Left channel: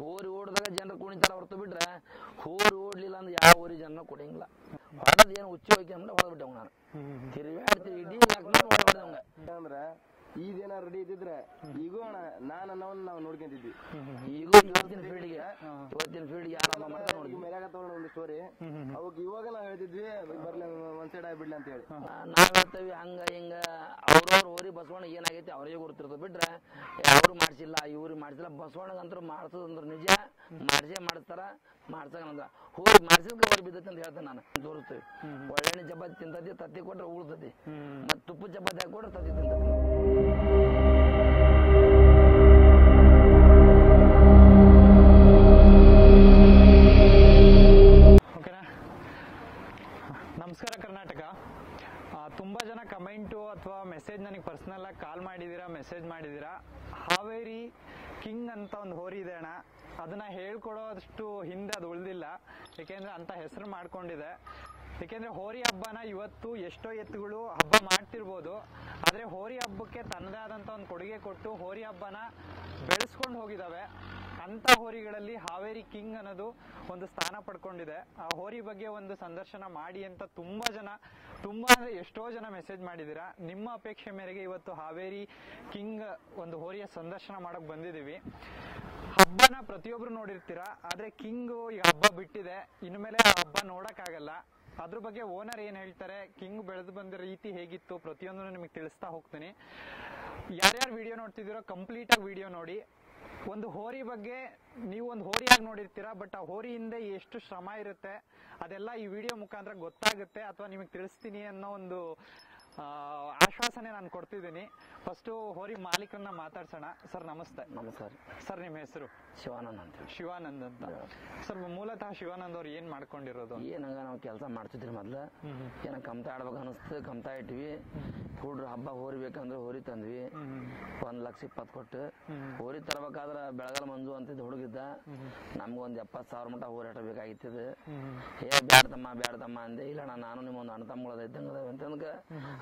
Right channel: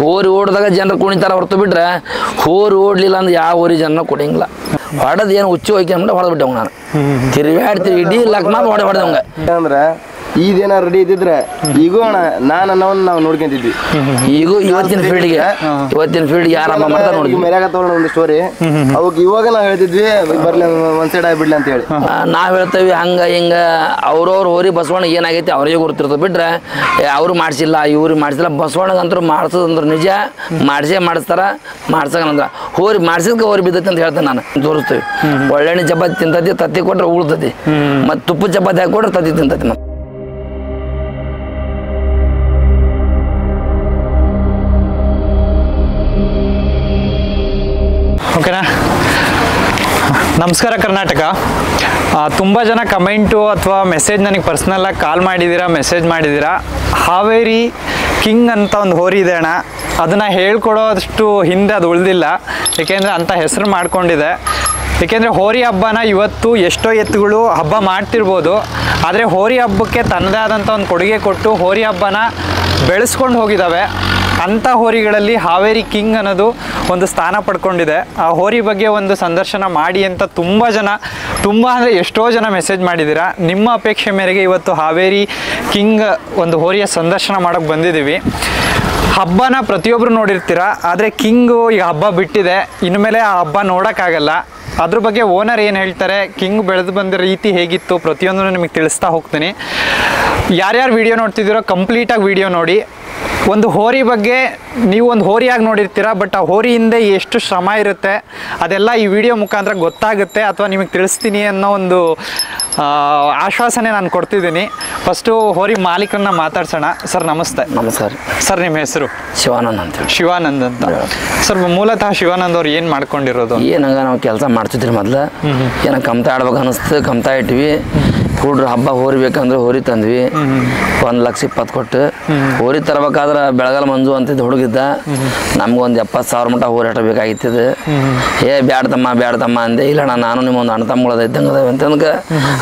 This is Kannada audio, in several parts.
ಹೋರಿ ಓಡಿದಾಗ ಜನರು ಕುಣಿತಾರ ಹೊರತು ಬಿಟ್ರೆ ಹೋರಿ ಓಡ್ಲಿಲ್ಲ ಅಂದ್ರೆ ಯಾವ ಹೋರಿ ಜನ ಕೊಡಂಗಿಲ್ಲ. ಹೊಡೆದ್ ಏನು ಹುಚ್ಚು ಹೋಯ್ಕೆ ಅಂದ್ರೆ ಹೊಡೆದ್ ಬಿಟ್ಟವ್ ನಾನು ತಿರುಗಾಡ್ತೀವಿ ಇಡೀ ಲಕ್ಮಾತ್ ಹೊಡೆದಂಗ ಅಂದ್ರೆ ಈಗೇನ ರೆಡಿ ಇದ್ದಿದ್ರೆ ಈಗೂ ಅಣ್ಣ ನಾವು ನೋಡ್ಕೊಂತಿದ್ವಿ. ಈಗೂ ಇವತ್ತಿನ ಫೀಲ್ಡ್ಗೆ ಆರಂಭ ಮಾಡ್ತಾ ನೋಡಿ ಮೆರ್ಯಾಗ ತಗೊಂಡು ಒಂದು ಸ್ಟೋರಿ ಅವಾಗ ಇವಾಗ ನಾವು ಹೇಳ್ತಿದ್ವಿ ಬರ್ಲಿ ಒಂದ್ ಸೈಡ್ ಆಗ್ಬಿಡ್ಲಿ ಅಂತ ಹೇಳಿ ನಾವ್ ಹೇಳ್ತೇವಿ. ಹಂಗ ಹಿಂಗ ಅವ್ರವ್ರ ಹೋರಿ ಬಸವಣ್ಣ ಏನಾಗೈತಿ ಅವ್ರಿಗೆ ಗೊತ್ತಿರ್ತದೆ ಬಿಟ್ರೆ ಅವ್ರು ಮಾಡ್ಸಿಲ್ಲ ಇವ್ರಿಗೆ ಮಾಡ್ಸಿಲ್ಲ. ಬಸವಣ್ಣಗಂತೂ ಮಾಡ್ಸೋದಂದ್ರೆ ನಿಜ ಮಾಡಿಸ್ತಾರ. ಮಾಡ್ಸಕಂದ್ರ ಹೋರಿ ಮಾಡ್ಸಿದ್ಕೆ ಹೋರಿ ಬಿದ್ದೈತಿ ಅಂತ ಹೇಳ್ತೇನೆ ನಾನು. ತೋರಿಸ್ತೀವಿ ಒಳ್ಳೆಣ್ಣೆ ಚಪಾತಿ ತಿಂತತಿ, ತತ್ತಿ ಕೊಟ್ರೆ ಉಳ್ತತಿ, ಮತ್ತು ತುಪ್ಪ ಚಪಾತಿ ಹಾಕಿ ಕೊಟ್ರೆ ತತ್ತಿ ತಿಂತತಿ. ಮತ್ತೆ ಓಕೆನಾ? ನಮಸ್ಕಾರ ಕರ್ನಾಟಕ. ತುಂಬ ಜನ ಕಮೆಂಟು ಅಥವಾ ಮೆಸೇಜ್ ನನಗೆ ಪರ್ಸ್ನಲ್ಲಾಗಿ ಕಾಲ್ ಮಾಡಿದ್ದೀರಾ, ಮೆಸೇಜ್ ಮಾಡಿದ್ದೀರಾ. ಹಾವೇರಿ ಕಿಂಗ್ ಅಂತ ಒಂದು ಹೋರಿ ಇದೆ ಅಣ್ಣ, ಅದನ್ನು ಹೇಳ್ಕೊಡೋದಷ್ಟು ಹಿಂದೆ ಅದು ಉಳಿದಿಲ್ಲ. ಏಕೆಂದರೆ ಅಂಥ ಹೆಸರು ಮಾಡ್ಕೊಂಡಿದೆ. ಏಕೆಂದರೆ ಹೋರಿ ಹಬ್ಬನ ಇವತ್ತು ಎಷ್ಟೋ ಎತ್ತುಗಳು ಹಬ್ಬ ಮಾಡ್ತಿರ್ಬೋದು, ಆದರೆ ಹೋರಿ ಹಬ್ಬಕ್ಕೆ ತನ್ನದೇ ಆದಂಥ ಒಂದು ಕೊಡುಗೆ ಕೊಟ್ಟು ಹೋರಿ ಹಬ್ಬನ ಬೆಳೆಸ್ಕೊಂಡು ಹೋಗಿದ್ದಾವೆ. ಅಂಥ ಹೋರಿಗಳಲ್ಲಿ ಹಾವೇರಿ ಕಿಂಗ್ ಅನ್ನೋದು ಒಂದು ಸ್ಥಾನ ಪಡ್ಕೊಂಡಿದೆ. ಆ ಹೋರಿ ಬಗ್ಗೆ ಒಂದು ಸಂದರ್ಶನ ಮಾಡಿ ಅಂತ ತುಂಬ ಅಂದರೆ ಎಷ್ಟೋ ಜನ ಮೆಸೇಜ್ ಮಾಡಿದ್ದೀರಾ. ನಿಮ್ಮ ಅಪೇಕ್ಷೆ ಮೇರೆಗೆ ಇವತ್ತು ಹಾವೇರಿ ಕಿಂಗ್ ಒಂದು ಹೋರಿಯ ಸಂದರ್ಶನ ಮಾಡೋಕ್ಕೆ ಬಂದಿದ್ದೀವಿ. ಹಬ್ಬನ ಪ್ರತಿಯೊಬ್ಬರು ನೋಡಿರ್ತೀರ, ಆದರೆ ಕಿಂಗು ಈಗ ಹಬ್ಬ ಬಿಟ್ಟಿದೆ, ಇನ್ಮೇಲೆ ಆ ಹಬ್ಬ ನೋಡೋಕ್ಕಾಗಲ್ಲ. ಅದ್ರ ಬಗ್ಗೆ ಓನರ್ ಏನು ಹೇಳ್ತಾರೆ, ಕಿಂಗ್ ಬೆಳೆದು ಬಂದಿರೋ ರೀತಿ ಹೇಗಿತ್ತು, ಪ್ರತಿಯೊಂದನ್ನು ನಿಮಗೆ ತಿಳಿಸ್ತಾ ಹೋಗ್ತೀನಿ. ಯಾರ್ಯಾರು ವಿಡಿಯೋ ನೋಡ್ತಿದ್ದೀರೋ ಕಂಪ್ಲೀಟಾಗಿ ವಿಡಿಯೋ ನೋಡಿ. ಒಂದು ಹೋರಿ ಬಗ್ಗೆ ನೀವು ಒಂದು ಹೋರಿಯಾಗಿ ನೋಡಿರ್ತೀರ, ಬಟ್ ಆ ಹೋರಿ ಹಿಂದೆ ಎಷ್ಟು ಶ್ರಮ ಇರುತ್ತೆ ಅದೆಲ್ಲ ಈ ವಿಡಿಯೋ ಮುಖಾಂತರ ಗೊತ್ತಾಗುತ್ತೆ ಅಥವಾ ನಿಮಗೆ ತಿಳಿಸ್ತೀನಿ ಅನ್ನೋ ಒಂದು ಆಶ್ವಾಸನೆ ನಾನು ಕೊಡ್ತಿದ್ದೀನಿ. ಫಸ್ಟು ಹೋರಿ ಮಾಲೀಕರನ್ನ ಮಾತಾಡ್ಸೋಣ. ಸರ್ ನಮಸ್ತೆ. ನಮಸ್ಕಾರ ಸರ್. ನಿಮ್ಮ ಹೆಸರು? ಶಿವಾನಂದ್ ಅಂತ. ಶಿವಾನಂದ್ ಅಂತ. ಸರ್ ಮೂಲತಃ ಶಿವಾನಂದ್ ಅವ್ರು ಏನು ಮಾಡ್ಕೊಂಡಿರೋದು? ಏನಂಗ ನಾವು ಕೆಲಸ ಮಾಡ್ತಿದ್ರಿ ಮೊದ್ಲು. ಏನೋ ಕಮ್ತಾ ಆಡ್ಬೇಕು ಅನ್ನಿಸ್ತು, ಕಮ್ತಾ ಇಟ್ವಿ. ಹುಡ್ರು ಹಬ್ಬ ಹೋರಿ ಬೇಕಂದ್ರೆ ಹೋರಿ ತಂದ್ವಿ. 1,20,000 ಕೊಟ್ಟು ಹೋರಿ ತರಬೇಕಾದ್ರೆ ಬೆಳಗಾಲ ಮಂಜು ಅಂತಿದ್ದು ಹುಡುಗಿದ್ದ. ನಮ್ಗೊಂದು 70,000 ಮಟ್ಟ ಹೋರಿ ಅಷ್ಟ ಬೇಕಾಗಿತ್ತಿದ್ದು. ಬ್ಯಾಡ್ತಮ್ಮ ಅಂದೆ. ಇಲ್ಲಣ್ಣ ನಾನು ನಿಮ್ಮೊಂದು ಅಣ್ಣ ತಮ್ಮಗಳದ ಇದ್ದಂಗೆ ಅದಾವೆ ಅಂತಂದ್ರೆ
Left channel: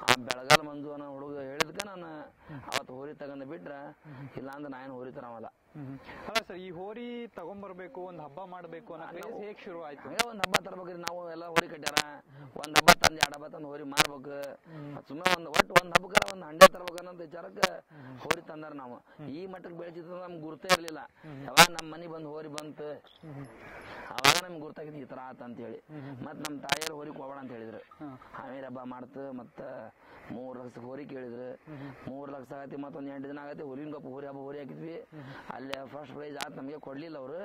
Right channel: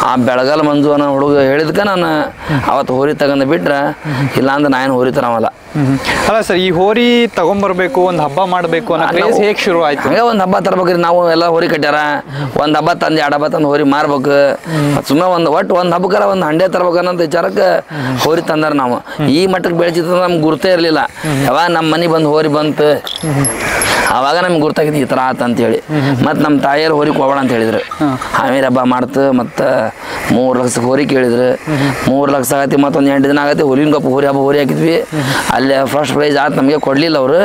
ಆ ಬೆಳಗಾಲ ಮಂಜು ಅನ್ನೋ ಹುಡುಗ ಹೇಳಿದ್ಕೆ ನಾನು ಅವತ್ತು ಹೋರಿ ತಗೊಂಡು ಬಿಟ್ರೆ, ಇಲ್ಲಾಂದ್ರೆ ನಾನು ಹೋರಿ ತರವಲ್ಲ. ಅಲ್ಲ ಸರ್, ಈ ಹೋರಿ ತಗೊಂಬರ್ಬೇಕು, ಒಂದು ಹಬ್ಬ ಮಾಡಬೇಕು ಅನ್ನೋ ಕ್ರೇಜ್ ಹೇಗೆ ಶುರು ಆಯ್ತು? ಹಂಗೆ ಒಂದು ಹಬ್ಬ ತರ್ಬೇಕ್ರಿ. ನಾವು ಎಲ್ಲ ಹೋರಿ ಕಟ್ಟ್ಯಾರ, ಒಂದು ಹಬ್ಬ ತಂದು 2 ಹಬ್ಬ ತಂದು ಹೋರಿ ಮಾರ್ಬೇಕು. ಸುಮ್ಮನೆ ಒಂದು ಹಬ್ಬಕ್ಕಾರ ಒಂದು ಹಂಡೆ ತರ್ಬೇಕನ್ನೋ ವಿಚಾರಕ್ಕೆ ಹೋರಿ ತಂದಾರ. ನಾವು ಈ ಮಟ್ಟಕ್ಕೆ ಬೆಳೆಸಿದ್ರೆ ನಮ್ಗೆ ಗುರ್ತೇ ಇರಲಿಲ್ಲ. ಯಾವಾಗ ನಮ್ಮ ಮನೆ ಬಂದು ಹೋರಿ ಬಂತು ಆವಾಗ ನಮ್ಗೆ ಗುರ್ತಾಗಿದ್ದು ಈ ಥರ ಆತ ಅಂತೇಳಿ. ಮತ್ತು ನಮ್ಮ ತಾಯಿಯರು ಹೋರಿ ಕೊಡಬೇಡ ಅಂತ ಹೇಳಿದ್ರು. ಹಾವೇರಿ ಹಬ್ಬ ಮಾಡ್ತು. ಮತ್ತು 3 ಲಕ್ಷಕ್ಕೆ ಹೋರಿ ಕೇಳಿದ್ರು. 3 ಲಕ್ಷ ಆಗತಿ. ಮತ್ತೊಂದು 8 ದಿನ ಆಗತ್ತೆ ಹುಲಿನಗೊಪ್ಪ ಹೋರಿ ಹಾಕಿದ್ವಿ. ಅಲ್ಲೇ ಫಸ್ಟ್ ಪ್ರೈಸ್ ಆಯ್ತು, ನಮಗೆ ಕೊಡಲಿಲ್ಲ ಅವರು.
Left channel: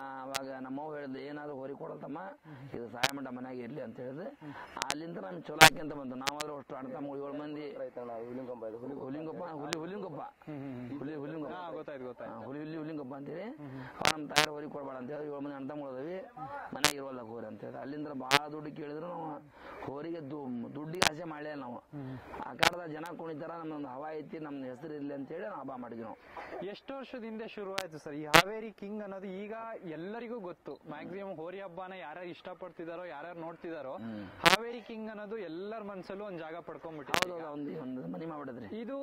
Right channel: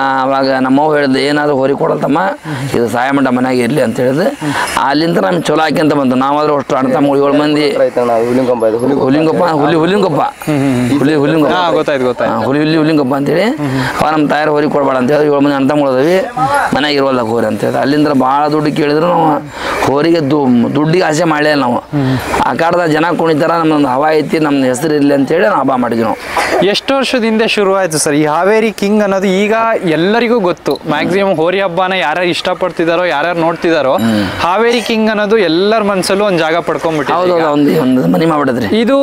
ಆವಾಗ ನಮ್ಮವ್ವ ಹೇಳಿದ್ರು, ಏನಾದರೂ ಹೋರಿ ಕೊಡಲ್ತಮ್ಮ, ಇದು ಸಹಾಯ ಮಂಡ ಮನೆಯಾಗ ಇರಲಿ ಅಂತ ಹೇಳಿದ್ರು. ಅಲ್ಲಿಂದ ನಮ್ಗೆ ಚಲೋ ಹಾಕಿ ಅಂತ ಬಂತು. ನಾವಾದ್ರೂ ಅಷ್ಟು ಅಣ್ಣ ತಮ್ಮ 7 ಮಂದಿ. ಹುಲಿಂಗೊಪ್ಪ ಅಂತೇಳಿ ಅವ ನಮ್ಮ ತಾಯಾರು ಹೋರಿ ಕೊಡಬೇಡ ಅಂತ ಹೇಳಿದ್ರು. 7 ಮಂದಿ ಅಣ್ಣ ತಮ್ಮಗಳದವಿ, ಮನೆಯಾಗ ಇರೋಲ್ಲ ಹೋರಿ ಅಂತೇಳಿ. ಅಲ್ಲಿಂದ ಭಾಳ ದುಡ್ಡು ಕೇಳಿದ್ರು. ನಾವು ಹೋರಿಗೆ ದುಡ್ಡಿಗೆ ಆಸೆ ಮಾಡಲಿಲ್ಲ. ನಾವು ಆ ಕಾಡದ ಜನ ಕುಣಿತಾರ, ನಮ್ಮೊಂದು ಹವಾ ಐತಿ, ನಮ್ಮ ಹೆಸರು ಇರಲಿ ಅಂತೇಳಿ ನಾವು ಹಬ್ಬ ಮಾಡಿದ್ವಿ. ನಾವು ಎಷ್ಟು ವರ್ಷದಿಂದ ಶುರು ಆಯ್ತು ಸರ್ ಈ ಹಾವೇರಿ ಕಿಂಗ್ ಅನ್ನೋದು? ಈಗ ಎಲ್ಲರಿಗೂ ಗೊತ್ತು, ಮ್ಯಾಕ್ಸಿಮಮ್ ಹೋರಿ ಹಬ್ಬನ ಯಾರ್ಯಾರು ಇಷ್ಟಪಡ್ತಿದಾರೋ, ಯಾರ್ಯಾರು ನೋಡ್ತಿದಾರೋ, ಹಾವೇರಿ ಕಿಂಗ್ ಅನ್ನೋದು ಎಲ್ಲರ ಮನಸ್ಸಲ್ಲೂ ಒಂದು ಜಾಗ ಪಡ್ಕೊಂಡ್ಬಿಟ್ಟು ಒಂದು ಮನೆ ಮಾಡ್ಬಿಟ್ಟಿದ್ರಿ. ಇದು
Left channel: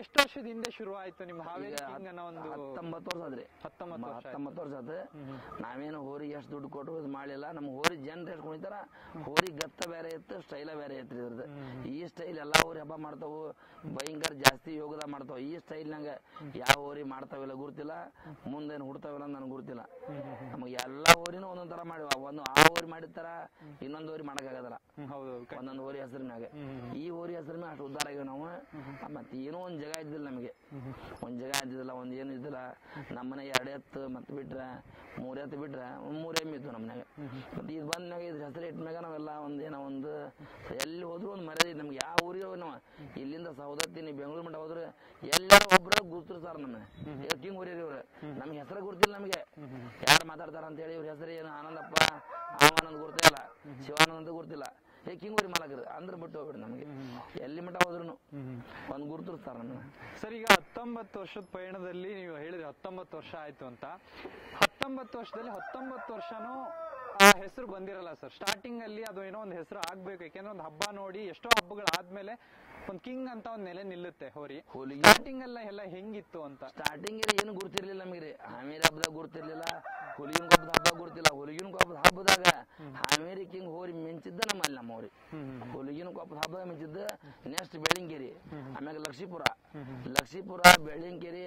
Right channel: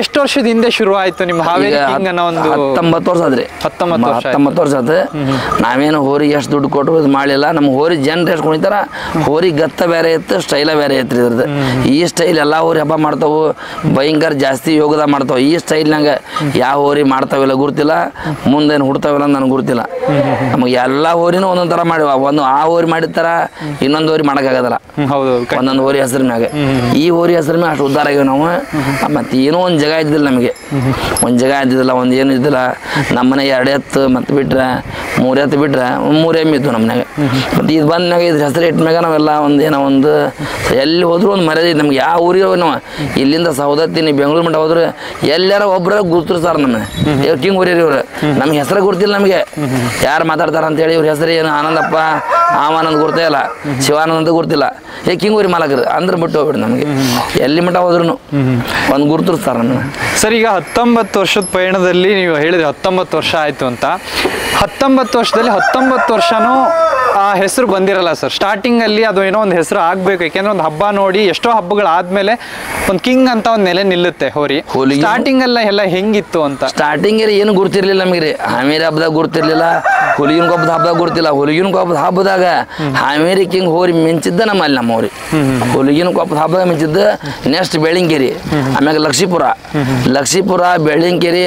ಎಷ್ಟು ವರ್ಷದ ಹಿಂದೆ ಶುರು ಆಯ್ತು ನಿಮ್ಮ ಹಾವೇರಿ ಕಿಂಗ್ ಅನ್ನೋ ಒಂದು? 19 ವರ್ಷ ಆದ್ರಿ. 19 ವರ್ಷ ಆಯ್ತು. ನಾವೇನು ಹೋರಿಗೆ ಎಷ್ಟು ದುಡ್ಡು ಕೊಟ್ಟು ಇದು ಮಾಡಲಿಲ್ಲ. ನಮ್ಮ ಹೋರಿ ಜನರು ಎಷ್ಟು ಕುಣಿತಾರ, ಹೋರಿ ಗತ್ತ ಬೇರೆ ಇತ್ತು, ಸ್ಟೈಲ ಬೇರೆ ಇತ್ತು ಇದ್ರದ್ದು. ಈ ಸ್ಟೈಲ್ ಎಲ್ಲ ಹೋರಿ ಹಬ್ಬ ಮಾಡ್ತಾವು, ಭಯಂಕರ ಜಾಸ್ತಿ ಯೋಗದ ಮಾಡ್ತಾವೆ. ಈ ಸ್ಟೈಲ್ನಾಗ ಯಾವ ಹೋರಿ ಮಾಡ್ತಾವಿಲ್ಲ ಗುರ್ತಿಲ್ಲ, ಮುಂದೇನು ಹುಡ್ತಾವಿಲ್ಲ ಅಂತ ನನಗೆ ಗುರ್ತಿಲ್ಲ. ನಮಗೆ ಎಲ್ಲ ಹೋರಿನೂ ಒಂದೊಂದು ಥರ ಮಾಡಿವ. ಒಂದು ಆ ಹೋರಿ ಮಾಡಿರ್ತಾರ, ಇನ್ನೊಂದು ಹೋರಿ ಮಾಡೋಕ್ಕಾಗೋದಲ್ಲ. ಒಂದೊಂದು ಹೋರಿ ಹೆಸರಿನಾಗ. ಈ ಹೋರಿ ಹೆಸರಿನ ಅಷ್ಟು ಉದ್ಧಾರ ಆಗಿವೆ ನಾವು. ಮತ್ತು ಏನೋ ಒಂದು ಜಾಗ ಇದ್ದಿಲ್ಲ ನಮಗೆ, ಒಂದು ಜಾಗ ಇದ್ದಿದ್ದಿಲ್ಲ, ಒಂದು ಏನು ಇದ್ದಿಲ್ಲ. ನಮ್ಮ ಮನೆಗೆ 2 ಎತ್ತು ಮತ್ತು ಬಿಟ್ರೆ 3 ಎತ್ತು ಬಿಟ್ರೆ 3 ಎಮ್ಮೆ ಇತ್ತು ನಮ್ಮ ಮನೆಗೆ. ಮತ್ತು ಇದು ಬಂದ್ಮ್ಯಾಗ ಇದ್ರ ಹೆಸರು ಇಟ್ಮ್ಯಾಗ ನಾವೆಲ್ಲ ಒಂದು ಎಲ್ಲಿ ಹೋದ್ರು ಒಂದು ಮರ್ಯಾದೆ ನಮ್ಗೆ. ಯಾವ ಊರಿಗೆ ನಾವು ಇಲ್ಲಿಂದ ಸೌದತ್ತಿ ಬೆಂಗಳೂರು ಮಟ್ಟ ಹೋದ್ರೆ ಎಲ್ಲಾರ ಒಬ್ಬರ ಗುರ್ತಿರ್ತಾರೆ ನಮ್ಮನೆ. ಕಿಂಗ್ ಊರಿ ಇವ್ರು ನಮ್ಗೆ ಹೆಸರು ಗುರ್ತಿಲ್ಲ. ನಮಗೆ ಯಾರು ಮಾತಾಡ್ತಾರ ಅಂತೇಳಿ ಇವ್ರ ಹೆಸರು ಏನು ಆನಂದಪ್ಪ ಆನಂದ್ ಗುರ್ತೇ ಇಲ್ಲ, ಶಿವಾನಂದ್ ಅಂತ ಗುರ್ತಿಲ್ಲ. ಕಿಂಗ್ ಊರಿ ಮಾಲಕರು ಅಂದ್ರೆ ಬಿಟ್ಟು ಹೋಗ್ಬಿಡಿ. ನಮಗೆ ಎಲ್ಲಿ ಮಟ್ಟ ಹೋದ್ರು ಒಂದು ಗುರ್ತಿರ್ತಾರೆ ನಮ್ಮನ್ನ. ಸರ್, ಈಗ 19 ವರ್ಷದ ಪಯಣದಲ್ಲಿ ನೀವು ಹೇಳಿದ್ರೆ 19 ವರ್ಷ ಆಯ್ತು ಅಂತ. 19 ವರ್ಷದಲ್ಲಿ 19 ವರ್ಷನೂ ಆ ಹೆಸರು ಬಂದಿರಲ್ಲ ಸರ್. ಸ್ಟಾರ್ಟಿಂಗಲ್ಲಿ ಅದು ಏನೋ ಒಂದು ಹೆಸರು ಆಗಬೇಕು, ಯಾಕೆಂದ್ರೆ ಒಂದು ಹಬ್ಬ ನೋಡಿ ಎಷ್ಟೋ ಹಬ್ಬಗಳಾದ್ಮೇಲೆ ಒಂದು ಕಿಂಗ್ ಅಂತ ಒಂದು ನೆಲೆ ನಿಲ್ಲುತ್ತೆ ಹೋರಿ. ಸ್ಟಾರ್ಟಿಂಗ್ ಎಲ್ಲ ಹೆಂಗಿತ್ತು ಅಂತ? ಸ್ಟಾರ್ಟಿಂಗ್ ಏನು ಗುರ್ತಿರ್ಲಿಲ್ಲ ನಮಗೆ ರೀ. ಹಾವೇರಿ ಹಬ್ಬದಾಗ ಗುರ್ತಿರ್ಲಿಲ್ಲ, ಹುಲಿಗಿನ ಕೊಬ್ಬದ ಹಬ್ಬದಾಗ ಗುರ್ತಿಲ್ಲ. ಹುಲಿಗಿನ ಕೊಬ್ಬದ ಹಬ್ಬದಾಗ ಹಾವೇರಿ ಕಿಂಗ್ ಹೋರಿ ಮಿಂಚಿದ್ದ ನಮ್ಮಲ್ಲಿ ನಮ್ಮ ಹೋರಿ. ಹುಲಿಗಿನ ಕೊಬ್ಬದ ಹಬ್ಬದಾಗ ಮಿಂಚಿದ್ದ. ನೆಕ್ಸ್ಟ್ ಬೆಳ್ಳಿಂಗೇರಿ, ಆಮ್ಯಾಗ ಲಕ್ಷಿಪುರ, ಬೆಳ್ಳಿಂಗೇರಿ,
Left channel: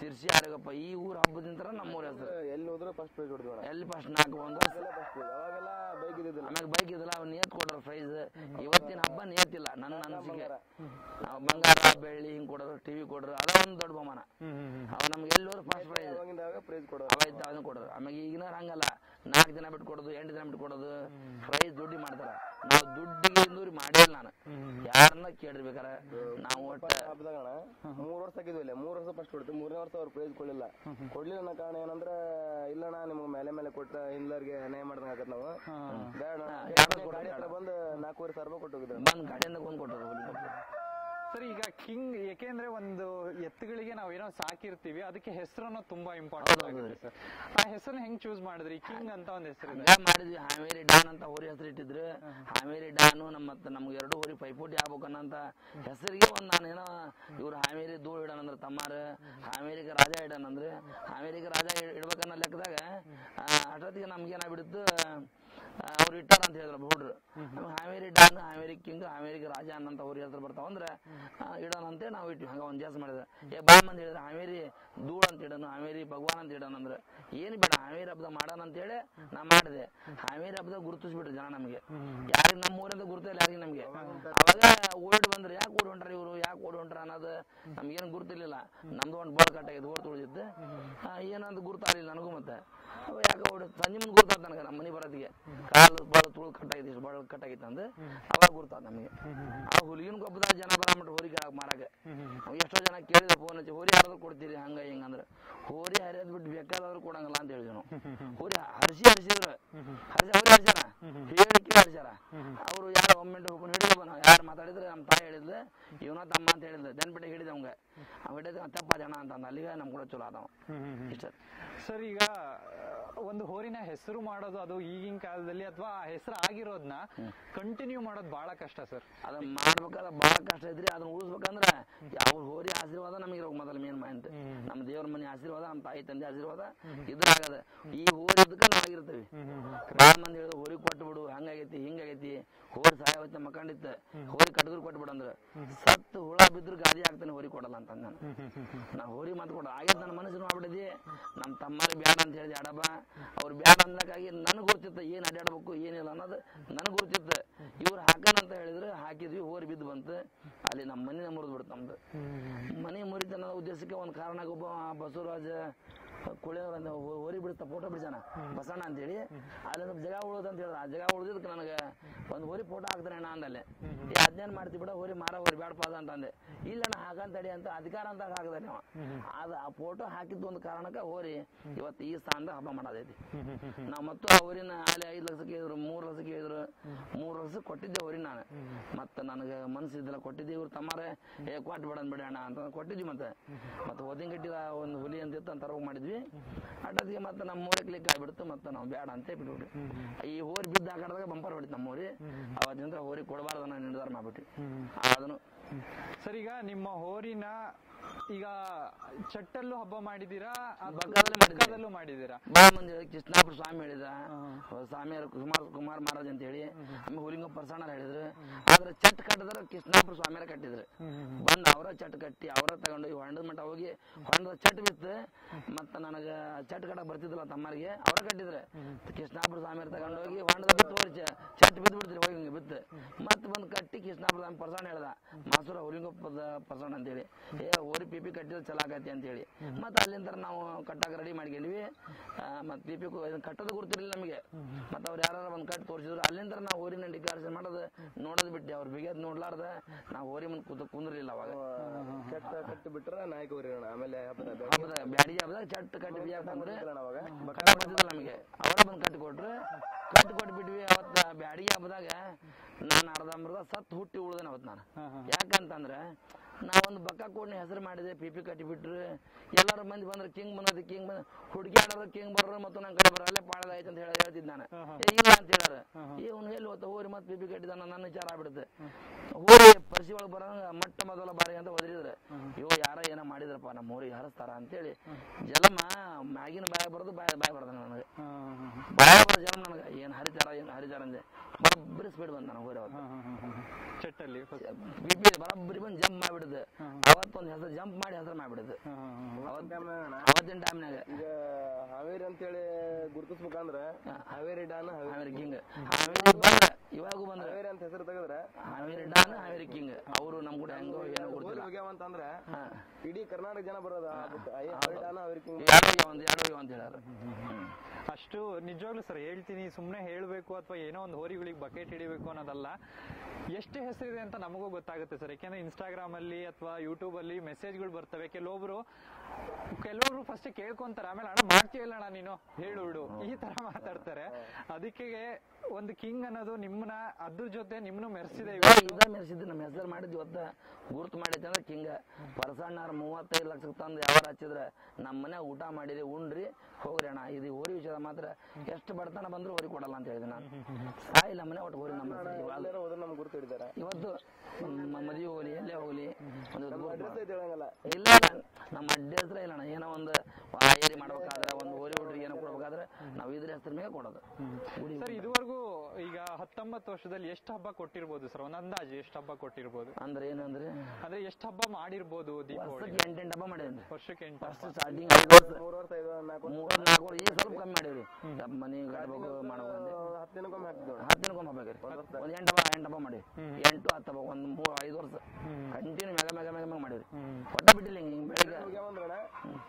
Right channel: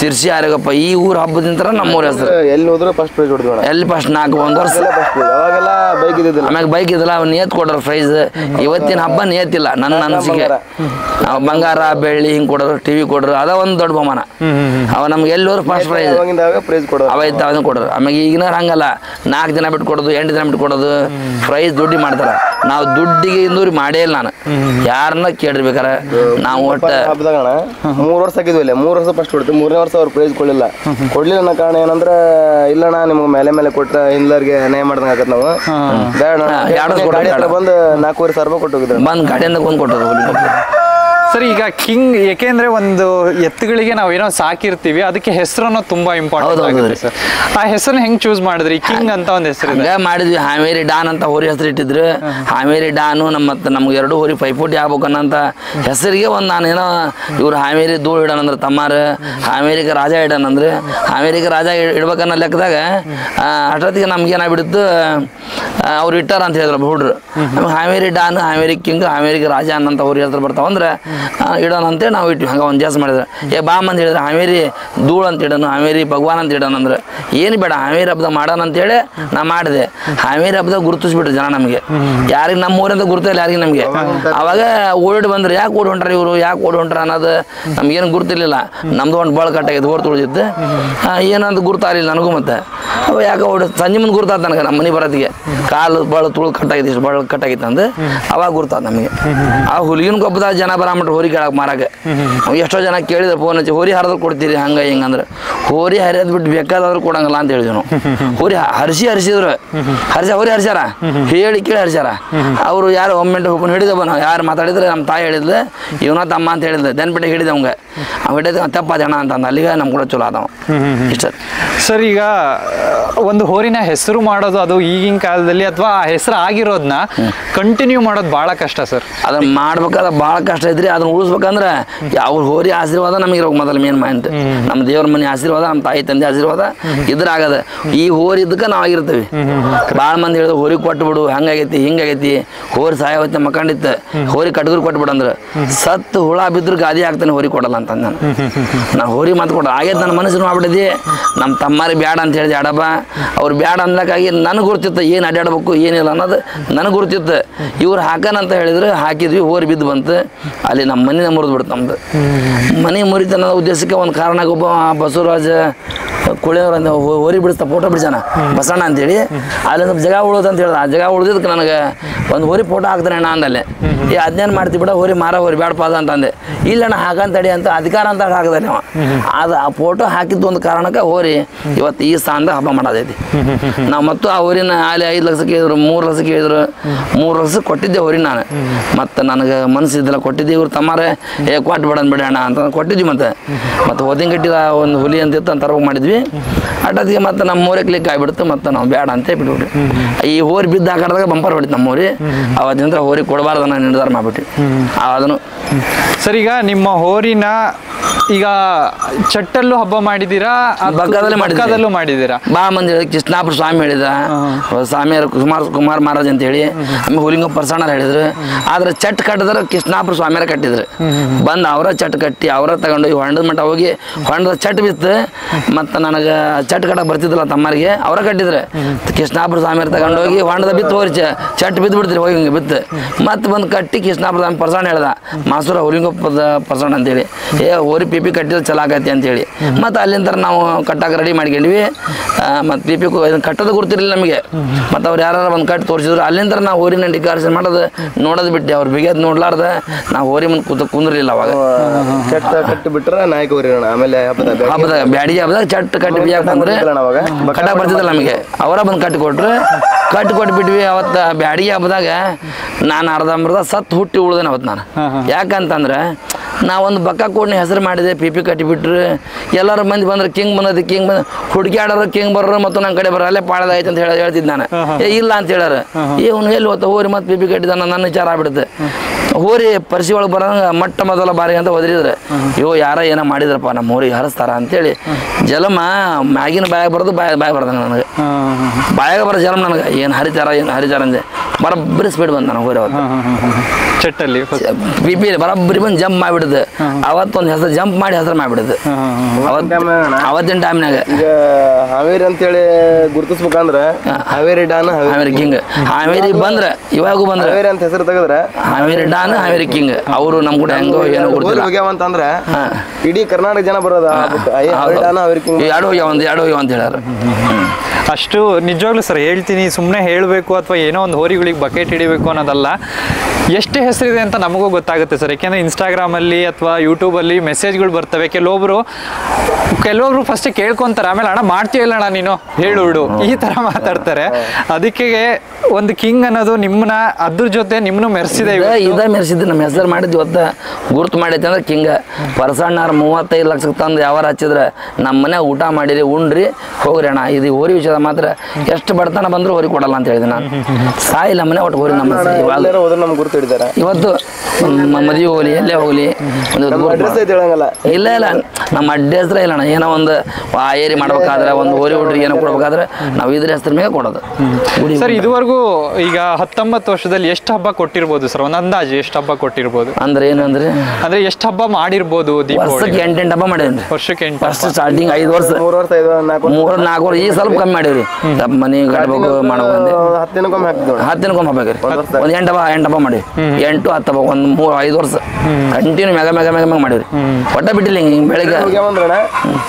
ಸಿರ್ಸಿ, ಆರಗಪ್ಪ, ಈ ಊರ ಹಬ್ಬದಿಂದ ನಮ್ಮೂರ ಹೆಸರು. ಎಲ್ಲಿ ಹೋದ್ರು ಫಸ್ಟ್ ಪ್ರೈಸ್ ಹೊಡೆದ್ವಿ. ಎಲ್ಲಿ ಫಸ್ಟ್ 1 ವರ್ಷ ಅವಾಗೆಲ್ಲ ಬೈಕ್ ಇದ್ದಿದ್ದಿಲ್ಲ. ಆಮ್ಯಾಗ ಬೈಕ್ ಇದಿಲ್ಲ, ಅವ್ನು ನೇತ್ ಕೊಡೋರು ಪ್ರೈಸ್. ಇವತ್ತಿನ ಹಬ್ಬ ನೇತಿಲ್ಲ ನನ್ನ ಅನಿಸಿಕೆ. ಬಂಗಾರ ಬೆಳ್ಳಿ ಹಿಂಗೆ ಕೊಡೋರು, ಟಿವಿ ಕೊಡೋರು, ಅದ ಒಂದು ದೊಡ್ಡ ಬಹುಮಾನ. ಅವ ನಮ್ಗೆ ಎಲ್ಲರೂ ಫಸ್ಟ್ ಪ್ರೈಸ್ ಅವೈತ ಅದನ್ನ ಕೊಡೋರು. ಆಮ್ಯಾಗ ಈಗಿನ ಹಂಗಲ್ಲ, 4 ದಿನ ಬಿಟ್ಟು ಕೊಡೋದು, 8 ದಿನ ಬಿಟ್ಟು ಕೊಡೋದು, ಪ್ರೈಸ್ ದುಡ್ಡಿ ಮಾಡ್ತಾರ. ನಾವು ದುಡ್ಡಿಗೆ ಇಂದೂರಿ ಮಾಡೇ ಇಲ್ಲ ನಾನು. ಯಾರನ್ನ ಕೇಳಿರ್ಬೇಕಾರ ನಾವು ಒಟ್ಟು ಹಬ್ಬದಾಗ 3 ವರ್ಷ ಆಗಿದ್ವಿ. 3 ವರ್ಷ ಫಸ್ಟ್ ಕೊಡ್ತೀವಿ. 3ನೇ ವರ್ಷ ಅವ್ರು ಪ್ರೈಸ್ ಕೊಡಲಿಲ್ಲ ಅನ್ನೋ ಕಾರಣ ಏನಂದ್ರೆ, ಇಲ್ಲಣ್ಣ ನಿಮ್ಗೆ ಮೇಲೆ ಕೊಟ್ರೆ ಹಿಂದರ್ಗೆ ಅನ್ಯಾಯ ಮಾಡ್ದಂಗೆ ಆಗತ್ತೆ, ನಾವು ಬೇಡ ಗಾಡಿ ಹತ್ರ ಬಂದು 4,500 ರೂಪಾಯಿ ಕೊಟ್ಟು ಹೋಗಿದ್ರು. ಬಂದು ಗಾಡಿಯಿಂದ ಕೊಂದು ಕೊಟ್ಟರು. ಸರ್ ಈಗ ಕಿಂಗ್ ಯಾಕೆಂದ್ರೆ ಒಂದು ಎತ್ತುಗಳಿಗೆ ನಾವೇನೋ ಸಾಕಿರ್ತೀವಿ, ಅದಕ್ಕೆ ಹೆಸರನ್ನು ತುಂಬಾ ಇಂಪಾರ್ಟೆಂಟ್ ಆಗುತ್ತೆ ಸರ್. ಆ ಹೆಸರನ್ನ ಹೆಂಗ್ ಚೂಸ್ ಮಾಡಿದ್ರಿ? ಕಿಂಗ್ ಅಂತ ಒಂದು ಹೆಸರು ಮಾಡಿದ್ವಿ. ಹಾವೇರಿ ಡಾನ್ ಅಂತ ಹೋರಿ ಹೆಸರು ಇಟ್ಟಿದ್ರು. ಹಾವೇರಿ ಡಾನು ನಮ್ಗೆ 2 ಹೋರಿ ಪೈಪೋಟಿ ಆಗ್ಬೇಕು ಅನ್ನೋಂಥ ಹೆಸರಿಗೆ ಒಂದು ನಾನೇನೋ ಇವ್ರು ಹಾವೇರಿ ಧೂಳು ಇಡೋಣಂದ್ರೆ ತಮ್ಮಾರ, ಹಾವೇರಿಗೆ ರಾಜ ಇಡೋಣಂದ್ರೆ ಹಾವೇರಿಗೆ ರಾಜ ಇಡ್ಬೇಕನ್ನೋ ಲೆಕ್ಕದಾಗ ಅಷ್ಟೊತ್ತಿಗೆ ನಮ್ಗೇನಾಗ್ಬಿಡುತ್ತು, ಅವ್ರು ಇಟ್ಟಾರ ಅಂತ ಹೇಳಿದ್ರು ಹುಡ್ರು. ನಮ್ಗೆ ಹಾವೇರಿ ಡಾನ್, ಹಾವೇರಿ ಕಿಂಗ್, ಹಾವೇರಿಗೆ ರಾಜ ಅನ್ನೋಂಥ ಹೋರಿ ಹೆಸರು ಬರ್ತಾವಂದ್ರೆ ಇಡೋಣ ಅಂತೇಳಿ ನಾವು ಇಟ್ವಿ. ಹಂಗೆ ಒಂದು ಜಾಸ್ತಿ ಮಾಡಿದ್ರೆ ಬಾಮ್ ಅಂತ ಹೇಳಿದ್ರೆ ಹಾವೇರಿ ಧೂಳು ಅಂತ ಇಡೋಣ, ಹಾವೇರಿ ಭಗವಾನ್ ಅಂತ ಇಡೋಣ ಅಂದ್ರೆ ಏನು ಬೇಡ ಹಾವೇರಿ ಹಬ್ಬದ ಮಾಡೋಣ ಅಂತೇಳಿ ನಾ ಮಾಡಿದೆ. ಹಾವೇರಿ ಹಬ್ಬದಾಗ ಗುರುತಿಸ್ಬಿಟ್ರು ಜನ ನಮಗೆ. ಯಾರಿಗೆ ನಮ್ಮ ಊರಿಂದ ಗುರುತಿಲ್ಲ ಯಾರಿಗೆ ನಮಗೆ. ಅವಾಗ ಓಡಿ ಬಂದ್ರೆ ಯಾಕೆ ಓಡಿ ಹೊಂಟ್ರ ಇವರು, ಯಾಕೆ ಓಡಿ ಹೊಂಟ್ರ ಅನ್ನೋದು ನಮ್ಗೇನು ಗುರ್ತಿರ್ಲಿಲ್ಲ. ನಮ್ದು ಒಂದು ಬಾಳ ಕಟ್ಟಾಗಿತ್ತು, ಓಡ್ ತುಳಿದಿತ್ತು, ಏನಂತ ಗುರ್ತಾಗಲಿಲ್ಲ ನನಗೂ. ಮತ್ತೆ ಅವ ಯಾಕೆ ಓಡಿ ಸಂಜೆ ಮುಂದೆ ಗುರ್ತಾದ ನನಗೆ. ನಮ್ಮ ಮನೆ ಬರೋತ್ತಿಗೆ ಕಾಲು ಬಾಳ ತುಳು ಕಟ್ಟಾಗಿತ್ತು, ಇಷ್ಟು ಬಾಳ ಕಟ್ಟಾಗಿತ್ತು ಅಂದು ಅವಾಗ ಗುರ್ತಾದ ನಮಗೆ. ಆ ಹುಲಿಗಿನ ಕೊಬ್ಬದಾಗ ಜನ ಬರಾಮಟ್ರು ಹೋರಿ ಕೇಳಕ್ಕೆ ಮಾರಾಗೆ. ಎಷ್ಟೋ ಜನ ಕೇಳಿದ್ರೆ ಫೋನ್ ಹಚ್ಚಿ, ಹೋರಿ ಹರಿದ್ರು ಕೊಡ್ತೀರಿ ಹಂಗೆ ಹಿಂಗಂದ್ರೆ, ಹೋರಿ ಹರಿಯೋದು ಬಿಟ್ಟು ಬೇಕಾದ್ರೂ ಕೊಡಂಗಿಲ್ಲ ಅಂತ ಹೇಳಿದ್ವಿ ನಾವು. ಹೋರಿ ಹರಿಸಿದ್ರು, ಹೋರಿ ಹರಿಸ್ಯಾರ, ಹೇಳಿ ಕೇಳಿ ಹರಿಸ್ಯಾರ. ಅವರು ಯಾರು ಒಮ್ಮೆಂಟು ಹೋಗ್ಕೊಂಡು ಹಿಡಿದವ, ನಾವು ಯಾರು ಮಾತಾಡಿದ್ರೆ ನಮ್ಮ ತಾಯಿ ಹೇಳಿದ್ಲು, ಇವನ ತಮ್ಮ ಅಂತ ಹೇಳಿದ್ಲು, ದೆನ್ಪೇಟೆ ಹಿಡಿದ ಅವಂಗೆ. ಅವ್ ಹಿಡಿದ ತಪ್ಪ ಜನ ಅಂತ ಅಲ್ಲಿಗೆ ನಮ್ ಕೂಡ ಚಲೋ ಆದವ. ಇಷ್ಟ ಸರ್. ಈಗ ಒಂದು ಹೋರಿನ ಹೆಸರು ಮಾಡೋದು ಅದು ಈಗಿನ ಕಾಲದಲ್ಲಿ, ಅಥವಾ ಆ ಹೆಸರು ಆಗಿರೋದನ್ನ ಕಂಟಿನ್ಯೂ ಮಾಡೋದು ಬಹಳ ಕಷ್ಟ ಸರ್. ಅದನ್ನ ಮಾಡ್ಬೇಕಾದ್ರೆ ಭಾಳ ಕಷ್ಟ ಐತ್ರಿ. ಅದನ್ನ ಉಳಿಸ್ಬೇಕಂದ್ರೆ ಅವ್ರ ಹೋರಿ ಆಶೀರ್ವಾದ ನಮಗೆ ಇರೋದು ಮೊದಲು ಮೇನ್ ಮಾಯಿಂಟ್. ನಮ್ಮ ದೇವ್ರ ಮನೆ ಆಶೀರ್ವಾದ, ನಮ್ಮ ತಾಯಿ ತಂದೆ ಆಶೀರ್ವಾದ ಇದ್ರಾಗದ. ಈ ಹೋರಿ ಇದ್ದಕ್ಕೆ ನಾವು ಆಗಿರ್ತೀವಿ. ಭಾಳ ಮಂದಿ ಹೇಳಿದ್ರು ಹೋರಿ ಕೊಟ್ಟು ಬಿಡು, ಹಂಗಾಗೈತಿ ಹಿಂಗಾಗೈತಿ, ಹೋರಿ ಸಾಯವತ್ತೆ ಮಕ್ಕಂಡಿತ್ತು, ಹೋರಿ ಕಟ್ಗರು ಕೊಟ್ಬಿಡು ಅಂದ್ರೆ ಸತ್ತು ಹುಳ ಬಿದ್ರು ಗಾದಿ ಆಗ್ತಾನೆ, ಹೋರಿ ಕೊಡಲ್ಲ ಅಂತ ನಾನು ಹೋರಿ ಮಾತು ಕೊಡ ಆಗೈತೆ. ನನ್ನ ಮನಸ್ಸನ್ನು ಮಾಡ್ಬಿಟ್ಟಿದ್ದಿ. ನಮ್ಮ ತಮ್ಮಾರಿಗೆ ಬ್ಯಾಡ ಅಂತ ಹೇಳಿದೆ ಅಡಬ. ಅವ್ರು ಬ್ಯಾಡ ಅನ್ಲಕ್ಕಾಗಿ ನನಗೆ ಗುರ್ತಿತ್ತು ಏನು ಅಡ್ಡಾಡ್ಬೇಕು ಏನಿಲ್ಲ ಅನ್ನೋದು ನನಗೆ ಗುರ್ತಿತ್ತು. ಇವ್ರು ಹಾಕನ ಅಂತ ಹೇಳಿದ್ರು, ಹಾಕಿದ್ವಿ, ಹೋರಿ ಬಿದ್ದು ಬಂತು. ಅಲ್ಲಿ ನಮ್ಮ ಮನೆ ಮುರಿದು ಬಿಡ್ತು. ನಮ್ದು ಮನೆ ಮುರಿತ ಅನ್ನೋ ಉದ್ದೇಶಕ್ಕೆ ಒಂದು ಕಾರಣಕ್ಕೆ ಒಬ್ಬ ಬಸವರಾಜ ಕುಳಿಯವ್ರ ಅಂತ ಹೋರಿ ಬಿಡಿಸ್ತಾ ಫೋಟೋ ಬಿಡ್ಸಾನ ಬಸಣ್ಣ ಅಂತೇಳಿ, ಅಲ್ಲಿ ಸ್ವಲ್ಪ ಜಾಗ ಉಳೋದು ಅಂತ ಹೇಳಿದ. ಆ ಜಾಗ ಉಳಿದಿದ್ದಕ್ಕೆ ನನಗೆ ಒಂದು ಹೋರಿ ಫೋಟೋ ಹಾಕ್ತಾನೆ ಅಣ್ಣ ಅಂದಲ್ಲಿ. ಅದ್ನೇನು ಮಾಡ್ತೀವಿ ಬಿಡ, ಹೋರಿ ಮಾರ ಹೋರಿ ಬ್ಯಾಡ ಪಾದ ಅಂತಂದೆ. ಇಲ್ಲಣ್ಣ ಹಾಕಂತಡಿ ಅಂತ ಅಧಿಕಾರ ಅಂತ ಹಾಕಿದಾನೆ ಅವ. ಅದು ಆ ಫೋಟೋ ಹಾಕಿದ್ದು ಒಂದು ಕಾರಣಕ್ಕೆ ಹೋರಿ ಇವತ್ತು ಈ ಸ್ಥಾನದ ಹಬ್ಬ ಮಾಡೋದೈತಿ. ನಾವು ಮತ್ತು ಆ ಹೋರಿನ ಅಲ್ಲಿ 5 ಲಕ್ಷ ಕೇಳಿದ್ರು, 3 ಲಕ್ಷ ಕೇಳಿದ್ರು, 3 ಲಕ್ಷಕ್ಕೆ ಕೊಟ್ಟಿದ್ದೆ ಹೋರಿ ನಾನು. ಮತ್ತು ನನಗೆ ಮನಸ್ಸಿದ್ದೆಲ್ಲ ಕೊಟ್ಟಿದ್ದೆ. ಇವ್ರು ತಮ್ಮಾರೆ ಕೊಟ್ಟು ಬಿಡೋಣ ಬಿಡೋಣ ಅಂತ ಕೊಟ್ಟಿದ್ವಿ. ಮತ್ತು ಹೋದಿಂಗಟ್ಟಿದ ಒಂದು ಹುಲಿ ಅಂತಿತ್ತು ಅಂತ ತರಬೇಕು ಮಾಡಿದ್ವಿ. ಅಟ್ಟದಿಗೆ ಮತ್ತು ನಮ್ಮ ಮೂರೇ ಕ್ಲಿಕ್ ಆಗಿಬಿಡ್ತು. ಮತ್ತು ನಾವು ಬೇಡ ಅಂತ ಬಿಟ್ಬಿಟ್ವಿ. ಈ ಹೋರಿ ಬಿದ್ದು ಹಾಕಿದಾಗ ಬಂಪರ್ ಹೊಡಿತು ನಮ್ಮ ಹೋರಿ. ಅವತ್ತಿಂದ ಹೋರಿ ಕೊಡಬಾರ್ದು ನಾನು ನಿರ್ಧಾರ ಮಾಡಿಬಿಟ್ವಿ. ಅದನ್ನು ಸರ್, ಈಗ ನಿಮ್ಮ ಹೋರಿನ ಈಗ ಚಟ್ಟಲ್ಲೂ ಹಬ್ಬ ಮಾಡಿದ್ದೀರಾ, ಬಕ್ಕದಲ್ಲೂ ಮಾಡಿದ್ದೀರಾ? ಬಾ ಮಂದಿ ಹೇಳಿದ, ಕೃಷ್ಣಾಪುರ ಸ್ವಾಮಿ ಹೇಳಿದ, ಸ್ವಾಮಿಯರು ಕುಮಾರ್ ಮಹಾರಾಜ್ ಅಂತ ಹೇಳಿ, ಆಮೇಲೆ ಹುಲಿಂಗ ಪರ್ಸಣ್ಣರು ಹೇಳಿದ್ರು. ಆದ್ರೆ ಚಟ್ ಕಟ್ಟಿದ್ರೆ ಕೃಷ್ಣಾಪುರ ಸ್ವಾಮಿಯರ ಕಟ್ಟಿದ್ರು. ಬಂದು ಅವರ ಚಟ್ ಕಟ್ಟಿ ಅವರ ತಗೊಂಡು ಹೊಂಡದ ಮಟ್ಟ ಹೋಗಿ ಹೊಂಡದ ಚಟ್ ಬಿತ್ತು. ಮತ್ತು ನನಗೆ ಚಟ್ ಕಟ್ಟಕ್ಕೆ ಬರ್ತಿದ್ದಿಲ್ಲ ತಮ್ಮರಿಗೆ, ಅವರ ಕಟ್ಟಿದ್ರೆ ಕೃಷ್ಣಾಪುರ ಸ್ವಾಮಿಯರು ತಗೊಂಡು ಹೋಗಿ ಹೊಂಡದ ಬಿತ್ತು ಹೋರಿ ಚಟ್ ಬಿದ್ದು ಬಿಡ್ತೀರಿ ಹೋಗಿ ಹಿಂಗೆ ಬಿತ್ತು. ಮತ್ತು ಬಂದು ಕಟ್ಟಿ ಕೃಷ್ಣಾಪುರ ಸ್ವಾಮಿ ಪರ್ಸಣ್ಣ ಹೇಳ್ದ, ಮಾಸೂರ ಹುಲಿಂಗಪ್ಪದ ಪರ್ಸಣ್ಣ ಅಂತೇಳಿ, ಹೋರಿ ಪಿ ಕಟ್ಟಿದ್ರೆ ಚಲೋ ಆಗತ್ತೆ ಅಂತೇಳಿ. ಮತ್ತು ಅಲ್ಲಿಂದ ನಾವು ಕಟ್ಟಾಕ ರೆಡಿ ಮಾಡ್ಕೊಂಡ್ವಿ. ಮತ್ತು ಪಿ ಕಟ್ಟೋದು ಗುರ್ತಿರಲಿಲ್ಲ ನಮಗೆ. ಮತ್ತು ಅವ್ರು ಯಾರು ಒಂದು ಕಟ್ಟಿ ತೋರಿಸಿದ್ರು. ಅಲ್ಲಿಂದ ನಾವು ಹೋರಿನ ಡಿಕಾರೇಷನ್ ಮಾಡೋದು ನೋಡೋದು ಬಿಟ್ಟೆ. ಅವ್ರು ಬಿಗಿಯೋದು ನೋಡ್ಲಾರ್ದ ನಾವು ಹೋರಿ ಮುಂದೆ ಕುಂದ್ರಲಿಲ್ಲ. ಅವಾಗ ಚಟ್ ಕಟ್ಟಿ ಬಿಟ್ರೆ ನಾಯಕ ಹೋರಿ. ಆಮೇಲೆ ಹಬ್ಬದಾಗ ಬ್ಯಾಡಿಗೆ ಹಬ್ಬದಾಗ ಚಟ್ ಕಟ್ಟಿ ಬಿಗಿಯಾಕ ಬಂದ್ರೆ ಕಟ್ಟಾಕ ಬರ್ತಿದ್ದಲ್ಲ ನಮಗೆ. ಅವರ ಬಂದು ಕಟ್ಟಿ ಕೊಟ್ರು, ಕಟ್ಟಿ ಕೊಟ್ಬಿಟ್ವಿ. ಅವತ್ತು ಬ್ಯಾಡಿಗೆ ಹಬ್ಬದಾಗ ನಾನು ಅರ್ಧಂಬರ್ಧ ಸತ್ತು ಹುಟ್ಟಿ ಉಳ್ದೇನೆ ಅವತ್ತು ನಾನು. ಯಾಕಂತಂದ್ರೆ ನಾವೊಂದು ಬಕ್ಕ ಕೋಡ್ನ ಹೆಸರು ಮಾಡಿದೆ ಪಿ ಕಟ್ಟಿಬಿಟ್ರು ಎಲ್ಲರ ಮಂದಿ ಬಂದ್ರೆ ಕಿಂಗ್ ಬಂದದ ಕಿಂಗ್ ಬಂದ ಹುಡುಕ್ಯಾಡೋರು ಕಿಂಗ್ ಬರ್ರ ಮತ್ತು ನನ್ನ ಕಡೆ ಬರ ಅಲ್ಲೇ ಪಾಳದಾಯ್ತು ಅಂತ ಹೇಳ್ತಿದ್ದೆ ನಾನು. ಇಲ್ಲ ಅಂತ ಹೇಳ್ಯಾರ. ಇವ್ನು ಎಲ್ಲಿ ಹೋತ ಹೋರಿ ಮತ್ತು ಪಿ ಕಟ್ಟಿದ ನನ್ನ ವಿಚಾರ ಆಗ್ಬಿಡುತ್ತೆ. ಹೋರಿ ಪರಿಸಿ ಒಳಗೆ ಬರೋಂಗ ಮೊಟ್ಟ ಮೊದಲ ಬಾರಿಗೆ ಅಂತ ಒದರಿದ್ರೆ ಇವು ಯಾರ ಏನೋ ಮಾಡಿದ್ರಪ್ಪ ನಮ್ಮ ಊರಿಗೆ ಹರಿಸ್ತಾರ ಅಂತೇಳಿ ಜಲಮ ಮ್ಯಾಗಿನ ಬಾಯಾಗ ಬರೋದು ಬಾಯಾಗ ಬರ್ದ ನನಗೆ. ಬಾಯಾಗ ಬರೋ ಜಲಮ ನನಗೆ ಏನು ಹರಿತಾರ ಅಂದೆ ಬರಬ್ಬರಿ ಸ್ಪೀಡ್ ಬಂದ ನನಗೆ ಹೋರಿ ಅವತ್ತು ಚಟ್ಟಲ್ಲಿ ಪಿ ಬರಬ್ಬರಿ ಬಂದು ಜಂಪ್ ಮಾಡಿಬಿಡುದು. ಅವತ್ತೊಂದು ಹೆಸರು ಜಂಪ್ ಮಾಡಿ ಹೆಸರು ಮಾಡಿಬಿಡುದು ಅವತ್ತಿನ ಟೈಮ್ನಾಗ. ಈಗ ಹಾವೇರಿ ಅಂತೇಳಿ ಗುರುತಿಸ್ಬೇಕಂದ್ರ ಹಾವೇರಿ ಡಾನ್ ಹಾವೇರಿ ಕಿಂಗ್. ಹಾವೇರಿಗೆ ಬಂದ್ರೆ ಇವಾಗೂ ಬಂದ್ರೆ ಹಾವೇರಿ ಅಂತ ಹೆಸರು ತೆಗೆದ್ರೆ ಹಾವೇರಿ ಡಾನ್ ಹಾವೇರಿ ಕಿಂಗ್ ಅವರು ನಮ್ಮ ಕೂಡ ಹೆಂಗೋ ಏನೋ ಹೋಗ್ಯಾವ ಅಂತಂದ್ರ ಇಡೀ ಕರ್ನಾಟಕ ಜನ ಬರೋದ ಹಾವೇರಿ ಡಾನ್ ಹಾವೇರಿ ಕಿಂಗ್ ಎರಡು ಹೋಗ್ಯಾವ ಅಂತ ಹೇಳ್ಯಾರ. ಅಷ್ಟು ನಿಜವಾಗ್ಲೂ ಸರ್ ಹೇಳ್ತೀನಿ, ಸುಮ್ಮನೆ ಹೇಳಬೇಕು ಅಥವಾ ಏನೋ ಒಂದು ಹೋರಿಗಳಿಗೆ ಬಕೆಟ್ ಹಿಡಿಬೇಕು ಅನ್ನೋದಲ್ಲ. ಎಷ್ಟೇ ಹೆಸರಿದೆ ಅಂತ ನಮಗೂ ಗೊತ್ತಾಗುತ್ತೆ ಸರ್. ಯಾಕೆಂದರೆ ಇನ್ಸ್ಟಾಗ್ರಾಮಲ್ಲಿ ಅಥವಾ ಯೂಟ್ಯೂಬಲ್ಲಿ ಮೆಸೇಜ್ಗಳು ಬರ್ತವೆ. ಕೆಲವೊಬ್ರು ಫಸ್ಟ್ ಕೇಳ್ಕೊತಾರೆ, ಆಮೇಲೆ ಅಣ್ಣ ಮಾಡ್ತೀಯಲ್ಲ ಅಣ್ಣ ನೀನು ಹೇಳು ಈ ಥರ ಮಾತಾಡ್ತಾರೆ. ಅದಕ್ಕೆ ಒಂದು ಕಿಂಗ್ ಅನ್ನೋದು ನಿಮ್ಮನ್ನ ಅದ್ರ ಜೊತೆ ನಿಮ್ಮನ್ನು ಮೆರೆಸಿದೆ. ಮೆರೆಸಿದ್ದು ನಮ್ಮ ಹೆಸರು ಮಾಡಿದ್ದು ಇವತ್ತು ಗುರುತು ಮಾಡೈತೆ ಅಂದ್ರೆ ಕಿಂಗ. ಪರ್ಸಣ್ಣವ್ರು 35 ಲಕ್ಷಕ್ಕೆ ತಂದು ಯಾವಾರ ಹಚ್ಚಿದ್ರೆ ನಮ್ಮ ಮನೆ ಊಟ ಮಾಡಿರಿ ಉಣ್ರಿ ಹೋಗ್ರಿ ಅಣ್ಣ. ಇದು ಹೋರಿ ವಿಷಯದ ಮಾತ್ರ ಎಷ್ಟು ಬಡತನ ಬಂದ್ರು ಹೋರಿ ಕೊಡಲ್ಲ ಅಂತ ಹೇಳಿದೆ ನಾನು. ಸಾಯಿಲ್ಲ ಮನೆ ಒಟ್ಟು ಹೋರಿ ನಮ್ಮ ನಮ್ಗೆ ಗುರುತು ಹಿಡಿದಾರೆ. ಇವತ್ತು ಮದುವೆ ಹೋಗ್ಲಿ ಎಲ್ಲೇ ಹೋಗ್ಲಿ ಇಲ್ಲ ನಮ್ಮ ಅಡ್ಡೆ ಹೆಸರೇ ಇಲ್ಲ ಅಣ್ಣ. ಏನೋ ಒಂದು ಏರಿ ಮಾಡ್ಬೇಕಾದ್ರೆ ಒಂದು ಹೋರಿ ಹುಡ್ರಿಗೆ ಏನೋ ಕೊಡ್ಬೇಕಾದ್ರೆ ನಾವು ಇದ್ರ ಹೆಸರು ಮೇಲೆ ಕೊಡೋದು. ಸರ್ ಇದುವರೆಗೂ ಈಗ 19 ವರ್ಷದಲ್ಲಿ ಎಷ್ಟು ಹಬ್ಬ ಕೊಟ್ಟಿರ್ಬೋದು ಸರ್? ಒಂದು ಅಂದಾಜು ಎಷ್ಟು ಹಬ್ಬ ಕೊಟ್ಟಿರ್ಬೋದು? ಅಂದ್ರೆ ಏನು ಅಂದ್ರೆ ಎಷ್ಟು ಹಬ್ಬ ಮಾಡಿರ್ಬೋದು? ವರ್ಷಕ್ಕೆ 8 ಹಬ್ಬ ಮಾಡಿದ್ರಿ. ವರ್ಷಕ್ಕೆ 8. ಫಸ್ಟ್ ಸ್ಟಾರ್ಟಿಂಗ್ 5 ವರ್ಷ 3 ವರ್ಷ 4 ವರ್ಷ. ಈಗ ಸ್ವಲ್ಪ ಕಮ್ಮಿ ಮಾಡಿವ್ರಿ. ಮನೆ ಕಟ್ಬೇಕು ಮಾಡ್ಬೇಕು 10 ದಿನಕ್ಕೊಮ್ಮೆ ಹಾಕ್ತಿದ್ವಿ. 10 ದಿನಕ್ಕೊಮ್ಮೆ ಹಾಕ್ಬೇಕ್ರಿ. ಒಂದು 8 ಹಬ್ಬ ಮಾಡಿ 8 10 ಹಬ್ಬ ಒಂದು 3-5 ವರ್ಷ ಕಂಟಿನ್ಯೂ ಮೆಗ ಮಾಡಿವ್ರಿ. ಒಟ್ಟ ಬಿಟ್ಟಿಲ್ಲ ಹಿಂಗೆ ಬೆಳಗ್ಗೆ ಹೋಗ್ಯಾವಂದ್ರಣ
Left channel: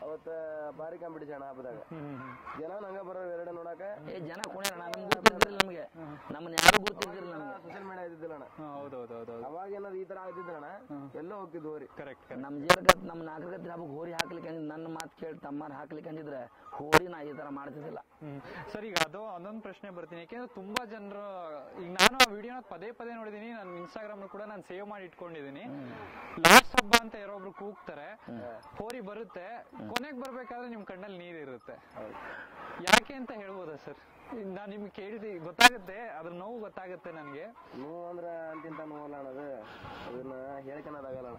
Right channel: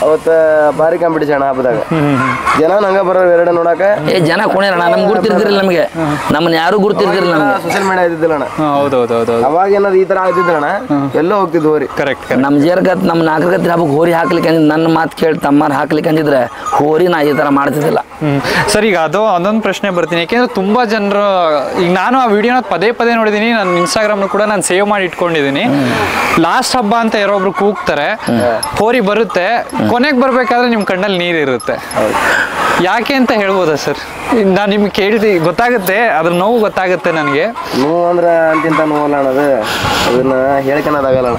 ಅವತ್ತ ಭಾರಿ ಕಾಂಪಿಟೇಷನ್ ಹಬ್ಬದಾಗ ಜನ ಹಂಗ ಬರೋ ಎರಡು ನೋಡಾಕ ಜನ ಕುಣಿಯಲ್ಲ. ನಮ್ಗೆ ಗುರ್ತಿರ್ತಿರಲಿಲ್ಲ, ನಮಗೆ ನಮ್ಮನ್ನ ಯಾರು ಗುರ್ತಿರ್ತಿರಲಿಲ್ಲ. ನಮಗೆ ಸೋಷಿಯಲ್ ಮೀಡಿಯಾ ಇದ್ದಿದ್ದಿಲ್ಲಣ್ಣ. ಹೌದೌದು. ಅವಾಗ ಏನಾದ್ರು ಈ ತರ ಆಗ್ತಿದ್ರಣ್ಣ ಎಲ್ಲೋ ಹೋಗ್ತಿದ್ವು ಹೋರಿ. ಕರೆಕ್ಟ್. ನಮ್ಮ ಜೇರ್ಗತ್ ನಮ್ಮ 4 ಗತ್ತಿ ಹಬ್ಬಕ್ಕೆ ಹೋರಿ ಹಾಕ್ಲಿಕ್ಕೆ ಅಂದಿದ್ದು ನನ್ನ ಮಾತು ಕೇಳಿ ತಮ್ಮಾರು ಹಾಕ್ಲಿಕ್ಕೆ ಅಂದಿದ್ರೆ ಹೋರಿ ನಾ ಈ ತರ ಮಾಡ್ತಿದ್ದಿಲ್ಲ. ಸರ್ ಈಗ ಅದೊಂದು ಪ್ರಶ್ನೆ ಬರ್ತೀನಿ. ಯಾಕೆಂದ್ರೆ ತುಂಬಾ ಜನರು ಈಗ ನಾನು ಆ ವಿಡಿಯೋನ ಪದೇ ನೋಡಿದೀನಿ. ನನ್ನ ಇನ್ಸ್ಟಾಗ್ರಾಮ್ ಕೂಡ ನಾನು ಸೇವ್ ಮಾಡಿ ಇಟ್ಕೊಂಡಿದ್ದೀನಿ. ಲಾಸ್ಟ್ ಹಬ್ಬ ಅಂತ ಯಾರೊಬ್ರು ಕೂಗ್ತಾರೆ, ಹೋರಿ ಬರುತ್ತೆ, ಕೊನೆಗೆ ಬರ್ಬೇಕಾದ್ರೆ ನಿಮ್ ಕಣ್ಣಲ್ಲಿ ನೀರು ಇರುತ್ತೆ. ಯಾಕೆ ಅಂತ ಹೇಳ್ಬೋದಾ ಸರ್? ನಾನು ನಿಮ್ಗೆ ಕೇಳಿದೆ ಗೊತ್ತಾಗುತ್ತೆ, ಅದ್ರ ನೋವು ಗೊತ್ತಾಗುತ್ತೆ ನನಗೆ. ನೋವು ಅಂದ್ರೆ ಅಂತಿಂತ ನೋವಲ್ಲ ಅನ್ನೋದು, ಅದನ್ನ ಹೇಳ್ಕೊಳೋದಾಗಲ್ಲ.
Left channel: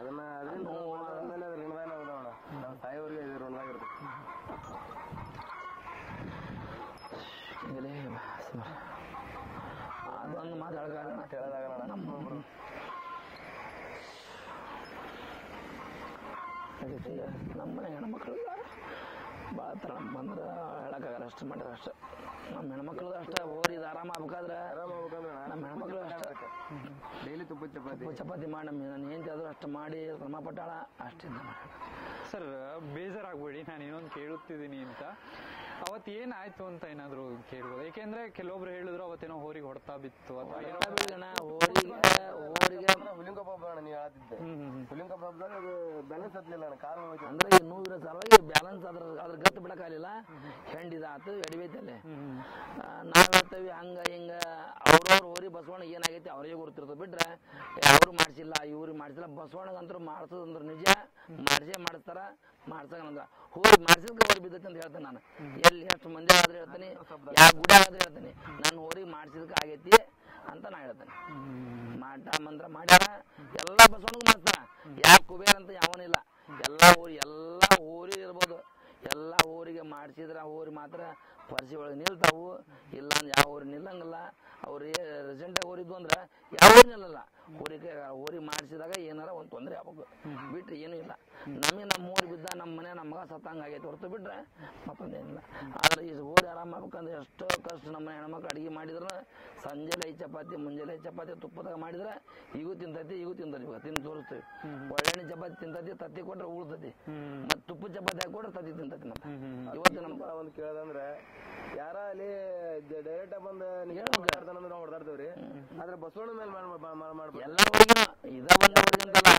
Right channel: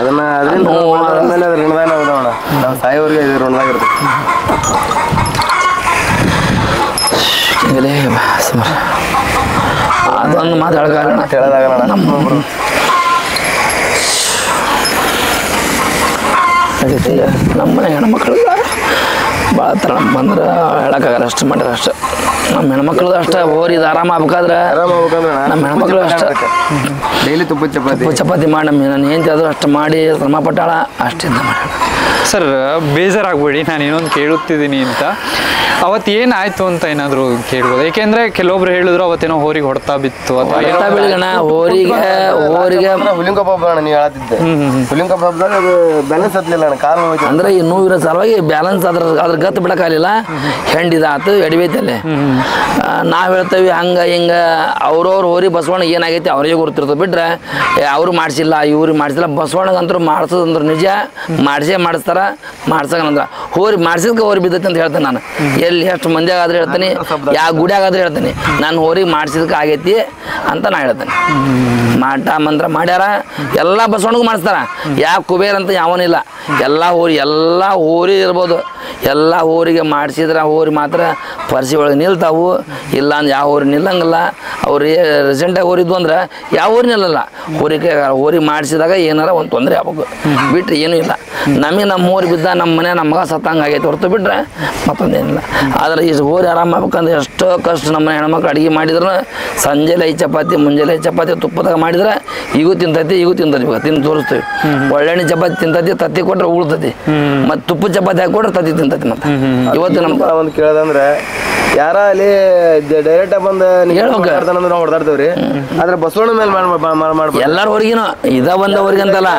ಅದನ್ನ ಅದರಿಂದ ಆದ್ಮೇಲೆ ಅದ್ರ ಋಣದಾನ ಉದಾಹರಣ ನಾವು ಸಾಯೋರಿಗೆ ಇದು ಋಣದಾಗಿರುತ್ತೆ. ಅದೊಂದು ಮಾತು ಹೇಳೋದಾಗಲ್ಲ. ನಮ್ಮನೆ ಹೆಣ್ಮಕ್ಳು ಭಾಳ ಥರ ಬಂದ್ರೆ ಹೇಳೋಕ್ಕಾಗಲ್ಲ. ಅಷ್ಟು ಮಾಡಿದ್ರೆ ಅಷ್ಟೇ ನಮ್ಮ ಹೆಣ್ಮಕ್ಳದ್ದು ಅಷ್ಟೇ. ಹೋರಿ ಇದು ಆರಾಮ ಆಗ್ಬೇಕಾದ್ರೆ ನಮ್ಮ ಹೆಣ್ಮಕ್ಳು ಅಷ್ಟೇ ಡೈಲಿ ತುಪ್ಪ ಚಪಾತಿ ಮಾಡಿ ನಾನು ಏನು ಆದರೂ ಅಷ್ಟು ಮಾಡಿ ಶ್ರಮ ಪಟ್ಟಾಳ ಅಷ್ಟಿಂದ ಮಾಡಿ. ಸರ್ ಬೇಜಾರಾಗ್ಬೇಡಿ, ನಾನು ಇನ್ನೊಂದು ಕೇಳುತ್ತಿದ್ದೀನಿ ಅಂತ. ಅವತ್ತು ಏನಾಯ್ತು ಅಂತ ಏನಾದರೂ ಕೇಳ್ಬೋದು? ಏಕೆಂದ್ರೆ ಕೆಲವೊಬ್ರು ಹೇಳಿದ್ರು ಅವತ್ತೇನೋ ಹೋರಿಗೆ ಹೊಡ್ತಾ ಬಿತ್ತು ಅಥವಾ ಬೆಳಿಗಣ ಹೋರಿಗೆ ಹುಲಿಂಕಪ್ಪ ಹಬ್ಬ ನೀವು ಹೇಳತ್ತಿದ್ದೆ. ಹುಲಿಂಕಪ್ಪ ಹಬ್ಬದಾಗ ಅದು ಬ್ಯಾಲೆನ್ಸ್ ಹತ್ತಲಿಲ್ಲ ಅಣ್ಣ, ಕಾಲು ನೋವು. ಅಂದ್ರೆ ಈ ನೋವಿರೋ ಸಲುವಾಗಿ ಬ್ಯಾಲೆನ್ಸ್ ಅದ್ರ ಗತ್ತು ಬಿಡಕ್ಕಾಗಲಿಲ್ಲ. ಹೆಂಡಿದಾತು ಎಡಿಬೇತಲ್ಲಿ ನಾವು ಹೇಳ್ತೇವೆ ಹಂಗೆ ಹಿಂಗೆ. ಅವ್ರವ್ರು ಹೋರಿ ಬಸವಣ್ಣ ಏನಾಗೈತಿ ಅವ್ರಿಗೆ ಗೊತ್ತಿರ್ತದೆ. ಬಿಟ್ರೆ ಅವ್ರು ಮಾಡಿಸಿಲ್ಲ ಇವ್ರಿಗೆ ಮಾಡಿಸಿಲ್ಲ. ಬಸವಣ್ಣಗಂತೂ ಮಾಡಿಸೋದಂದ್ರೆ ನಿಜ ಮಾಡಿಸ್ತಾರ. ಮಾಡ್ಸಕಂದ್ರ ಹೋರಿ ಮಾಡಿಸಿದ್ಕೆ ಹೋರಿ ಬಿದ್ದೈತಿ ಅಂತ ಹೇಳ್ತೇನೆ ನಾನು. ಎಲ್ಲಿ ಎಷ್ಟು ಮಂದಿಯಾಗಾದ್ರೆ ಹೇಳ್ತೀನಿ, ಯಾವ ಗುಡಿಯಾಗಾದ್ರೆ ಹೇಳ್ತೀನಿ, ನಾನು ಹೋರಿಗೆ ಮಾಡಿಸಿದಕ್ಕೆ ಆಗೈತಿ ಅಂತ ನಾ ಹೇಳ್ತೇನೆ. ಮಾಟ ಮಂತ್ರ ಮಾಡ್ಯಾರ, ಎಲ್ಲ ಬಸವಣ್ಣಗೂ ಮಾಡಿಸ್ತಾರ. ಯಾವ ಕುಬೇರ್ ಅಂತ ಯಾವನಿಲ್ಲ. ಎಲ್ಲ ಹೋರಿ ಇರ್ಬೋದು. ಎಲ್ಲ ಹೋರಿಗೆ ಮಾಡಿಸಿದ್ರೆ ಹೋರಿ ಮಾತ್ರ ಪರಿಸಿ ಒಳಗೆ ನಿಲ್ತಾವು. ಇಲ್ಲ ಅಂದ್ರೆ ಯಾವ ಹೋರಿ ನಿಲ್ಲಂಗಿಲ್ಲ. ಅವ್ರು ರೀಸೆಂಟಾಗಿ ಹೋರಿದ್ವು ಅಂದ್ರೆ ಯಾವ ಹೋರಿ ನಿಲ್ಲಲ್ಲ. ಹೋರಿ ಮಾಡಿಸಿದಾಗ ಏನಾರ ಒಂದು ತೊಂದರೆ ಆಗ್ಬೇಕು. ಬಿಟ್ಟರೆ ಏನೂ ಇಲ್ಲ. ನಮಗೆ ನಮ್ಮ ಹೋರಿ ಬಿದ್ದ ನಮ್ಮ ಮನೆ ನಮ್ಮ ಮಗ ಸತ್ತಂಗೆ ಆಗೈತೆ ಹೊರತು ಬಿಟ್ರೆ ಮತ್ತೊಂದೇನಿಲ್ಲ. ಆದರೆ ಈ ಹೋರಿ ಆರಾಮ ಆಗ್ಬೇಕಂದ್ರೆ ಎಷ್ಟೋ ಕಷ್ಟ. ನಮ್ಮ ಹೆಣ್ಮಕ್ಳು ಅಡುಗೆ ಮಾಡಿದ್ರು ಸಂಜೆಲೆ 5 ಚಪಾತಿ ಮುಂಜಾನೆ 5 ಚಪಾತಿ ತುಪ್ಪದಾಗ ಮಾಡಿದ್ರೆ ಈಗೂ ತಿಂತೈತಿ ತಿಂದು ತೋರಿಸ್ತೀವಿ. ಒಳ್ಳೆಣ್ಣೆ ಚಪಾತಿ ತಿಂತೈತಿ, ತತ್ತಿ ಕೊಟ್ರೆ ಉಳ್ತೈತಿ. ಮತ್ತು ತುಪ್ಪ ಚಪಾತಿ ಹಾಕಿ ಕೊಟ್ರೆ ತತ್ತಿ ತಿಂತೈತಿ. ಬಂತೈತಿ ಮತ್ತೆ ಇವತ್ತು ನಮ್ಮ ಒಂದು ಕೇಳದಂದ್ರೆ ಯಾರ ಅಲ್ಲಿ ಡೈರೆಕ್ಟ್ ಬಂದು ನಾವು ಹೊಡೆದಾಡ್ತೇವ್ರಿ ಆದ್ರೆ ಬಸವಣ್ಣ ಮೇಲೆ ಮಾಡ್ಬೇಕು ಎಲ್ಲಾರ ಹೊರಗಿನ ಇದ ಒಂದ ಹೊರಗೆ ಅಂತಲ್ಲ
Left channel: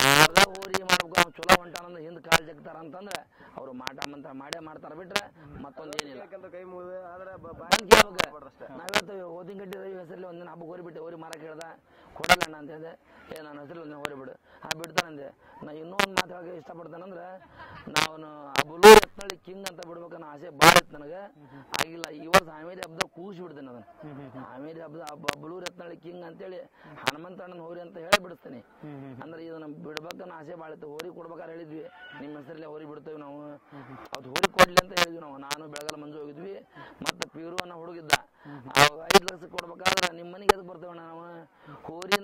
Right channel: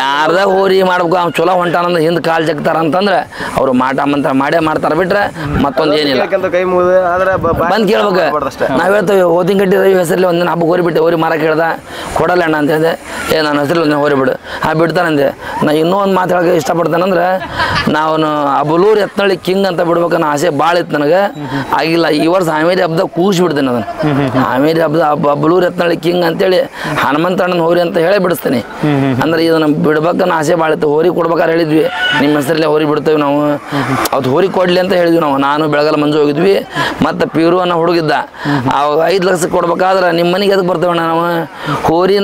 ಯಾರ್ದ ಹೋರಿ ಮಾಡ್ಬೇಕು ಅವ್ನು ಚಲೋ ಹೊಂಟಾನಂದ್ರೆ ಹಿಂದ್ ಕಾಲ್ ಜಗ್ತಾರ ಅಂತಂದ್ರೆ ಅವ್ರು ಮಂತ್ರ ಮಾಡೇ ಮಾಡ್ತಾರ ಬಿಟ್ರೆ ಮತ್ತೊಂದು ಏನಿಲ್ಲ ಕೈ ಮುಗಿದು ಆದ್ರೆ ಬಂದ್ ಕೇಳ್ಬೇಕು ನಾವ್ ಹೇಳ್ತೇವೆ ಓದಿನಗಡ್ಡಿ ರವಿ ಹೆಸರಲ್ಲಿ ಒಂದಿನ ಹಬ್ಬಕ್ಕೆ ಹೋರಿ ಬಿಟ್ಟೆ ಹೋರಿ ಮಾರ ಕೇಳ್ದ ಕೊಡಲ್ಲ ಅಣ್ಣ ಅಂತ ಹೇಳಿದೆ ನನ್ನ ಹೆಸರಲ್ಲಿ ಒಂದಿನ ಹೋರಿ ಬಿಡು ಬಿಡ್ತಾನಂದೆ ನಾ ಇನ್ನೂ ಒಂದು ಮಾತು ಹೇಳಕ್ಕೆ ಇಷ್ಟಪಡ್ತಾನಂದ್ರೆ ನಾವು ಅಬಲೂರು ಎತ್ನಳ್ಳಿ ಕಿಂಗ್ ಅಂತ ಬಿಡ್ಬೇಕನ್ನೋ ಆಸೆ ಭಾಳ ಇತ್ತು ನನಗೆ ಆಗಿಲ್ಲ. ಈ ವರ್ಷ ಹಾವೇರಿ ಹಬ್ಬದಾಗ ಕೂಗಿಸಿ ಬಿಡ್ತೇನೆ ಅದನ್ನು ಹಾವೇರಿ ಹಬ್ಬದ ಅಬಲೂರು ಎತ್ನಳ್ಳಿ ಕಿಂಗ್ ಅಂತೇಳಿ ಹನುಮಂತಣ್ಣನ ಹೋರಿ ಅಂತ ಹೇಳೇ ಬಿಡಿಸ್ತೇನೆ. ಅಂದ್ರೆ ಇದನ್ನ ಬಿಡ್ಬೇಕನ್ನೋ ಆಸೆ ಭಾಳ ಇತ್ತು. ಹೋರಿ ಕೊಡ್ಬೇಕಾದ್ರೆ ಹೇಳಿದ್ವಿ ನಿಮ್ಮ ಹೆಸರಲ್ಲೇ ಹೋರಿ ಬಿಡ್ತೇವೆ ನಾವು, ಅದು ಹೋರಿ ಕೊಡ್ಲಿ ಅಂತ ಹೇಳಿದ್ವಿ ನಾವು. ನಾನು ಬೆಳಗಲ್ಲ ಮಂಜು ಹೋಗಿದ್ವಿ ಮತ್ತು ಪೀರು ಅನ್ನೋ ಹುಡುಗಿದ್ದ. ಅವಾಗ 5 ಲಕ್ಷಕ್ಕೆ ಕೊಡ್ಬೇಕಾದ್ರೆ ನಿಮ್ಮ ಮನೆಗೆ ಅದಕ್ಕೆ ಬರ್ತೇವಣ್ಣ ನಾವು, ಹೋರಿ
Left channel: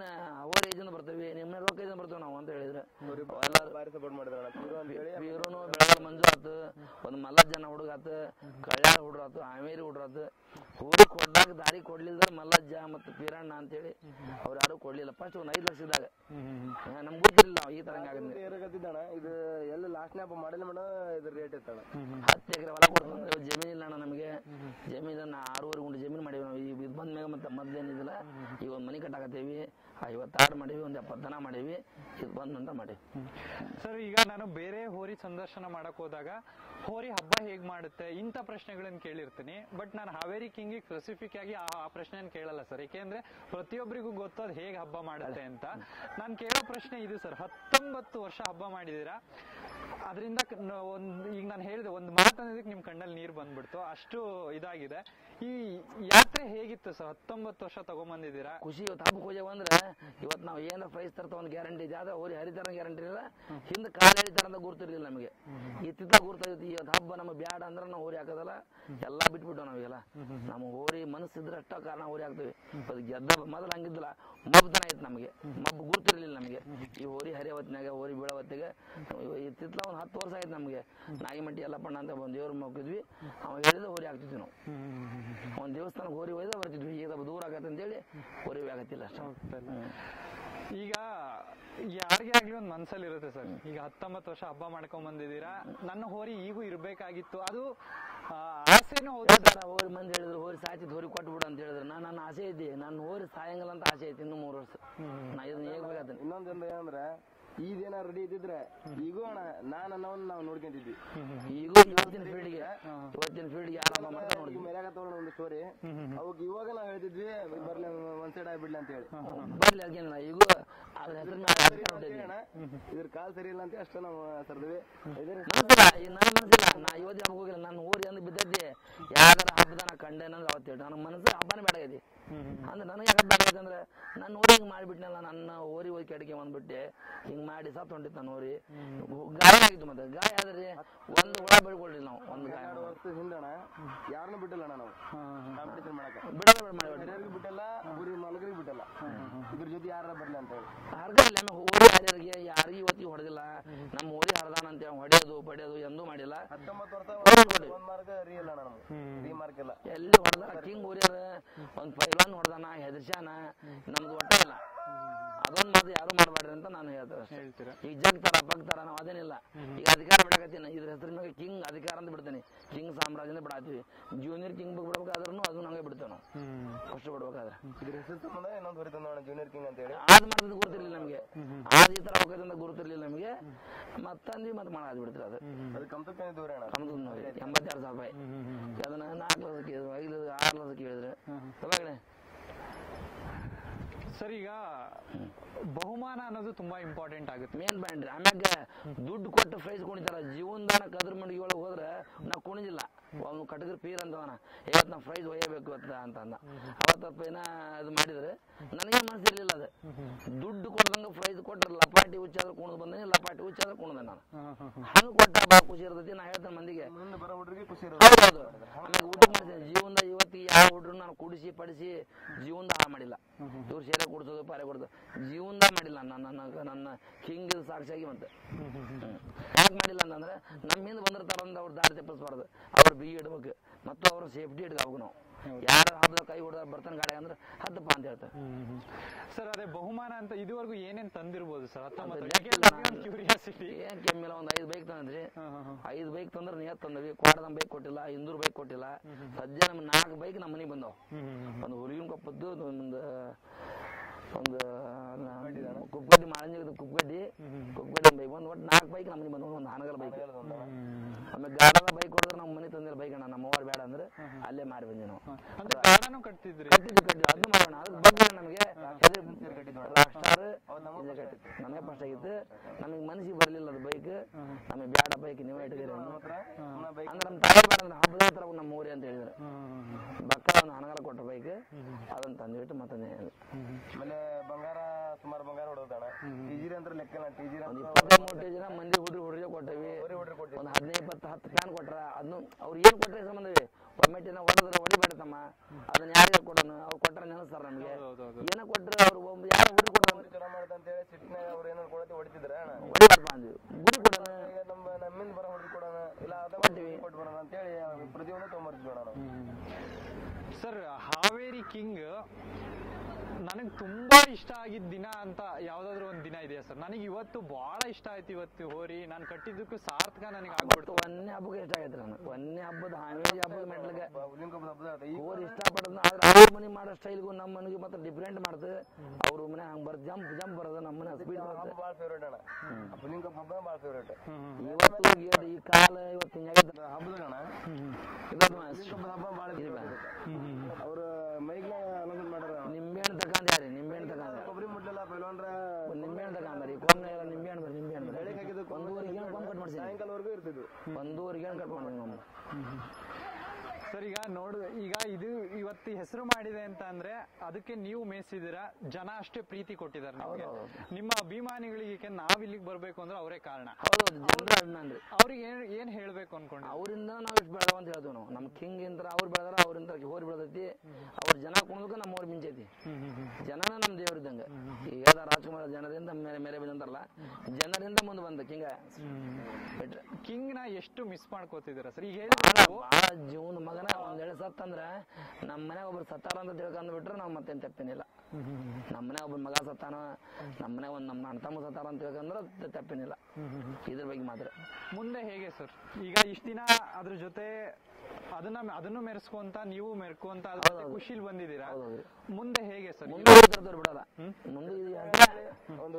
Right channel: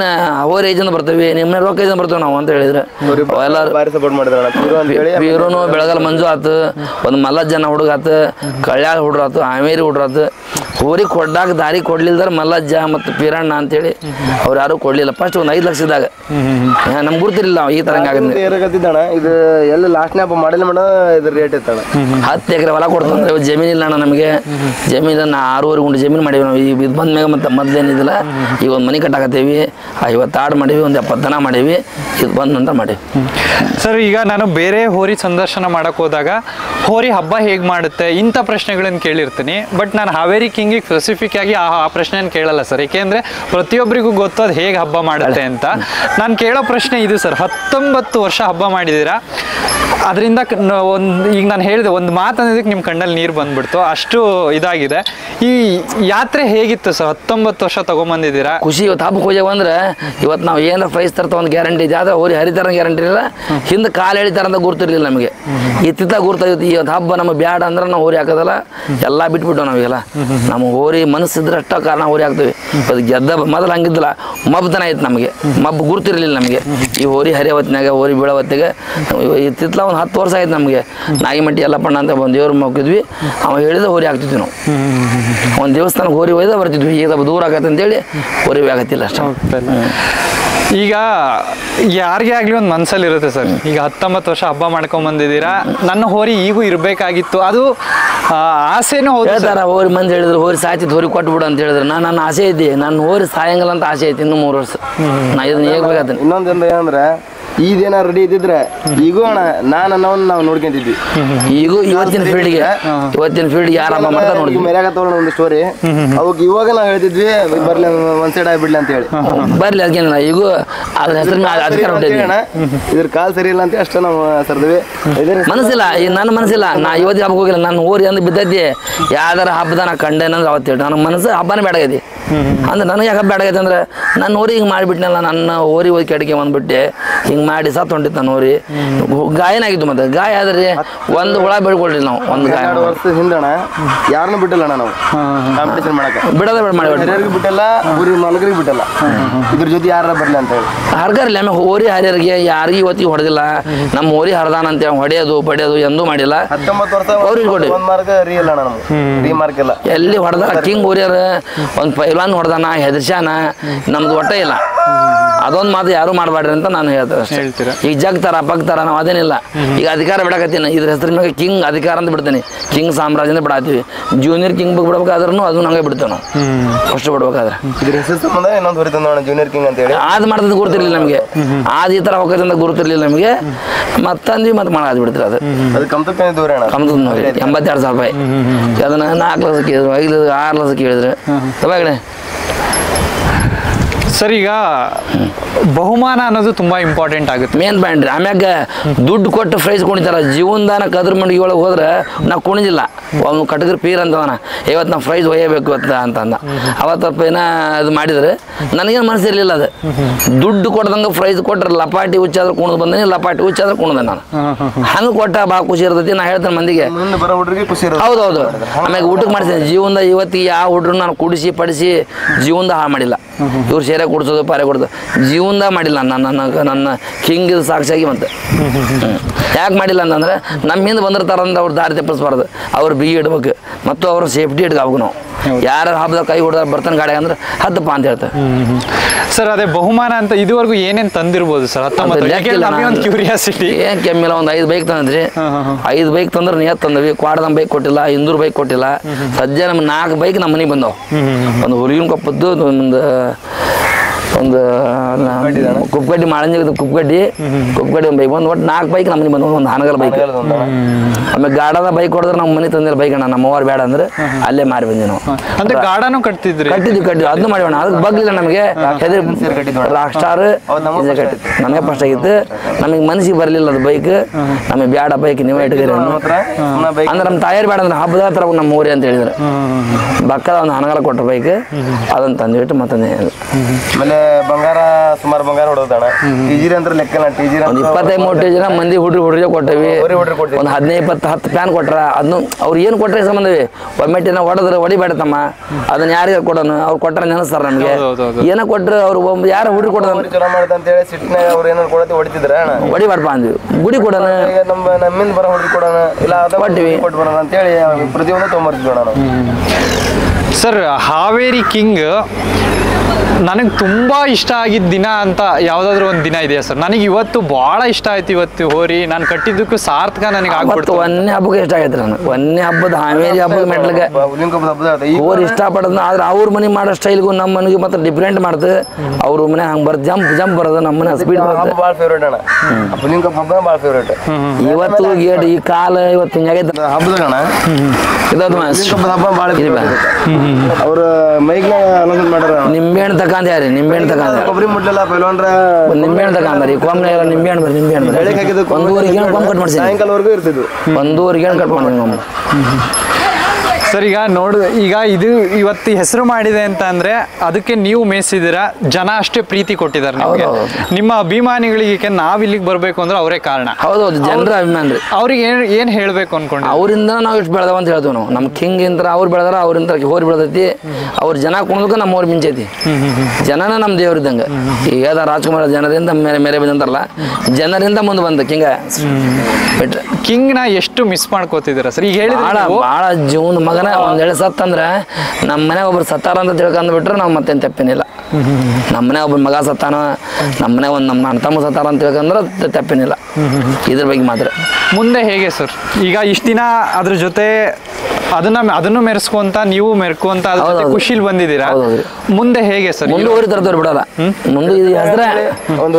ಏಜೆಂಟ್ ಬರ್ತೇವೆ, ನಿಮ್ಮ ರೊಕ್ಕ ಏಜೆಂಟ್ ಬರ್ತೇವೆ ನಾವು ಅಂತ ಹೇಳಿದ್ರೆ ಎಲ್ಲರೂ ಪೀರುನು ಬೆಳಗಲ್ಲ ಮಂಜು ಆತು, ಒಂದು ಮಲ್ಲಜ್ಜನ ಹುಡುಗ ಆತು, ಕಳ್ಯಾಳ ಹುಡ್ರು ಆತು, ಹಾವೇರಿ ಹುಡ್ರು ಆತು. ಹೋರಿ ಕೊಡ್ಡಾಕ ದಾರಿ ಕೊಡ್ಲಿಲ್ದಾರ ಮಲ್ಲಜ್ಜ ಮತ್ತು ಪೀರಣ್ಣ ಅಂತೇಳಿ ಅವ್ರು ಯಾರು ಕೊಡ್ಲಿಲ್ಲ. ಫಸ್ಟ್ ಒಂದು 5 ಲಕ್ಷದಾಗ ನಮ್ಗೆ ಗುರ್ತಿರ್ಲಿಲ್ಲ ಈ ತರ ಏನಾಗತ್ತಿದ್ದಣ. ಇದು ಎಲ್ಲ ಲಾಸ್ಟ್ನೇ ಹಬ್ಬ ಮಾಡಿಲ್ಲ ಮೇಡಮ್, ಇದ್ರ ರೇಟ್ ಇತ್ತಣ 10 ಎಕರೆ ಹೊಲ ಕೊಡ್ತಂದ್ರೆ ಜಮೀನು ಇಲ್ಲ ಅಣ್ಣ ನಮಗೆ. ಜಮೀನನ್ನ 6 ಗುಂಟೆ ಜಮೀನು ಮಾಡೀವಿ ನಾವು. ಈಗ ಇದು ಬಂದ ಮ್ಯಾಗ ಮತ್ತೆ ಮೊದ್ಲೇನಿದಿಲ್ಲ. ಈಗ ಒಂದು ಮನೆ ಕಟ್ಟಾಕತ್ತೀವಿ, 50 ಆಡು ಮಾಡೀವಿ, ಒಂದು 70 ದನ ಮಾಡೀವಿ. ಇದು ಬಂದ ನಂತರ ಮಾಡೀವಿ. ಸರ್ ಈಗ ನಾನು ಬೇರೆ ಹೋರಿ ಸಂದರ್ಶನ ಮಾಡಕ್ ಹೋದಾಗ ಹೋರಿ ಹಬ್ಬ ಹೇಗೆ ಮಾಡುತ್ತೆ ಇಂಥ ಪ್ರಶ್ನೆಗಳನ್ನು ಕೇಳಿರ್ತೀನಿ. ಬಟ್ ನಾನು ಹಾವೇರಿ ಕಿಂಗಿಗೆ ಸ್ಪೆಸಿಫಿಕ್ ಆಗಿ ಆ ಪ್ರಶ್ನೆಯನ್ನು ಕೇಳಲ್ಲ ಸರ್. ಏಕೆಂದರೆ ಪ್ರತಿಯೊಬ್ಬರಿಗೂ ಗೊತ್ತು ಅದು ಹೇಗೆ ಹಬ್ಬ ಮಾಡುತ್ತೆ ಅಂತ. ನಾನು ಕೇಳೋ ಪ್ರಶ್ನೆ ಇದು ಸರ್, 19 ವರ್ಷ ಹಬ್ಬ ಮಾಡಿದ್ದೀರಾ, ಅದರಿಂದ ಈಗ ನಾನು ಹೇಳಿದೆ ಒಂದು ಮಾತು ಅನ್ನೋದಕ್ಕೆ ನಿಮ್ಮ ಕಣ್ಣಲ್ಲಿ ನೀರು ಬಂದ್ಬಿಡ್ತು, ಅಷ್ಟು ಇದಾಗಿದೆ. ಈ ಯಾತ್ರೆ ಹೇಗಿತ್ತು ಸರ್? 19 ವರ್ಷ ತಗೊಂಬಂದಿದ್ದೀರಾ. ಖುಷಿ. ಇವತ್ತು ಹಬ್ಬಕ್ಕೆ ಹೋಗ್ಯಾವ ಅಂದ್ರೆ ಇವತ್ತು ನಾವು ಏನಾರ ಪ್ರೈಸ್ ತರ್ತಾ ಒಂದು ಗ್ಯಾರಂಟಿ ಇದೆ. ಆದರೆ ಹೋರಿ ಹರಿತಾರ ಗ್ಯಾರಂಟಿ ಇಲ್ಲ, ಹಿಂದೆ ಕಾಲು ಎಳಿತಾರ ಅಂತ ಗುರ್ತಿರ್ಲಿಲ್ಲ ನಮಗೆ. ಇತ್ತಿತ್ತ ಗುರ್ತಾಗಿತ್ತು. ಇವತ್ತು ಹಬ್ಬ ನಮಗೆ ಬ್ಯಾಡ ಅಂದ್ರೆ ನಾವು ಹೋರಿ ಹಾಕೋದಲ್ಲ, ಎಲ್ಲ ಬಿಟ್ಬಿಟ್ಟು ನಾವೀಗೆಲ್ಲ. ನಮ್ಮ ಹೋರಿ ಮನಸ್ಸಿದ್ರೆ ಅಷ್ಟ ಕಾರಣ ಹೋರಿ ಹಾಕ್ತೀವಿ. ಅದು ಗೆದ್ದ ಮೊದಲು ಹಂಗಿದ್ದಿಲ್ಲ, ಮಬ್ಬತನ ಆಯ್ತು ನಮಗೆ, ಮಬ್ಬು ಗುರ್ತಿರ್ಲಿಲ್ಲ ನಮಗೆ. ಈ ಹೋರಿ ಹರಿಯ ಹೊತ್ತಿನಾಗ ಹೋರಿ ಬೀಳೋ ಹೊತ್ತಿಗೆ ಇತ್ತಿತ್ತಲ ಒಂದು 10 ವರ್ಷ ಆಯ್ತು ನಮಗೆ. ನಾಗಿಮಟ್ಟಿ ಎಲ್ಲಪ್ಪಣ್ಣ ಅಂತ ಒಂದು ದೇವ್ರ ಹೋಗಿದ್ವಿ, ಅವ ಹೇಳಿದ ಹೋರಿ ಹಾಕ್ತಿದ್ವಿ ನಾವು. ಒಂದು ದೇವಸ್ಥಾನಕ್ಕೆ ಹೋರಿ ಒಯ್ದ ಬರ್ತಿದ್ವಿ. ಈಗ ದೂರ ಆಗತ್ತೆ ಅಂತೇಳಿ ಹೋರಿ ಆಗತ್ತಿಲ್ಲ ಅಷ್ಟ. ಈಗ ಯಾರಿಗೆ ಆಗಲಿ ಒಂದು ಮನಸ್ಸಲ್ಲಿ ಇರುತ್ತೆ ಸರ್. ಈಗ 19 ವರ್ಷ ಹಬ್ಬ ಮಾಡ್ಕೊಂಡ್ ಬಂದಿದ್ದೀರಾ, ನನ್ನ ಹೋರಿ ಈಗೂ ಇರಬೇಕಾಗಿತ್ತು, ಅದು ಆಸೆನೂ ಹೇಳ್ತಾರ. ಹೋರಿ ಮಂದಿ ಹೇಳಿದ್ರು ಹೋರಿ ಸಾಯ್ತಿತ್ತು, ಹೋರಿ ಕೊಟ್ಬಿಡು ಅಂತ ಹೇಳಿದ್ರು. ನನ್ನ ಆಸೆ ಐತಿ, ನನ್ನ ಹೋರಿ ಸಾಯಂಗಲ್ಲ ಅಂತ ಆಸೆ ಐತಿ. ಇನ್ನು 3 ವರ್ಷ ನಾ ಇದನ್ನ ಹೇಗೆ ಬೇಕಾಗ್ತೇನೆ. ಇನ್ನೊಂದು ಏನಂದ್ರೆ ಈದೇನ ರೆಡಿ ಇದ್ದಿದ್ರೆ ಈಗೂ ಅಣ್ಣ ನಾವು ನೋಡ್ಕೊಂತಿದ್ವಿ. ಈಗೂ ಇವತ್ತಿನ ಫೀಲ್ಡ್ಗೆ ಯಾರ ಹಬ್ಬ ಮಾಡ್ತಾರೆ ನೋಡಿ. ಮೆರ್ಯಾಗ ತಗೊಂಡ ಒಂದು ಸ್ಟೋರಿ ಅವಾಗ ಇವಾಗ ನಾವು ಹೇಳ್ತಿದ್ವಿ ಬರ್ಲಿ ಒಂದ್ ಸೈಡ್ ಆಗ್ಬಿಡ್ಲಿ ಅಂತ ಹೇಳಿ. ಬರ್ಲಿ ಅದಕ್ಕೇನಿಲ್ಲ. ಈಗ ಅದ್ರ ಹೆಸರು ಅಧಿಕಾರ ಇದ್ರ ಕಾಲ್ ಸರಿ ಇಲ್ಲ ಅಂತ ಅಷ್ಟ ನಾವು ಸರ್ದ್ವಿ. ಮನಸ್ಸಿಲ್ಲ, ನನ್ನ ಮನಸ್ಸಿಲ್ಲ. ನಾ ಇವತ್ತು ಹಬ್ಬಕ್ಕೆ ಹೋಗಿಲ್ಲ. ನಾನು ಹೋರಿ ಅಂದ್ ಬಿದ್ದೈತಿ ಯಾವ್ದಾರ ಹಬ್ಬದ ನಾ ಕಂಡೇನಂದ್ರೆ ಅವತ್ತು ಹೇಳಿ ನನ್ನ ಮನಸ್ಸು ಹಬ್ಬನೇ ಬೇಡಾಗೈತಿ. ಅಂದ್ರೆ ನನಗೆ ಯಾಕೆ ಬೇಡಾಗೈತೆ ಅಂದ್ರೆ ನನ್ನ ಹೋರಿ ಹಿಂಗೆ ಮಾಡಿಬಿಟ್ನಲ್ಲ, ನನ್ನ ಹೋರಿ ಹೋಗಿ ಕೆಡಕೆ ಬಂದ್ಬಿಟ್ಟೆ ಹಿಂಗೆ ಮಾಡಿ ಸತ್ತು ಹೊಂಟಿತ್ತು. ನನ್ನ ಹೋರಿ ಗಾಯನ ಆಗಿತ್ತು. ಮತ್ತೆ ಗಾಯ ಆದ್ರೆ ಒಂದು ಹುಳ ಬೆಳ್ಕೊಳ್ರಿ ನಾವು. ಒಂದು ಗಾಯ 2 ವರ್ಷದ ಹಿಂದಣ ಯಾರನ್ನೂ ಬಿಟ್ಟಿಲ್ಲ ನಾವು ಕಾಂಪಿಟೇಷನ್ ಮಾಡಕ್ಕೆ. ಬಿಡೋದೇ ಹಿರಿಯರಿಗೆ ಬಿಟ್ಟಲ್ಲ, ಊರಿ ಮಾಲಕರಿಗೆ ಬಿಟ್ಟಲ್ಲ, ಇದ್ರ ಜೊತೆ ಯಾರ ಬರ್ಲಿ ಅಂತ ಹೇಳಿ ಹರ್ಗಾರಿಲ್ಲ. ಆಮೇಲೆ ಹೋರಿ ಹರಿಯರಿಗೆ ಯಾರಿಗೆ ಇವತ್ತಿಗೆ ಹೊಡೆದಿಲ್ಲ. ನಮ್ಮ ಹೋರಿ ಹರ್ದಾನ ಅಂತ ಹೊಡೆಯೋದು ಬಡಿಯೋದು ಎಂದೂ ಮಾಡಿಲ್ಲ. 19 ವರ್ಷ ಅವ್ರಿಗೆ ಕೊಡಿ ಒಂದ್ ಮಾರ್ಕ್ ರೀ ಇಲ್ಲ ನಮ್ಗೆ, ರೀ ಮಾರ್ಕ್ ಇಲ್ಲ. ಎಲ್ಲಿ ಹೊಡೆದಾರ ಕಿಂಗ್ ಹೋರಿಯರ್ ಒಂದು ಪೈಲ್ವಾನ್ ಹೊಡೆದಾನ, ಹೆದರ್ಸ್ಯಾನ, ನಮ್ದು ಒಟ್ಟ ಇಲ್ಲ. ಅದೊಂದು ಮಾತು ಯಾರು ಮಾಡಬೇಡ್ರಿ ಅಂತ ನಾನು ಹೇಳ್ತಾರೆ ಅಷ್ಟೇ. ಈಗ ಜಗ್ತಾರ ಪಗ್ತಾರ ನಾವು ಅದೇನಿಲ್ಲ. ಈಗ ಅಧಿಕಾರ ಬಿಡಕತ್ತೀನಿ, ಇದ್ರ ಹೆಸರು ಮ್ಯಾಗ ಕಿಂಗ್ ಅಧಿಕಾರ ಅಂತ ಬಿಡ್ತೀನಿ. ಕಿಂಗ್ ಸಾಮ್ರಾಜ್ಯ ಅಂತ ಬಿಡಾತೀವಿ. ಜೂನಿಯರ್ ಕಿಂಗ್ ಬಿಡ್ಬೇಕಾದ್ರೂ ಅದನ್ನ ಹಂಗೆ ಬಿಡ್ತೇವೆ ನಾವು. ಫಸ್ಟ್ ಬಿಡ್ಬೇಕಾದ್ರೆ ಇದ್ರ ಹೆಸರು ಸಂಬಂಧ ಇನ್ನೊಂದು ಹೊರಿತ ನೋಡೋಣ ಜೂನಿಯರ್ ಕಿಂಗ್ ಅಂತ ಹೇಳಿ. ಅದು ಮಾಡ್ತದ ಗುರುತಿರ್ಲಿಲ್ಲ ನಮಗೆ. ಅದು ಈ ಥರ ಹೋಗತ್ತೆ ಅಂತ ಗುರುತಿರ್ಲಿಲ್ಲ ನಮಗೆ. ಮತ್ತಂದ್ವಿ ಮತ್ತೆ ಮಾಡೋದು ಬಿಡ್ತೀರಿ. ಅದು ಕಮ್ತಕ್ಕ ದೂರ ಕಮ್ತದ ನೋಡಿ 82,000 ರೂಪಾಯಿ. ಅದನ್ನ 4 ಲಕ್ಷ ಕೇಳಿದ್ರು, 5 6 ಲಕ್ಷ ಕೇಳಿದ್ರೆ ತಗೊಳ್ಳಿ ಸರ್. ಈಗ ಬಹುಮಾನ ಅನ್ನೋದು ತುಂಬಾ ಇಂಪಾರ್ಟೆಂಟ್ ಆಗುತ್ತೆ, ಮೇನ್ ಪಾಯಿಂಟ್ ರೀ. ಆಮ್ಯಾಗ ದುಡ್ಡು ಕೊಟ್ಟು ಪ್ರೈಸ್ ಕುಣಿತಾರ. ಜೀವನದಾನ ಕದ್ರ ಮಂಡಿಗೆ ಒಳಗೆ ಹೋದ್ರೆ ನಾವು ಕುಣಿದಿಲ್ಲ. ಅವ್ನು ಕಟಗರಿ ಪೀರ್ ಅಂತವನ ಇವತ್ತು ನಾವು ಪ್ರೈಸ್ ಒಯ್ಯಬೇಕು ಅಂತಂದ. ಅವತ್ತು ಏನೋ ಅದು ಮಾಡಿದ್ರೆ ನನಗೇನು ಮನಸ್ಸಿರಲಿಲ್ಲ. ಅದು ದುಡ್ಡು ಕೊಡ್ದಂಗೆ ಪ್ರೈಸ್ ಕೊಟ್ರೆ ಲಪಾಟಿ ಹುಚ್ಚಾದ್ರೆ ಕುಣಿದು ಬಂದೇನೆ, ಲಪಾಟಿ ಹುಚ್ಚಾದ್ರೆ ಕುಣಿದೆ ನಾನು. ಹಂಗೆ ಕೊಟ್ಟ ಭಾಳ ಖುಷಿ ಇರ್ತೈತಿ. ನಾ ಹೇಳ್ತೇನೆ ಮಂದಿಗೆ, ಹೌದೌದು. ಆಮ್ಯಾಗ ಊಟಕ್ಕೆ ಮಾಡಿಸ್ತೇನೆ. ಜೀವನದ ಇವತ್ತಿಗೆ ಯಾವ ಹುಡ್ರು ನಾನು ಕುಡಿಸಿ ಪಡಿಸಿ ಜೀವನದ ಹಾಳು ಮಾಡಿಲ್ಲ. ಇವ್ರು ಸೇರೆ ಕೊಡ್ಸೋದು ಪಾರೆ ಕೊಡ್ಸೋದು ಜೀವನದಾಗ ಮಾಡಿಲ್ಲ. ನನ್ನ ಕಿಂಗಿದ ಸಾಕ್ಷಿಯಾಗಿ ಮತ್ತೆ ಯಾಕೆ ಮಾಡಿಲ್ಲ ಅಂತಂದ್ರೆ ನಮ್ಮ ಹಿಂದೆ ಬಂದಿರ್ತಾರಂತ ಅವ್ರು ದಾರಿ ತಪ್ಪಿಸ್ಬಾರ್ದು. ಅವ್ರು ಬಿಗಿ ಇಡ್ಬೇಕು ಮತ್ತು ಅವ್ರ ಸೇಫ್ಟಿ ಇಟ್ಕೋಬೇಕು ನಾವು. ಯಾರು ಹಬ್ಬದ ಕೈ ಹೊಡೆದ್ರೆ ಬರ್ತಾನೆ ಗಾಡಿ ಅಂದ್ರೆ ಹತ್ತಪ್ಪ ಅಂತ ಹೇಳ್ತಾರೆ. ಸರ್ ಅದೇ ಬಹುಮಾನ ಅಂತ ಇದುವರೆಗೂ ಏನೇನು ತಂದಿರ್ಬೋದು ಸರ್? 19 ಕ್ಯೂರಿಯಾಸಿಟಿ. ಏನ್ ಕೆಮ್ಮಿಲ್ಲ, ಒಂದು 5 ಬೈಕ್ ತಂದ್ರಿ. 5 ಬೈಕ್ ತಂದ್ರೆ ನಿಯತ್ ತಂದ್ವಿ. ಕ್ವಾಡ್ದಮ್ ಬೈಕ್ ಕೊಟ್ಟಿಲ್ಲ, ಇಂದೂರ್ ಬೈಕ್ ಕೊಟ್ಟಿಲ್ಲ. ಸದ್ಯ ನಮ್ಮ 4 ಬೈಕ್ ನಮ್ಮ ಮನೆಗೆ ಬಂದವು. ಒಂದು ಹುಲಿಗಿನ ಕೊಪ್ಪದ್ದು, ಒಂದು ಕುಪ್ಪಗಡ್ಡಿ ಮಾಳಂಜಿ ಕುಪ್ಪಗಡ್ಡಿ ಒಂದು ಬೈಕ್ ಬಂದು ಒಟ್ಟು 4 ಬೈಕ್ ನಮ್ಮ ಮನೆ ಬಂದು. ಒಂದು ಹಾನಗಲ್ ಬೈಕ್, ಆಮೇಲೆ ಗಾಡದ ಬೈಕ್ ಹೊಡೆದ್ರೆ ನಮ್ಮ ಮನೆ ತಂದಿಲ್ಲ ಬೈಕ್ ಅಣ್ಣ. ನಮ್ಮ ಅವ್ರು ಬೇಡ ಅಂದ್ರೆ ಅಲ್ಲೇ ಮಾರಿ ಬಂದ್ವಿ ನಾವು. ಅಂದ್ರೆ ಗಾಡನು ಕಟ್ಟಿದ್ವಿ ಅದನ್ನು ಮಾಡಿವಣ. ಅದಕ್ಕೆ ಬಗ್ಲಿಲ್ಲ ನಮಗೆ. ರಾಕ್ ಸ್ಟಾರ್ ನಮಗೆ ಫಸ್ಟ್ ಆಗಿತ್ತು. ನಮಗೆ ಮನಸ್ಸಿಗೆ ಬರಲಿಲ್ಲ ಅದು ಬೈಕ್. ನಮಗೆ ಬೇಡ ಬೈಕ್ ನೀವೇ ಇಟ್ಕಿರಿ ಅಂದ್ರೆ ನಮ್ಮ ತಾಯರ್ ಬೇಡ ಅಂದ್ರೆ ಹಬ್ಬದ ಹತ್ರ ನಮ್ಮ ಊರಿ ಅಂತ ಹೇಳಿದ್ರು. ಬಕ್ಕದ ಒಂದು ಹನಗಲ ಕೊಟ್ಟರು ಬೈಕ್, ಅದನ್ನು ತಂದಿಟ್ಟು ಮತ್ತೊಂದು ಆಮೇಲೆ ಬಂಗಾರ, ಸುಮಾರು ಬಂಗಾರ ಹೊಡೆದಣ್ಣ. ಟಿಜಿರಿ ಅಂತ ಲೆಕ್ಕ, ಟಿಜಿರಿ ಒಂದು 25-30 ಜನ ಮಂದಿ ಹುಡುಗರಿಗೆ ಕೊಟ್ಟವಿ. ಒಂದು 15-20 ಫ್ಯಾನ್ ಕೊಟ್ರ. ಅದನ್ನು ಅವ್ರು ಏನು ಕೊಟ್ಟರೆ ಸಂಬಂಧವಿ. ಒಮ್ಮೆಟ್ಟಿನ ಹೊಡೆದ್ರೆ ಹೊಡಿಬೇಡತ್ತಮ್ಮ, ಅದನ್ನ ಯಾರಿಗೆ ಕೊಡೋಣ, ಅವ್ರು ಕೊಟ್ರ ನೆನೆಸ್ತಾರ ನಮಗೆ. ಏನೋ ಕೊಟ್ರೆ ಅವ್ರು ಯಾರು ಹುಡುಗಿ ಕೊಡೋಣ ಚಲೋ ಮಾಡ್ದ ಅಂತ ಹೇಳಿ ಸಿಟ್ಟಿನಾಗ ಅವ್ರು ಏನಾರು ಕೊಡೋದು ಹೊಡಿತಿದ್ರ ಹೊಡಿಬಾರ್ಪ ಅಂದ್ವಿ. ಗುಡಿ ಕೊಡೋಣ, ನಮ್ಮಿಂದ ಬರೋ ಹುಡುಗಿ ಕೊಡೋಣ, ಇಲ್ಲ ಕೊಟ್ಟು ಬರೋಣ ಅಂತ ಹೇಳಿ ಪ್ರತಿಯೊಂದು ತೊಗೊಂಬರ್ತಿದ್ವಿ ನಾವು. ಸರ್ ಹಾವೇರಿ ಕಿಂಗ್ ನನಗೆ ತುಂಬ ಇಷ್ಟ ಆಗಿದ್ದ ದಿನ ಅಂತ ಯಾವುದಾದ್ರೂ ಒಂದು ದಿನ ಇದೆಯಾ ಸರ್? ನನಗೆ ಇವತ್ತು ಭಾಳ ಇಷ್ಟ ಆಯ್ತು. ಇವತ್ತು ಹೋರಿ ನಾನು ಕಟ್ಟಿದ್ದಕ್ಕೂ ಸಾರ್ಥಕ ನನಗೆ ಆಗ್ಬಿಡ್ತು. ಒಂದೇ ಹಬ್ಬಕ್ಕೆ ಇಷ್ಟ ಆಗೈತೆ ನನಗೆ. ಒಂದೇ ಹಬ್ಬದ ಹಾವೇರಿ ಹಬ್ಬದ ಮೆಟ್ಲಿಗೆ ಹೋರಿ ಇಷ್ಟಪಡೋದು. ಆದ್ರೆ ಅವ್ರ ಮನೆ ಮಾಡೋ ಸ್ಟೈಲ್ಗೂ ನಮ್ಮ ಮನೆಗೆ ಮತ್ತೆ ಡಿಫ್ರೆಂಟ್ ಮಾಡ್ತದೆ. ಅವ್ರ ಮನೆ ಹಂಗೆ ಬರೋದು ಜಂಪ್ ಬರೋದು, ನಮ್ಮ ಮನೆ ಸ್ಪೀಡ್ ಬರೋದು. ಭಾಳ ಫೇವ್ರೇಟ್ ಅಣ್ಣ, ಹುಲಿಂಗ್ ಹಬ್ಬ ಭಾಳ ಫೇವ್ರೇಟ್. ಇವತ್ತು ಗೇಟ್ ಈ ಕಾಲ ಇವತ್ತು ಹಿಂಗಾಗೈತೆ ಹಬ್ಬದ ಅಣ್ಣ. ಹಬ್ಬ ಭಾಳ ಅವ್ರ ಮೈಗ್ನ ಅನೌನ್ಸ್ ಮಾಡ್ಯಾರ. ನಿಂಬೆಹಣ್ಣು ತಕಂದ ಯಾರಿ ನಿಂಬೆಹಣ್ಣು ತಕಂದ ಕೊಬ್ಬರಿ ಮುಟ್ಲಿಲ್ಲ ಪೈಲ್ವಾನ್ರ ನಿಂಬೆಹಣ್ಣು ತಕಂದ್ರಿ. ಕೊಮ್ಮೆ ಎಲ್ಲ ನಿಂಬೆಹಣ್ಣು ಬರ್ರಿ, ನಿಂಬೆಹಣ್ಣು ಬರ್ರಿ. 1 ಕೊಂಬ್ ಕಟ್ ಮಾಡ್ಸಿ ಸಾಯಂಕಾಲವರೆಗೂ ಇರ್ತಿದ್ವು. 1 ಕಟ್ ಮಾಡಿ ನಮ್ಮ. ಸರ್ ಈಗ ಈಗ ಇದು ಇವತ್ತು ಹೆಸರು ಮಾಡಿದೆ ಅಂತ ಅಂದ್ರೆ ಅದಕ್ಕೆ ನೀವು ಮೇಯಿಸಿದಿರ, ಜನ ಅಷ್ಟೇ ಪ್ರೀತಿ ಕೊಟ್ಟಿದ್ದಾರೆ ನಿಮಗೆ. ನಿಮ್ಮ ಅಭಿಮಾನಿಗಳಿಗೆ ನಾವ್ ಇಲ್ಲಿಗೆ ಬರ್ಬೇಕು ಅಂದ್ರೆ ಅವರೇ ಕಾರಣ. ಹೌದೌದು, ಜನರ ಅಭಿಮಾನ ರೀ. ಅವ್ರಿಗೆ ಏನ್ ಹೇಳ್ಬೇಕು ಅನ್ಕೊಂಡು ಅವರಿಂದ ನಾವು ಎಷ್ಟು ಬೆಳೆದವ ಅಂತ ಹೇಳ್ತೀವಿ ನಾವು. ನಮ್ಮ ಕಿಂಗ್ ಇಂತ್ರ ಅವ್ರು ಬೆಳೆದಾರ, ಅವ್ರಿಂದ ಹೋರಿ ಬೆಳೆದೈತಿ. ಅವ್ರ ಜನ ಕುಣದಕ್ಕೆ ನಮ್ಮ ಅವ್ರು ಮಿಂಚೈತಿ. ಜನನ ನಮ್ಮ ದೇವ್ರಿದ್ದಂಗೆ. ಈಗ ರಾಜ್ಕುಮಾರ್ ಜನರಿಂದ ಮೇರೆ ಬಂದಂತಾರಲ್ಲ, ಜನರಿಂದ ಮುಂದೆ ಬಂದ ಕಿಂಗ. ಕಿಂಗ್ ನ ಎಷ್ಟು ಮಿಸ್ ಮಾಡ್ಕೋತಿದ್ದೀರಾ ಸರ್? ಈಗ ಹೇಳಿ ಭಾಳ ಜೀವನ ಮಗನ ಒಂದ್ ಹೇಳಿ ಸತ್ತಂದ್ರೆ ನಮ್ಮ ಮನೆಗೆ ಒಬ್ರು ಸತ್ತಾರ ಅಂತ ತಿಳ್ಕೊಂಡ್ ಬಿಟ್ರೆ ನಾವು ಮತ್ತೇನು ತಪ್ಪೇನಿಲ್ಲ. ನಮ್ಮ ಮನೆ ಒಬ್ಬ ಮಗ ಸತ್ತಾನ, ನಮ್ಮ ಮನೆ ಒಂದು ನಮ್ಮ ಅಣ್ಣ ತಮ್ಮ ಸತ್ತಾರ ಅಂತ ತಿಳ್ಕೊಂಡ್ರೆ ತಪ್ಪೇನಿಲ್ಲ. ಇದ್ರ ಬಗ್ಗೆ ಮಾತ್ರ. ಮುಂದೆ ಹೇಗೆ ಸರ್? ಈಗ ಇಷ್ಟ ದಿನ ಅದ್ರ ಜೊತೆ ಅದನ್ನು ಮೆರೆಸ್ಕೊಂತ ನೀವು ಮೆರ್ಕೊಂತ ಖುಷಿಲ್ ಬಂದಿದ್ದೀರಾ. ಮುಂದೆ ಹೇಗೆ ಸರ್? ಮುಂದೆ ಊರಿ ತರದವ್ರು ಬಿಡಲ್ಲ. ಮುಂದೆ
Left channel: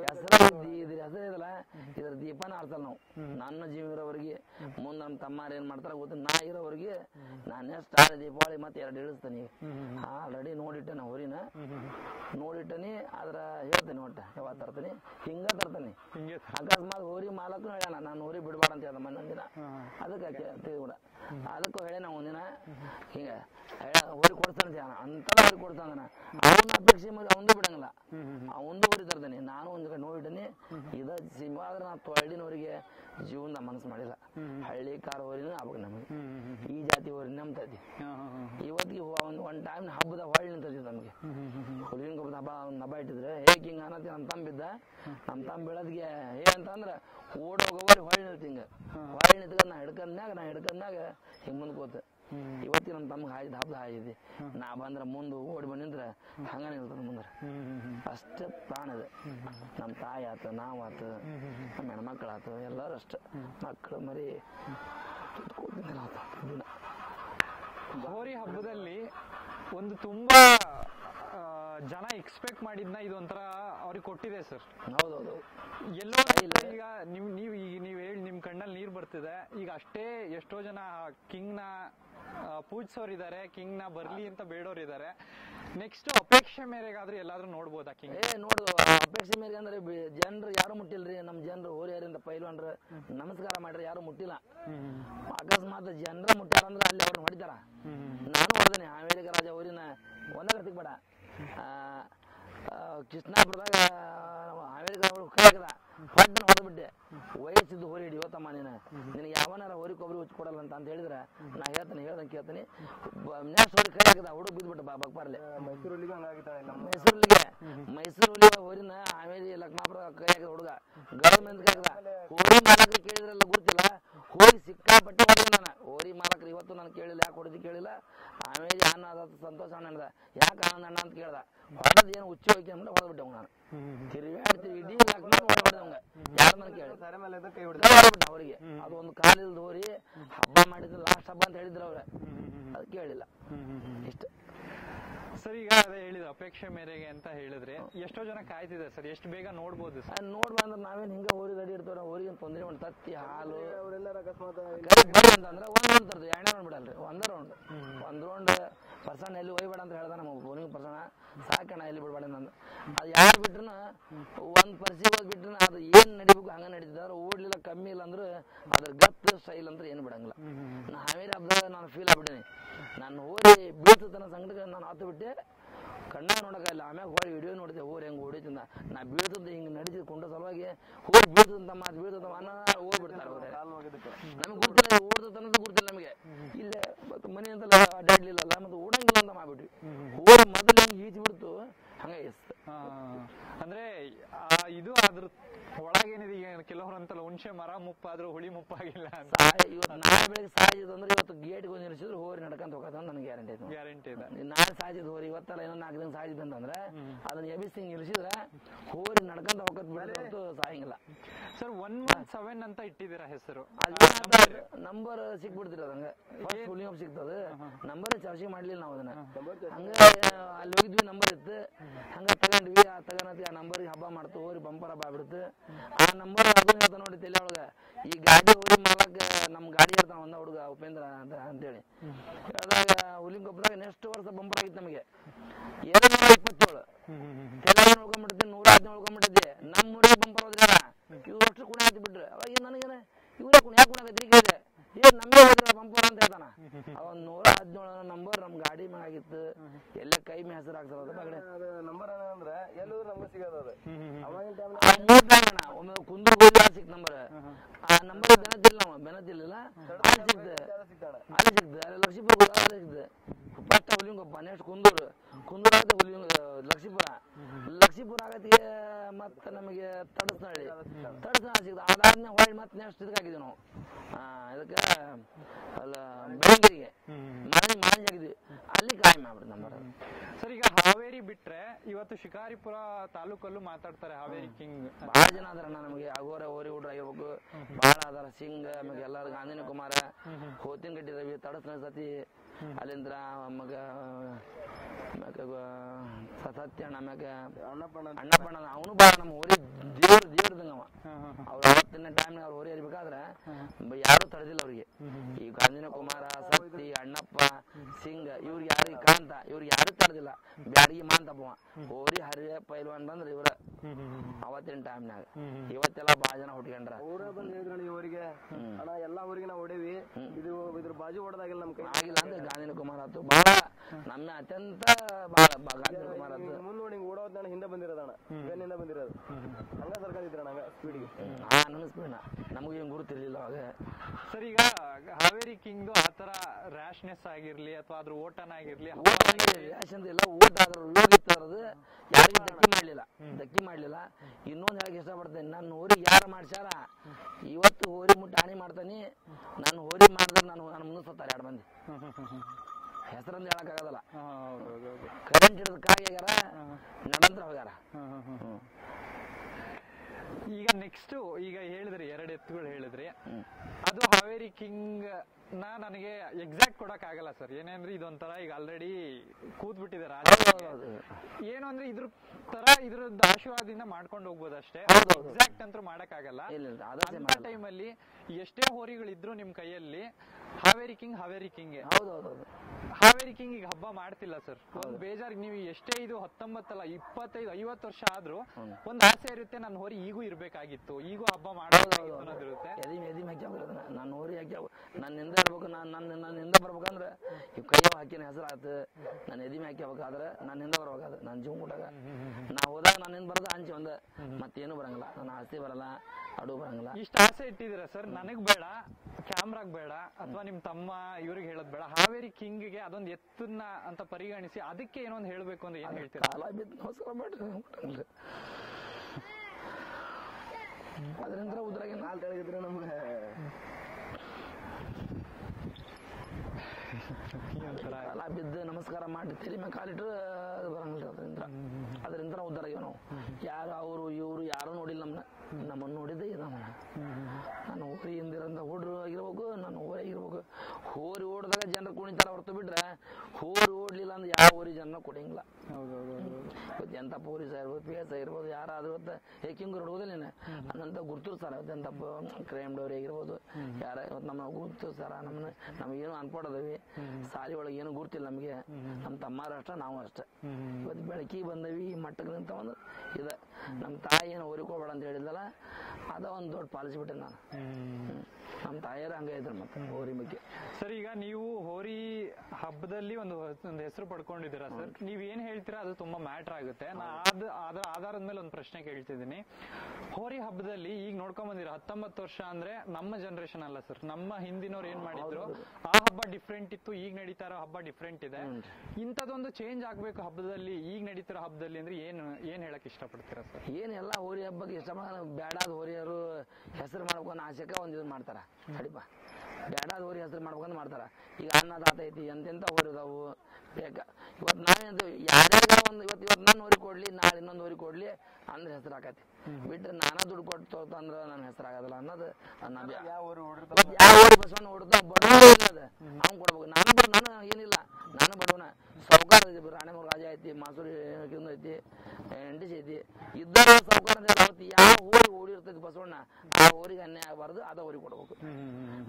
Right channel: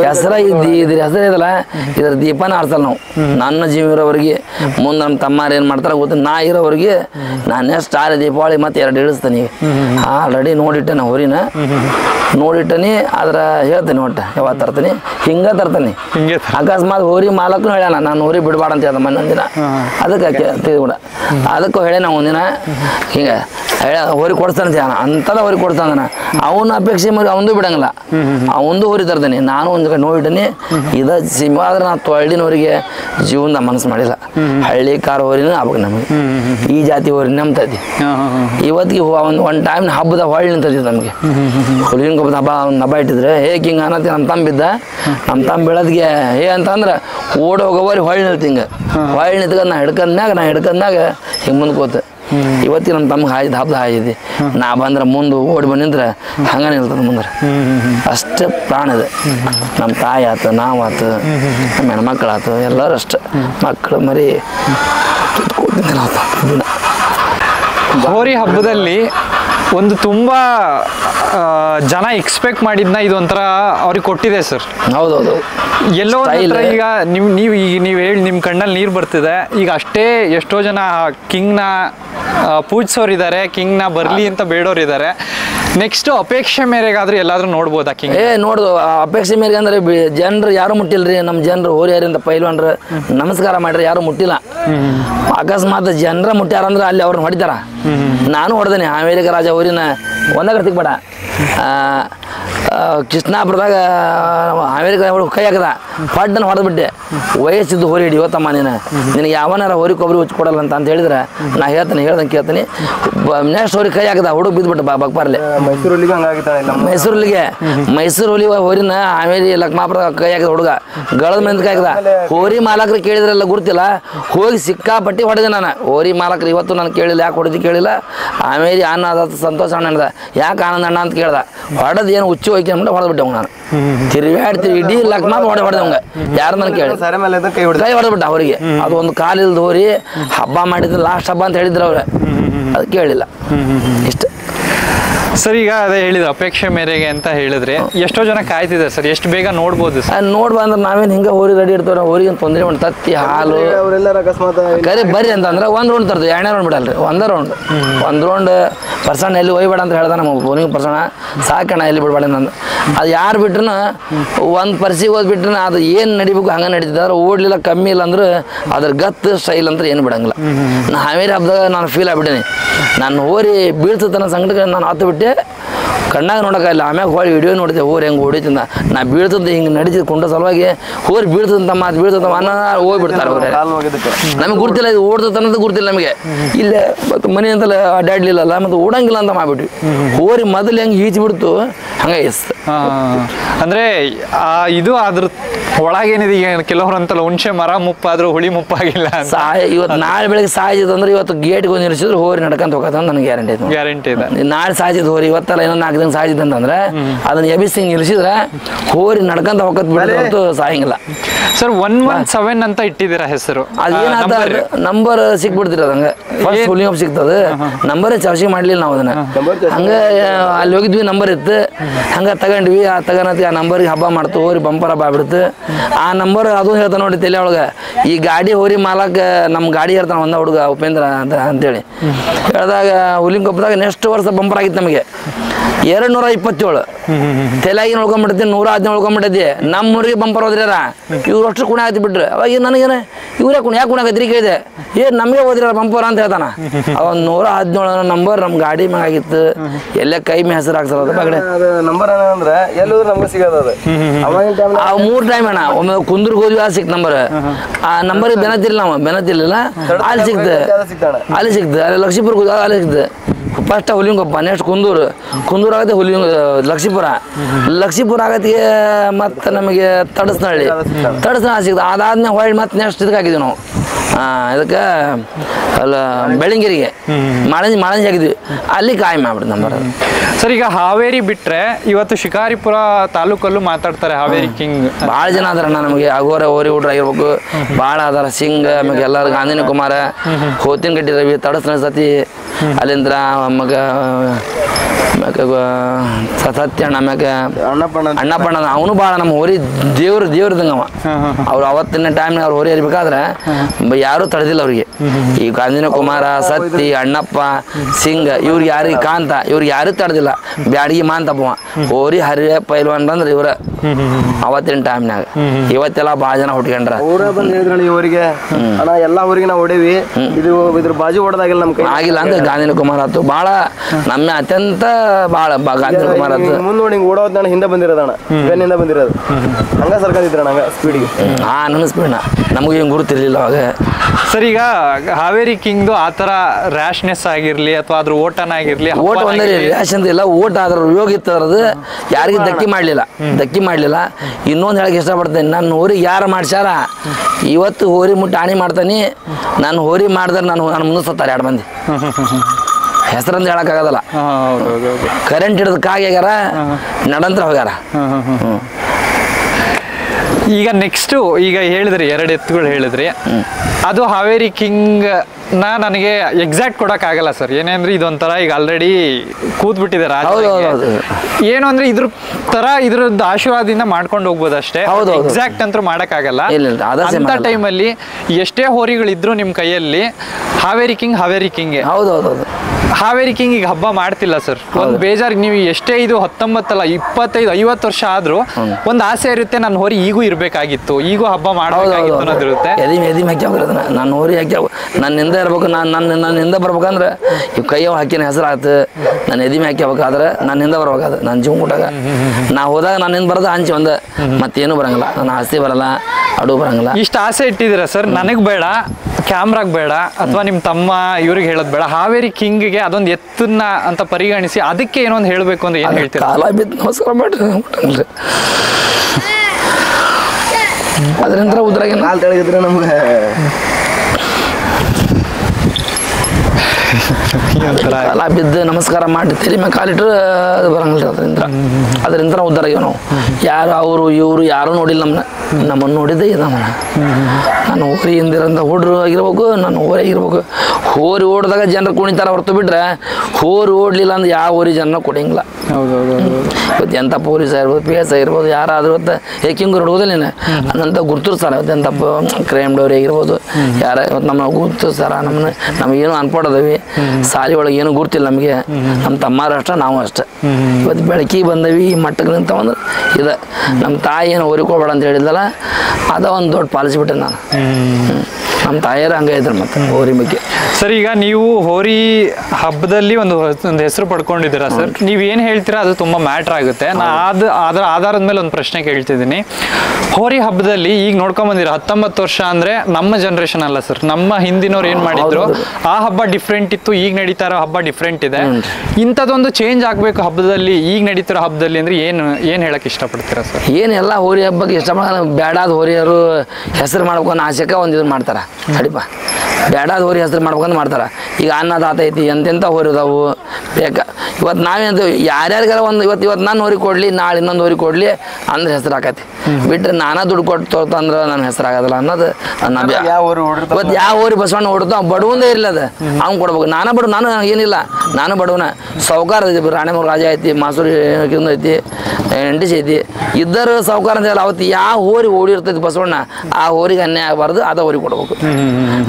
ಹೆಸರ ಇದ್ರ ಹೆಸರು ಇದಲ್ಲ, ಇದ್ರ ದೀಪನ ಆಡ್ಸಲ್ಲ ನಾವು. ನನ್ನ ಜೀವ ಇರೋವರೆಗೆ ಮುಂದೆ ನಮ್ಮ ತಮ್ಮಾರು ಏನ್ ಮಾಡ್ತಾರ ಗೊತ್ತ. ನಾ ಇರೋವರೆಗೆ ನಾನೇ ಸ್ಟಾರ್ ದೀಪಾವಳಿ ಮತ್ತೆ 2 ಇಳಿಸ್ತಾನೆ. ಆಲ್ರೆಡಿ ನೋಡಿಟ್ಟೆ ನಾ ಹೊರಿನ ನೋಡಿಟ್ಟನಿ. ಆದ್ರ ಹೇಳ್ತೇನೆ ಒಟ್ಟು ಯಾವತ್ತು ತರ್ತೀನಿ, ಹಿಂಗ ತರ್ತಾನೆ. ಅಕಸ್ಮಾತ್ ಹೋರಿ ಮಾಲಕ್ನು ಹೇಳ್ಯಾನ, ನಾನು ಹೋರಿ ಬಿಡಬಾರ್ದು ಅಂತ ಹೇಳ್ದ ಮೊನ್ನೆ ಒಂದಿನ. ಅದಕ್ಕೆ ಕೂಡ ಅದಕ್ಕೂ ಹೇಳಿ ನಾವು ಒಂದಿನ ಹಿಂಗ ಹೋರಿ ಕೊಡ್ತಾನೆ ಅಂತದ ಹೋರಿ ಕೊಡ್ತಾನ. ಅವನ ಅಪೇಕ್ಷೆ ಮಾಡಿ ಅವಂದು ಬಿಡಂಗಿಲ್ಲ, ಅವಂದು ಹೋರಿ ತರ್ತಾನೆ. ನಾನು ಒಂದು ಕಡೆ ನೋಡಿಟ್ಟನಿ. ಇದ ಸಿಂಹ ಆದ್ರೆ ನಾ ತೊಳ್ಳಿನವರಿಗೆ ಜೀವನದ ಮನಸ್ಸು ಮಾಡಿಲ್ಲ. ಹಳ್ಳಿ ಕಾರ್ ಹೋರಿನ ಆಗ್ಬೇಕು ನಮಗೆ. ಈ ಜಾತಿ ಹೋರಿ ನಂಬ್ತೈತಿ. ಇವತ್ತಿಗೆ ಒಂದು ಟೈಮ್ ಹಬ್ಬದ ಹೊಳ್ಳಿ ನಿಂತೈತಿ ನಮಗೆ. ಹುಲಿನ ಹಬ್ಬ ಹಬ್ಬ ಇಟ್ಟಿದ್ರೆ ಹಿಂಗ ಅನ್ನತಿ. ನಮ್ಮ ತಮ್ಮ ಬಿದ್ದ, ನಮ್ಮ ತಮ್ಮ ಬೀಳೋದ್ಗೆ ಅಂತಂದ್ರೆ ಓಡಿ ಹೋಗೋವರಿ ಹೊಳ್ಳಿ ನಿಲ್ತಿಂಗ. ಹೊಳ್ಳಿ ನಿಂತ್ಕೊಂಡು ನಾ ಹಿಡ್ಕಂದಾಗ ಹಿಂಗೆ ಮುಂದೆ ಕೂತ. ಇವತ್ತಿಗೆ ನಮ್ಮ ತಮ್ಗೆ ಹಾಯ್ದು ಹಬ್ಬದ ಹಾಯ್ದಿ. ನಾ ಬಂದ್ರೆ ಮುಂದೆ ಓಡಿ ಬಂದ್ರೆ ಹಂಗ ನಿಲ್ತದ ಮುಂದೆ. ಅಷ್ಟೇ ಪ್ರಾಣ ಇದೆ. ನಮ್ಮ ತಾಯಿ ಆತು, ನಾವು ಆತು, ನಮ್ಮ ಹೆಣ್ಮಕ್ಳು ಆತು, ಎಲ್ಲರೂ ಅಷ್ಟೆ. ಮಕ್ಕಳು ಮರಿ ಹೋರಿ ಹಬ್ಬದಲ್ಲಿ ಒಂದು ತುಂಬಾ ಜನ ಎಕ್ಸ್ಪೆಕ್ಟ್ ಮಾಡಿದ್ನ ಇದೊಂಥರ ಅವ್ರಿಗೆ ಕೊಟ್ಟಿದೆ ಸರ್. ಹೌದೌದು. ಎಲ್ಲೋ ಈಗ ನೀವು ಹೇಳಿ ನಿಮ್ಮ ಕಣ್ಣಲ್ಲಿ ನೀರು ಬರ್ತಿದೆ. ಈಗ ಅಷ್ಟೇ ಎಷ್ಟೋ ಜನ ಕಿಂಗ್ನ ಪೂಜಿಸೋರಿದ್ದಾರೆ, ಕಿಂಗ್ನ ಬರಲಿ ಅಂತ ಬೇಡೋರಿದ್ದಾರೆ. ನೆಕ್ಸ್ಟ್ ಅಪೇಕ್ಷೆ ಮೇರೆಗಾದ್ರೂ ಎಲ್ಲಾದ್ರೂ ನೋಡ್ಬೋದಾ ಕಿಂಗ್? ನೋಡ್ದು ಅಪೇಕ್ಷೆ ಮೇರೆಗೆ ಅಂದ್ರೆ ಜನರು ಯಾರು ಮುಟ್ಟಿಲ್ರಿ. ನಮ್ಮ ಜನರು ಹೋರಿಯಾರಿಂದ ಪೈಲ್ವಾನ್ರು ನಮಸ್ಕಾರ ಮಾಡ್ರಿ, ಯಾರು ಮುಟ್ಟಿಲ್ಲ. ಅಕಸ್ಮಾತ್ ಜನರ ಮುಟ್ಟ್ಯಾರಂದ್ರೆ ಅಲ್ಲಿ ಅವ್ರನ್ನ ಹೊಡಿತಾರ. ನಾನು ಹೊಡೆದೇನೆ ಹಾವೇರಿ ರಾಜ ಹೋರಿನ ಒಂದಾಗ ತಿಕ್ಬೇಡ ಕೃಷ್ಣಾಪುರದಾಗ ಅಮೇರಿಕ ಕೈ ಹಾಕದ ಹೊಡ್ಡನ್ನು ಹೊಡೆದ್ಬಿಟ್ಟೆ. ವಯಸ್ಸಿದ್ದು ಹೋರಿ ಹಿಡಿ ಇವತ್ತಮ್ಮ ನಿನಗೆ ಯಾವನಾರ ಹೋರಿ ಕೊಬ್ಬರಿ ಹುಚ್ಚಿ ಕೊಡಲ್ಲ ಅಂತ ಹೇಳಿದ್ರೆ ನಾ ಹೇಳ್ತೀನಿ ಕೇಳ್ತೀನಿ. ನೆಕ್ಸ್ಟ್ ಹೋರಿ ಕೈ ಹಾಕದ ಹುಡುಗ ಬಿದ್ದುಬಿಟ್ಟು ಬಕ್ಪಾರ್ಲೆ. ಮೈಸೂರಲ್ಲಿ ಹೋರಿನ ಆಮೇಲೆ ಲಕ್ಮಾಪುರ ಕೈ ಹಾಕಿದ ಹುಡುಗ ಗಳದ ಮಂದಿ ಕೈ ಹಾಕದ. ಹೋರಿ ಮಾಲಕರು ಕೇಳಿದ್ರೆಲ್ಲ ಗುರ್ತಿಲ್ಲ, ಹೋಗಿ ಸಿಕ್ಕಾಪಟ್ಟಿ ಹೊಡೆದೆ ನಾನು. ಹೋರಿ ಮಾಲಕರು ಇವತ್ತು ನಾನು ಕೇಳಿಲ್ಲ, ಯಾಕೆ ಹೊಡೆದು ಕೇಳಿಲ್ಲ. ಆಮೇಲೆ ಅನ್ನ ಸಂತೋಷ ಅಣ್ಣ ಅಂದ, ಯಾಕೆ ಆನಂದ ಅಣ್ಣ ಅಂತ ಕೇಳ್ದ. ಹೊಡೆದು ಏನು ಹುಚ್ಚು ಹೋಗಿ ಅಂದ್ಬಿಟ್ಟು ಹೊಡೆದ್ಬಿಟ್ಟೆ ನಾನು. ತಿರುಗಾಡ್ತೀವಿ ಇಡೀ ಲಕ್ಮಾಪ ಹೊಡೆದಂಗ ಯಾರು ನನಗೆ ಕೇಳಿ ಕೈ ಹೊಡೆದ್ಬಿಟ್ಟ ಅವರಿಗೆ. ಅದು ಒಂದು ಕಾಲಿಲ್ದ ಹೋರಿ ಹಬ್ಬ ಮಾಡಿದ್ರು, ಲಾಸ್ಟ್ ಹಬ್ಬ ಅಂತ ಹೇಳಿದ್ರು ಅವ್ರೆ, ಅದು ಕೇಳಿಲ್ಲ. ಇಷ್ಟ ಸರ್. ಈಗ ಅದೇ ಹೇಳಿದ್ರು ಅಪೇಕ್ಷೆ ಮೇರೆಗೆ ಅಂತ ಹೇಳಿದ್ರೆ ಎಷ್ಟೋ ಜನ ಕಾಯ್ತಿದ್ದಾರೆ ಸರ್, ಎಷ್ಟು ಬೇಗ ನೋಡ್ಬೋದು ಸರ್? ನೋಡ್ಬಾ ಅಂದ್ರೆ ನಾವೇನು ಹಿಂಗೆ ಹೋರಿ ರೆಡಿ ಇರ್ತಾರ, ಹೋರಿಗೆ ತೊಂದರೆ ಮಾಡಿ ತತ್ತಿ ಹಾಲು ಕರಿ ಬರ್ರಿ ಅಂತಂದ್ರೆ ಒಂದು ರೌಂಡ್ ತರ್ತದೆ, 2ನೇ ರೌಂಡ್ ಬಿಡಲ್ರಿ, ಒಂದು ರೌಂಡ್ ಪರ್ಸನ್ ಎಲ್ಲಿ ಹೋಗ್ಬೇಡ ಅಂತ ಹೇಳ್ದ ನಮ್ಮ ಬೋನಿಂಗ್ ಪರ್ಸನ. ಸಾಕಣ ಎಲ್ಲಿ ಬಿಡ್ಬೇಡ ನಂದು. ಅದು ಯಾರು ಬಿಟ್ರು ಒಂದು ಪರ್ಸಿಗೆ ಹೋದ್ಬಿಟ್ರೆ ಅದು ಏನು ನಡಿಬೇಕು ಹಂಗೆ ನಡೀತಿದ್ದೆ. ಆದ್ರೆ ಓಡ್ಲಿಲ್ಲ ಕಮ್ಮಿ ಇಲ್ಲ ಅಂದ್ರೆ ಅದ್ರ ಗತ್ತು ಸ್ಟೈಲ್ ಅಂತ ಏನು ಬಿಡಂಗಿಲ್ಲ. ನಾ ಹಾವೇರಿ ಹಬ್ಬದಾಗ ನಾನು ಫೀಲ್ ಆಗ್ಬಿಟ್ಟೇನೆ. ನಾನು ಹೋರಿ ಬೀಳ್ತನ ಸಂಗಟಕ್ಕೆ ನಾನು ಹತ್ತು ಬಿಟ್ಟೆ, ಕಣ್ಣಾಗ ನೋಡೋಕ್ಕಾಗಿಲ್ಲ. ಆಮ್ಯಾಗ ಹೋಗಿ ವಿಡಿಯೋ ನೋಡಿದೆ ಹೋರಿ ಹೆಂಗೆ ಹೊಡಿತಿಂದ. ನಾ ಬೀಳ್ತಂತ ಹಿಂಗೆ ನಡೀತಿದ್ದು ಕುಂಡ ಸಲುವಾಗಿ ಹೋರಿ ಬೀಳ್ತಂತಮ್ಮ ಅದು ಬೀಳ್ತಂತಮ್ಮ ಅನ್ನೋ ಹೋಗ್ಬಿಡ್ತಾರೆ ಅವ್ರೆ. ನಮಗೆ ಗುರ್ತಿಲ್ಲ, ಇದು ಓಡ್ತನ್ನೋದು ಗುರ್ತಿಲ್ಲ ನಮಗೆ. ಇಲ್ಲೇ ಮತ್ತು ಮನೆ ಅಂತಲ್ಲ ಅಡ್ಡಾಡ್ಲಿಲ್ಲಲ್ಲ, ಮತ್ತು ಓಡಂಗಿಲ್ಲ ಅಂತ ಮಾಡ್ಬಿಟ್ವಿ. ಹೋರಿ ಮೊದಲು ಹೆಂಗೆ ಈಜ್ಬಿಡ್ತು ಹಂಗೆ ಇಸ್ತು. ಅಂದರೆ ಇದು ಅದ್ರ ಒಳಗೇನಿದೆ. ಈಗ ಕೆಲವರು ಅಂತಲ್ಲ ಹುಣಸೆ ಮರ ಮುಪ್ಪಾದ್ರೂ ಹುಳಿ ಮುಪ್ಪಾಗಿಲ್ಲ. ಇವತ್ತು ನಾಳೆ ಬೆಳಗ್ಗೆ ಸಾಯ್ತಿದ್ದು ಅಂದ್ರೆ ಇವತ್ತು ಗೇಟ್ಗೆ ಒಂದು ನಿಲ್ಲಿಸಿದ್ರು ಹೋರಿ ನಡ್ಕೊಂತ ಹೋಗತ್ತ ನನಗೆ ಗ್ಯಾರಂಟಿ ಇದೆ. ನಾಳೆ ಸಾಯ್ತಿದ್ದು ಹೋರಿ ಇವತ್ತಲ್ಲ ಇನ್ನೊಂದು 4 ದಿನ ಸಾಯ್ತಿದ್ದು ಅಂತಂದ್ರೆ ಅದನ್ನ ಎಬಿಸಿ ನಿಲ್ಲಿಸಿದ್ರೆ ಹೋರಿ ನಡ್ಕೊಂತ ಹೋಗತ್ ಬಿಟ್ಟು ಸಾಯಂಗಿಲ್ಲ. ಸರ್ 117 ಅಂತ ಇಟ್ಟಿದ್ದೀರಾ ಹೆಸರು? ಅದೇನಾದ ನಂಬರ್ ಸಿಕ್ಬಿಡ್ತೀರ ಅದಂಗೆ ಫಸ್ಟ್ ಹುಲಿಂಗ್ ಅಪ್ ಸಿಗ್ತದೆ. ನಂಬರ್ ಚರ್ಚೆ ಮಾಡ್ಲಿಲ್ಲ ನಾವು ಅದನ್ನ. ಹಂಗೆ ಅಲ್ಲಿ ಹೋಗಿದ್ವಿ, ನಂಬರ್ ಇತ್ತು, ಹಂಗೆ ತಗೊಂಡ್ವಿ. ಆ ತಗೊಂಡ್ ಆ ನಂಬರ್ಗೆ ಹಬ್ಬ ಮಾಡ್ತು, ಹೋರಿ ಬಂಪರ್ ಹಬ್ಬ ಆಗ್ಬಿಡ್ತು. ಆ ನಂಬರ್ ಅದು ಹೇಳ್ತಾನೆ ನೋಡಿ ತಲೆ ಒಳಗೆ, ಈ ಗಾಡಿ ಹೋರಿ ಮಾಲಕ್ ನಮ್ಮ ಗಾಡಿ ಇರ್ತಾನೆ ಒಂದ ಹುಡುಗ ಉಪೇಂದ್ರ ಅಂತೇಳಿ ಹೇಳಿದಾಗ ಹುಲಿಂಗ್ ಕೊಪ್ಪದಾಗ ನೆಕ್ಸ್ಟ್ ವರ್ಷ ಬಂಪರ್ ಆಗಿತ್ತು ನಮಗೆ 227. ತೆಲಾಗಿ ಉಳ್ಕೊಂಡ್ಬಿಟ್ಟೈತಿ, 115 ಉಳ್ಕೊಂಡ್ಬಿಟ್ಟೈತಿ. ನಮ್ಮೂರಿಗೆ ಬಂಪರ್ ಹೋದ್ರ್ಯಾರ ಇವ್ರು ಅಷ್ಟು ಕುಣೆ ಹಾಕಿ ಬಿಟ್ರು. ಅವಾಗ ನನಗೇನ ಇವರೇ ಯಾಕೆ ಕುಣಾಕೈತ್ರಿ ಕೇಳಿದೆ. ನಮಗೆ ಹೋದ್ರ್ಯಾರ ಬಂಪರ್ ಅಂತ ಹೇಳ್ತಾನ. ಅವನ್ 117 ನಂಬರ್ ನಮ್ಮ ಗಾಡಿ ಮ್ಯಾಗ ಆಗಿತ್ತು. ಎಲ್ಲೇ ಕೈ ಮೇ ಹೆಸರು ಹಾಕ್ಸೋದು ಬಗಡೆ ನಂಬರ್ ಅಂದ್ರೆ ಎಲ್ಲೂ ನಮ್ಗೆ ಸಿಗೋದು. ಅದು 3 ಟೈಮ್ ಅಣ್ಣ. ಒಮ್ಮೆ ಕುಂದೂರ್ಗೆ ಹೋದ್ವಿ, ಅಲ್ಲಿ ಸಿಕ್ತು ನಂಬರ್. ಆ ನಂಬರ್ ಬೆನತಿರ್ಲಿಲ್ಲ, ನಾವು ಬೆನತಿರ್ಲಿಲ್ಲ, ಅಲ್ಲಿ ಸಿಕ್ತು. ಅಲ್ಲಿ ಲಕ್ಷ್ಮೀಪುರಕ್ಕೆ ಹೋದ, ಅಲ್ಲಿ ಸಿಕ್ತು. ಫಸ್ಟ್ ಹುಲಿಂಗೊಪ್ಪ, ನೆಕ್ಸ್ಟ್ ಕುಂದೂರು ಆಗತ್ತೆ, ಲಕ್ಷ್ಮೀಪುರ ಆಗತ್ತಿಗೆ ಮತ್ತೆ ನಮಗೆ ತಡಸ್ನಹಳ್ಳಿ ಸಿಗ್ತದೆ. ಅದಾದ್ಮೇಲೆ ಹೊಳ್ಳಿ ಮತ್ತೆ ನೆಕ್ಸ್ಟ್ ಇದಕ್ಕೆ ಹಾಕಿದ್ವಿ ನಾವು, ಇದಕ್ಕೆ ಅಲ್ಲ ಬೆಳಂಗಿರಿಗೆ ಮಾಳಂಜಿ ಹಾಕಿದ್ವಿ. ಅಲ್ಲಿ ಕಾಯಿ ಮಾಡ್ಬಿಡ್ತು ನಂಬರ್. ಸರ್, ಈಗ ಹಾವೇರಿ ಬಿಟ್ರೆ ಇವತ್ತು ಶಿಕಾರಿಪುರ ತಾಲೂಕಲ್ಲೂ ಮಾತಾಡ್ತಾರೆ ಹಾವೇರಿ ಕಿಂಗ್. ಭಾಳ ಜನ ಅದಾರಣ್ಣ ನಮಗೆ. ಅಗೋರ ಹೋರಿ ಹುಡ್ರ ಆಗಿರ್ಬೇಕು, ಭಾಳ ಅದಾರ. ಸಿಂಗ್ ಆಮ್ಯಾಗ ಎಲ್ಲರೂ ಗಾಂಧಿನಿ ಕುಮಾರ, ಹೋತಿನಗಡ್ಡಿ ರವಿ, ತಡಸ್ನ ಸತಿ, ಅಲ್ಲಿಂದ ಮಗ ಸತ್ಯಣ್ಣ, ಆಮ್ಯಾಗ ಅಣ್ಣಪ್ಪಣ್ಣ. ಅವನು ಭಾಳ ನಮ್ಮ ಹೋರಿ ದೇವ್ರದಂಗ ಅವ. ಅವ್ರು ಅವತ್ತಿನ ಟೈಮ್ನಾಗ ಅವ್ರು ಹೋರಿ ಹರಿಬೇಕಾದ್ರೆ ಯಾರೂ ತಡೆದಿಲ್ಲ ಅವ್ರಿಗೆ. ಈ ಗಾಂಧಿನ ಕುಮಾರ, ಸತ್ತಿ, ಅಣ್ಣಪ್ಪ, ಸಿಂಗ್, ಇವ್ರಿಗೆ ಯಾರಿಗೆ ಕಾಂತ, ಇವ್ರಿಗೆ ಯಾರು ತಡೆದಿಲ್ಲ. ಬ್ಯಾಡಗಿ ಮಾಂತಪ್ಪ ಹೋರಿ ಹರಿಯ ಪೈಲ್ವಾನ್ ಬಂದ್ರೆ ಇವ್ರ ಅವತ್ತಿನ ಟೈಮ್ನಾಗ. ಇವತ್ತೆಲ್ಲ ಭಾಳ ಜನ ಹುಟ್ಕೊಂಡ್ರ. ಇವರಿಗೆ ಎಲ್ಲಾ ಊರಿಗೆ ನಾವು ಹೊಡೇವಿ, ಇದ್ರ ಬಾಜು ಹೊಡೆದಾಗಿಲ್ಲ ನಮ್ ಕೈ ಆಗಿಲ್ಲ ಅಂತ ಗಾಂಧಿನ ಕುಮಾರ್ ಆತು. ಭಾಳ ನಮ್ಮ ಅತ್ಯಂತ ಭಾಳ ಗಾಂಧಿನ ಕುಮಾರ್ ಆತು. ಮುಂದೆ ನೋಡಿ ಓಡೋದ್ ನಾನು ಹಿಂದೆ ಬಂದಿರೋದಣ್ಣ, ಹಿಂದೆ ಬಂದಿರೋದು ಹಂಗ ಸರ್ಕದಿದ್ರಣ್ಣ, ಹಂಗ ಸ್ಪೀಡಿಗೆ. ನನ್ನ ಸ್ಪೀಡ್ನ ನಮಗೆ ಏನು ಗುರುತಿರ್ಲಿಲ್ಲ ಅವಾಗ. ಸರ್, ಈಗ ಹಾವೇರಿ ಕಿಂಗ್ದು ಆ ಥರ ರ್ಯಾಶ್ನೆಸ್ ಆಗಿರ್ಲಿ ಅಥವಾ ಅದ್ರ ಓಟನ ಆಗಿರ್ಲಿ, ಓಟ ಒಂದೇ ರ್ಯಾಶ್ ಅಂತ ಇಲ್ಲ, ಓಟ ಅದ್ರ ಉಪಯೋಗ ಇತ್ತು. ಅದ್ರದ್ದು ಯಾರಿಗೆ ಧಕ್ಕಿ ಮಾಡಲಿಲ್ಲ. ಇನ್ನೊಂದು ಹೇಳಕ್ಕೆ ಇಷ್ಟಪಡ್ತೇನೆ, ನನ್ನ ಹೋರಿಗೆ ಯಾರು ಮಾಡ್ಸ್ಯಾರ ಇವತ್ತು ಹೋರಿ ಮುಟ್ಟಿ ಆಣಿ ಮಾಡ್ತಾನೆ. ನಾನು ಹೋರಿ ಮಾಡಿದ್ರೆ ನಾನು ಮುಂದೆ ಸತ್ತಾರೆ 2 ಮಂದಿ. ಹೆಸರಂತ ಹೇಳಕ್ಕಾಗದಲ್ಲ. ಕರೆಂಟ್ ಹಿಡಿದು ಕಾಗ್ಯಾರ, ನಡಂತ್ರ ಹೋಗ್ಯಾರ. ಈಗ ನೆಕ್ಸ್ಟು ಈಗ ಹೇಳಿದ್ರಿ 2 ಎತ್ತುಗಳು ಹೇಳಿದ್ರಿ, ಅದು ಹಾವೇರಿ ಕಿಂಗ್ ನನಗೆ ಎಕ್ಸಾಕ್ಟ್ ಕೊಡೋಕ್ಕಾಗಲ್ಲ ಸರ್. ಏನೇಂದ್ರೆ ಇದೊಂಥರ ಈಗ ಆಲ್ರೆಡಿ ಕೂತ್ಬಿಟ್ಟಿದೆ ರಾಜ. ಏನು ಅಂದ್ರೆ ಇದ್ರ ತರ ಇದ್ರದ್ದು ಆಶೀರ್ವಾದದಿಂದ ಮಾಡ್ಕೊಂಡು ಹೋಗ್ಬೋದು ಅಷ್ಟೇ. ಎಕ್ಸಾಕ್ಟ್ ಅಂತೂ ಮಾಡೋಕ್ಕಾಗಲ್ಲ. ಅಂತ ಟೈಮಲ್ಲಿ ಎಷ್ಟೇ ಹೋರಿಗಳಿದ್ರು ನಿಮ್ಮ ಕೈಯಲ್ಲಿ ಹಾವೇರಿ ಕಿಂಗ್. ಹಾವೇರಿ ಕಿಂಗ್ ಈಗ ಹಬ್ಬ ಮಾಡ್ತಿಲ್ಲ ಸರ್. ಒಂದು ಬೇಜಾರಿಗೆ ನೀವು ಎಷ್ಟೇ ಇದು 19 ಅಲ್ಲ 25 50 ವರ್ಷ ಆದ್ರೂ ಒಂದು ಆಸೆ ಇರುತ್ತೆ, ನನ್ನ ಹೋರಿ ಈಗೂ ಇರ್ಬೇಕಾಗಿತ್ತು, ಈಗೂ ಹಬ್ಬ ಮಾಡಬೇಕಾಗಿತ್ತು ಅನ್ನೋದಿರುತ್ತೆ. ಎದಿ ಹಾಕಿ ಅದನ್ನ ನಾನು ಹೋರಿ ಹಾಕಿ ನನ್ನಿಂದ ಇರ್ಬೇಕು, ನನ್ನಿಂದ ಬರ್ಬೇಕಂದ್ರೆ ಇವ್ ಕೈಯವ್ ಹಾಕಿನ ಹೆಸರು ಆಯ್ತು, ನಾನು ಎದಿ ಹಾಕಿ ಹೋಗ್ಬೇಕಾದ್ರೆ ನನ್ನಿಂದ ಬರ್ಬೇಕಾದ ನನ್ನ ಜೀವ ಮುಟ್ಟಾಗ ನಾ ಹೋದಾಗ ನನ್ನಿಂದ ಬರೋದು ಹಂಚಿ ಒಂದು ಮತ್ತೇನು ಬರಂಗಿಲ್ಲ, ನನ್ನ ಆಸ್ತಿ ಬರಲ್ಲ, ಅಡು ಬರಂಗಿಲ್ಲ. ಇಷ್ಟು ಆಸೆ ಇಟ್ಟಿದ್ದೀರಾ ಸರ್, ನನಗೆ ಬೇಡ, ಕ್ಯಾಮ್ರಾಗ್ ಬೇಡ, ಅಥವಾ ನಿಮ್ಮ ತಮ್ಮ ಇವ್ರಿಗೆ ಹೇಳೋದು ಬೇಡ, ಹಾವೇರಿ ಕಿಂಗ್ಗೆ ಅದೊಂದು ಎತ್ತನ್ನ ಅಂತ ಪರಿಗಣಿಸಿ ಅದಕ್ಕೆ ಏನೋ ಒಂದು ಹೇಳಬೇಕು ಅಂತ ಏನು ಹೇಳ್ತೀರಾ? ಕಾಲ ಬಿದ್ದು ನಮಸ್ಕಾರ ಮಾಡ್ರಿ ಅದರಿಂದ ಉದ್ರಾಗ ಕಾಲು ತೆಳಗಿದ್ರೆ ನಮ್ಗೆ ಕಾಲ ಬಿದ್ದು ನಮಸ್ಕಾರ ಮಾಡಿ ತಲೆ ಮೇಲೆ ಕಾಲಿಟ್ರೆ ಅದು ಬರಂಗಿಲ್ಲ. ಅದರಿಂದ ನಾವು ಉದ್ದಾರಾಗ್ಯವ. ನಾವು ಯಾರು ಅವರು ಇವರು ಯಾರು ನೋಡಿಲ್ಲ ನಮ್ಮನ್ನು ನೋಡಿದ್ದೆ ನಮ್ಮನ್ನ. ನಾನು ಹೋರಿ ಹಿಂದಿರಂತ ಹುಡ್ರು ಆಗಿರ್ಬೇಕು, ನಾನು ಹೋರಿ ಆಗಿರ್ಬೇಕು. ಹೋರಿ ಓಡಿದಾಗ ಜನರು ಕುಣಿತಾರ ಹೊರತು ಬಿಟ್ರೆ ಹೋರಿ ಓಡ್ಲಿಲ್ಲ ಅಂದ್ರೆ ಯಾವ ಹೋರಿ ಜನರ ಕೊಡಂಗಿಲ್ಲ. ಇವತ್ತು ಎಂಥ ಪೊಲೀಸ್ ಆಗಿರ್ಬೋದು, PS ಆಗಿರ್ಬೋದು, ಯಾರಾದ್ರೂ ಇವತ್ತು ಏಕಿಂಗ್ ಹುಡುಗೋದಿಲ್ಲ ನೀನು ಅನ್ನಂತ ಗುರ್ತಿರ್ತಾರೆ. ಇವತ್ತು ಎಂಥ ಕ್ರೈಮ್ ಡೋರಿ ಆಗಿರ್ಬೋದು, ಯಾರ ಇವತ್ತು ನಮ್ಮ ಗುರ್ತಿರ್ತಾರ. ನಮಗೇನು ಅನ್ಪಡೋದವಿ, ಸಾಲಿ ಒಳಗೆ ಏನು ಗುರ್ತಿಲ್ಲ ನಮಗೆ. ನಮ್ಮ ತಮ್ಮಾರು ಅಷ್ಟ, ನಾವು ಅಷ್ಟೆ. ಇವತ್ತು ಬೆಳಕಿಗೆ ಬಂದವಿ ಈ ಮಟ್ಟಕ್ಕೆ ನಿಂತವಂದ್ರೆ ಇದು ನಮ್ಮ ತಾಯಿ ಏನು ಹೊರಿಕೋಬೇಡ ಅಂತ ಹೇಳಿದ್ದಲ್ಲ, ಅದ ಒಂದು ದೊಡ್ಡ ಪಾಲಿಸಿಬಿಟ್ಟೆ ನಾನು. ನಮ್ಮ ತಾಯಿಯರು ಹಂಗೆ ಇದ್ರು ಮತ್ತೆ ಹೋರಿ ಬಗ್ಗೆ. ಸರ್, ಈಗ ನೀವು ಹೋರಿ ಹಬ್ಬದಲ್ಲಿ ಒಂದು ಹೆಸರು ಪಡ್ಕೊಂಡಿದ್ದೀರಾ ಸರ್, ನೀವೇನು ಹೇಳ್ತೀರಾ ಅದು ತುಂಬ ಮ್ಯಾಟ್ರ್ ಆಗುತ್ತೆ. ಅದರ ಆಧಾರದ ಮೇಲೆ ಒಂದು ಪ್ರಶ್ನೆ ಕೇಳ್ತಿದ್ದೀನಿ. ಹೋರಿ ಹಬ್ಬದಲ್ಲಿ ಈಗ ನೋಡ್ಕೊಂಬಂದಿರ 19 ವರ್ಷ ಅಂದರೆ ನಮ್ಮ ಜನ್ರೇಷನ್ ಅಲ್ಲ ಸರ್, ನಮ್ಮ ಹಿಂದಿನವ್ರು ಏನು ಮಾಡಿದ್ರು ಆ ಹಬ್ಬ ಡಿಫ್ರೆಂಟ್ ಇತ್ತು, ಈಗ ನಡೀತಾ ಇರೋ ಹಬ್ಬ ಡಿಫ್ರೆಂಟ್ ಇದೆ. ಇಂಥದ್ದೊಂದು ಚೇಂಜ್ ಆಗಬೇಕು ಹಬ್ಬದಲ್ಲಿ, ಈಗ ನಡೀತಿರೋ ಹಬ್ಬದಲ್ಲಿ ಅಂದರೆ ಏನು ಹೇಳಕ್ಕೆ ಇಷ್ಟಪಡ್ತೀರಾ ಸರ್? ಏನೆಲ್ಲ ಹೋರಿ ಹಬ್ಬಕ್ಕೆ ಇಷ್ಟಪಡ ಬೇಡಾದ ಹೋರಿಯರು ಹೆಸರು ಮಾಡ್ಬೇಕು ಅನ್ನೋ ಆಸೆಗೆ ಒಂದು ಇದು ಮಾಡ್ತಾರೆ. ಕಡಿಪ ಬೇಡಾದ ಹೋರಿ ಹೆಸರು ಮಾಡ್ಬೇಕಂತ ಮಾಡ್ತಾರೆ. ಈಗ ಅನ್ನದಾತ ಐತಿ, ಎಂತೆಂಥ ಹೋರಿ ಅದಾವು ಬೇಕಾ. ಇವತ್ತು ನಾವೇನು ಯಾರ್ಯಾರಿಗಾರ ಒಂದು ಇವತ್ತು ನಾನು ಹೋರಿ ಕೊಡಲಿ, ನಾಳೆ ಇನ್ನೊಂದು ಹೋರಿ ಕೊಡಲಿ ಅಂದ್ರೆ ಹೆಸರು ಹಾಕತಿ. ಬಿಟ್ಟರೆ ನಾನಾ ದುಡ್ಡು ಕೊಟ್ಟು ತೋರ್ತಂದ್ರೆ ನನ್ನ ಹೆಸರು ಆಗೋದಿಲ್ಲ ಅನ್ನೋದು ನನ್ನ. ಇವತ್ತು ಯಾವ ಹೋರಿ ಬಸವಣ್ಣ ಹೊಡ್ತಾವ ಬಡವಂದೇ ಇರಲಿಲ್ಲ, ಅದು ಅವ್ನು ಕೊಡ್ಬೇಕು. ನಾನು ಏನಿಲ್ಲ, ನಾನು ಬಡವನ. ಸಾವುಕಾರ ಐತಿ, ರಾಣೆಮೂರು ರಾಜ ಐತಿ, ಮಾಸೂರಿ ಐತಿ, ಎಂಟಿಸಿ ಐತಿ, ಇದ್ದರು ಸಾವುಕಾರ ಅಂತ ಹೇಳಿ ಅವತ್ತು ಯಾವ ಹೋರಿ ಓಡಿರ್ತೈತಿ ಬಸವಣ್ಣ ಆ ಹೋರಿಗೆ ಅನ್ಯಾಯ ಆಗಬಾರ್ದು, ಅದ ಹೋರಿ ಕೊಡ್ಬೇಕು.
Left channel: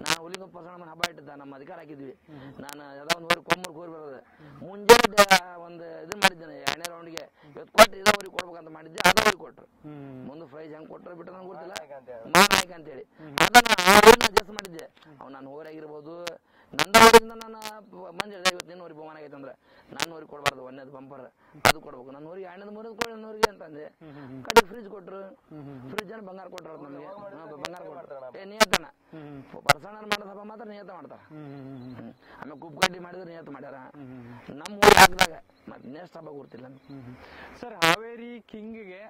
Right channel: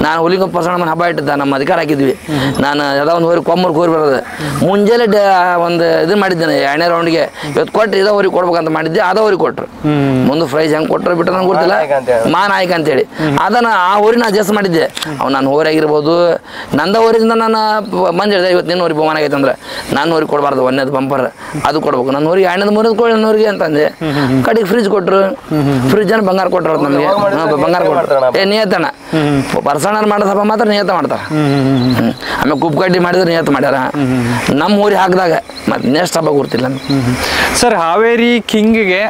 ನಾನು ಹುಲಿಗ ಬಸವಣ್ಣ ಹಬ್ಬ ಇಟ್ಟಿದ್ದ, ನಮ್ಮ ಅಧಿಕಾರ ಹಾಕಿದ್ವಿ. ನಾನು ಯಾವುದೋ ಒಂದು ಹೋರಿ ಕೊಮ್ಮೂರ್ಗೆ ಹೋರಿ ಬರೋದು ಮುಂಜಾನೆ ಒಂದು ಇದು ಮಾಡಿದ್ದೇನೆ 2ನೇ ರೌಂಡ್ಗೆ. ಇವತ್ತು ಕೊಟ್ಟು ಇದ ಹೋರಿ ಕೊಡ್ಬೇಕಂತ ಮಾಡಿದ್ದೆ, ಅದ ಹೋರಿ ಕೊಟ್ಟರು. ಮುಂದೆ ಪ್ರೈಸ್ ಹೆಂಗೆ ಕೊಟ್ಟರು ಬಿಟ್ಟರೆ ನಂಗೆ ಗೊತ್ತಿಲ್ಲ. ನಾಯಕ ಅಂತೇಳಿ ಅದನ್ನು ಆ ಹೋರಿನ ಅಡ್ಜಸ್ಟ್ ಮಾಡಿದ್ದೆ. ಅವ್ನು ನಾನು ಹೋರಿ ಆಗಿರ್ಬೋದು, ನಂದ ಹೋರಿಂದ ನಾನು ಮಂದಿ ಹೇಳಿದೆ ಇವತ್ತು ನಿನ್ನ ಹೋರಿ ಬಹುಮಾನ ಆಗೈತೆ ಅಂದ್ರೆ ನಾನು ಹೋರಿ ಕೊಡಬಾರ್ದು, 1ನೇದು ಬಂಪರ್ ಅದು ಕೊಡ್ಬೇಕು. ನನ್ನ ಹೋರಿಗೆ 2ನೇದು 3ನೇದು ಕೊಡಿ ನನ್ನೂರಿಗೆ ಅಂತಂದೆ. ಕಡೆಗೆ ಫ್ರಿಜ್ ಕೊಟ್ಟರು, ಫ್ರಿಜ್ ಅನ್ನು ಬಂಗಾರ ಕೊಟ್ಟರು ನಮಗೆ. ಬಂಗಾರ ಕೊಟ್ಟರು ನಿಯತನ ಪರ್ಸನಲ್ ಮಾಡೋ ಸಭೆ ಮಾತ್ರ ನಿಯತ ಮಾಡ್ತಾರೆ. ಆಮೇಲೆ ಕುಪ್ಪಕಡ್ಡಿ ಮಾಡಿದ್ರೆ ನಿಯತ ಮಾಡ್ಯಾರ. ನಮ್ಮ ಊರಿಗೆ ಹಾಕಿದಾಗ ಮತ್ತೆ ನೆಕ್ಸ್ಟ್ ಹಬ್ಬ ಗೊತ್ತಿಲ್ಲ ಸರ್. ಹಾವೇರಿ ಕಿಂಗ್ಗೆ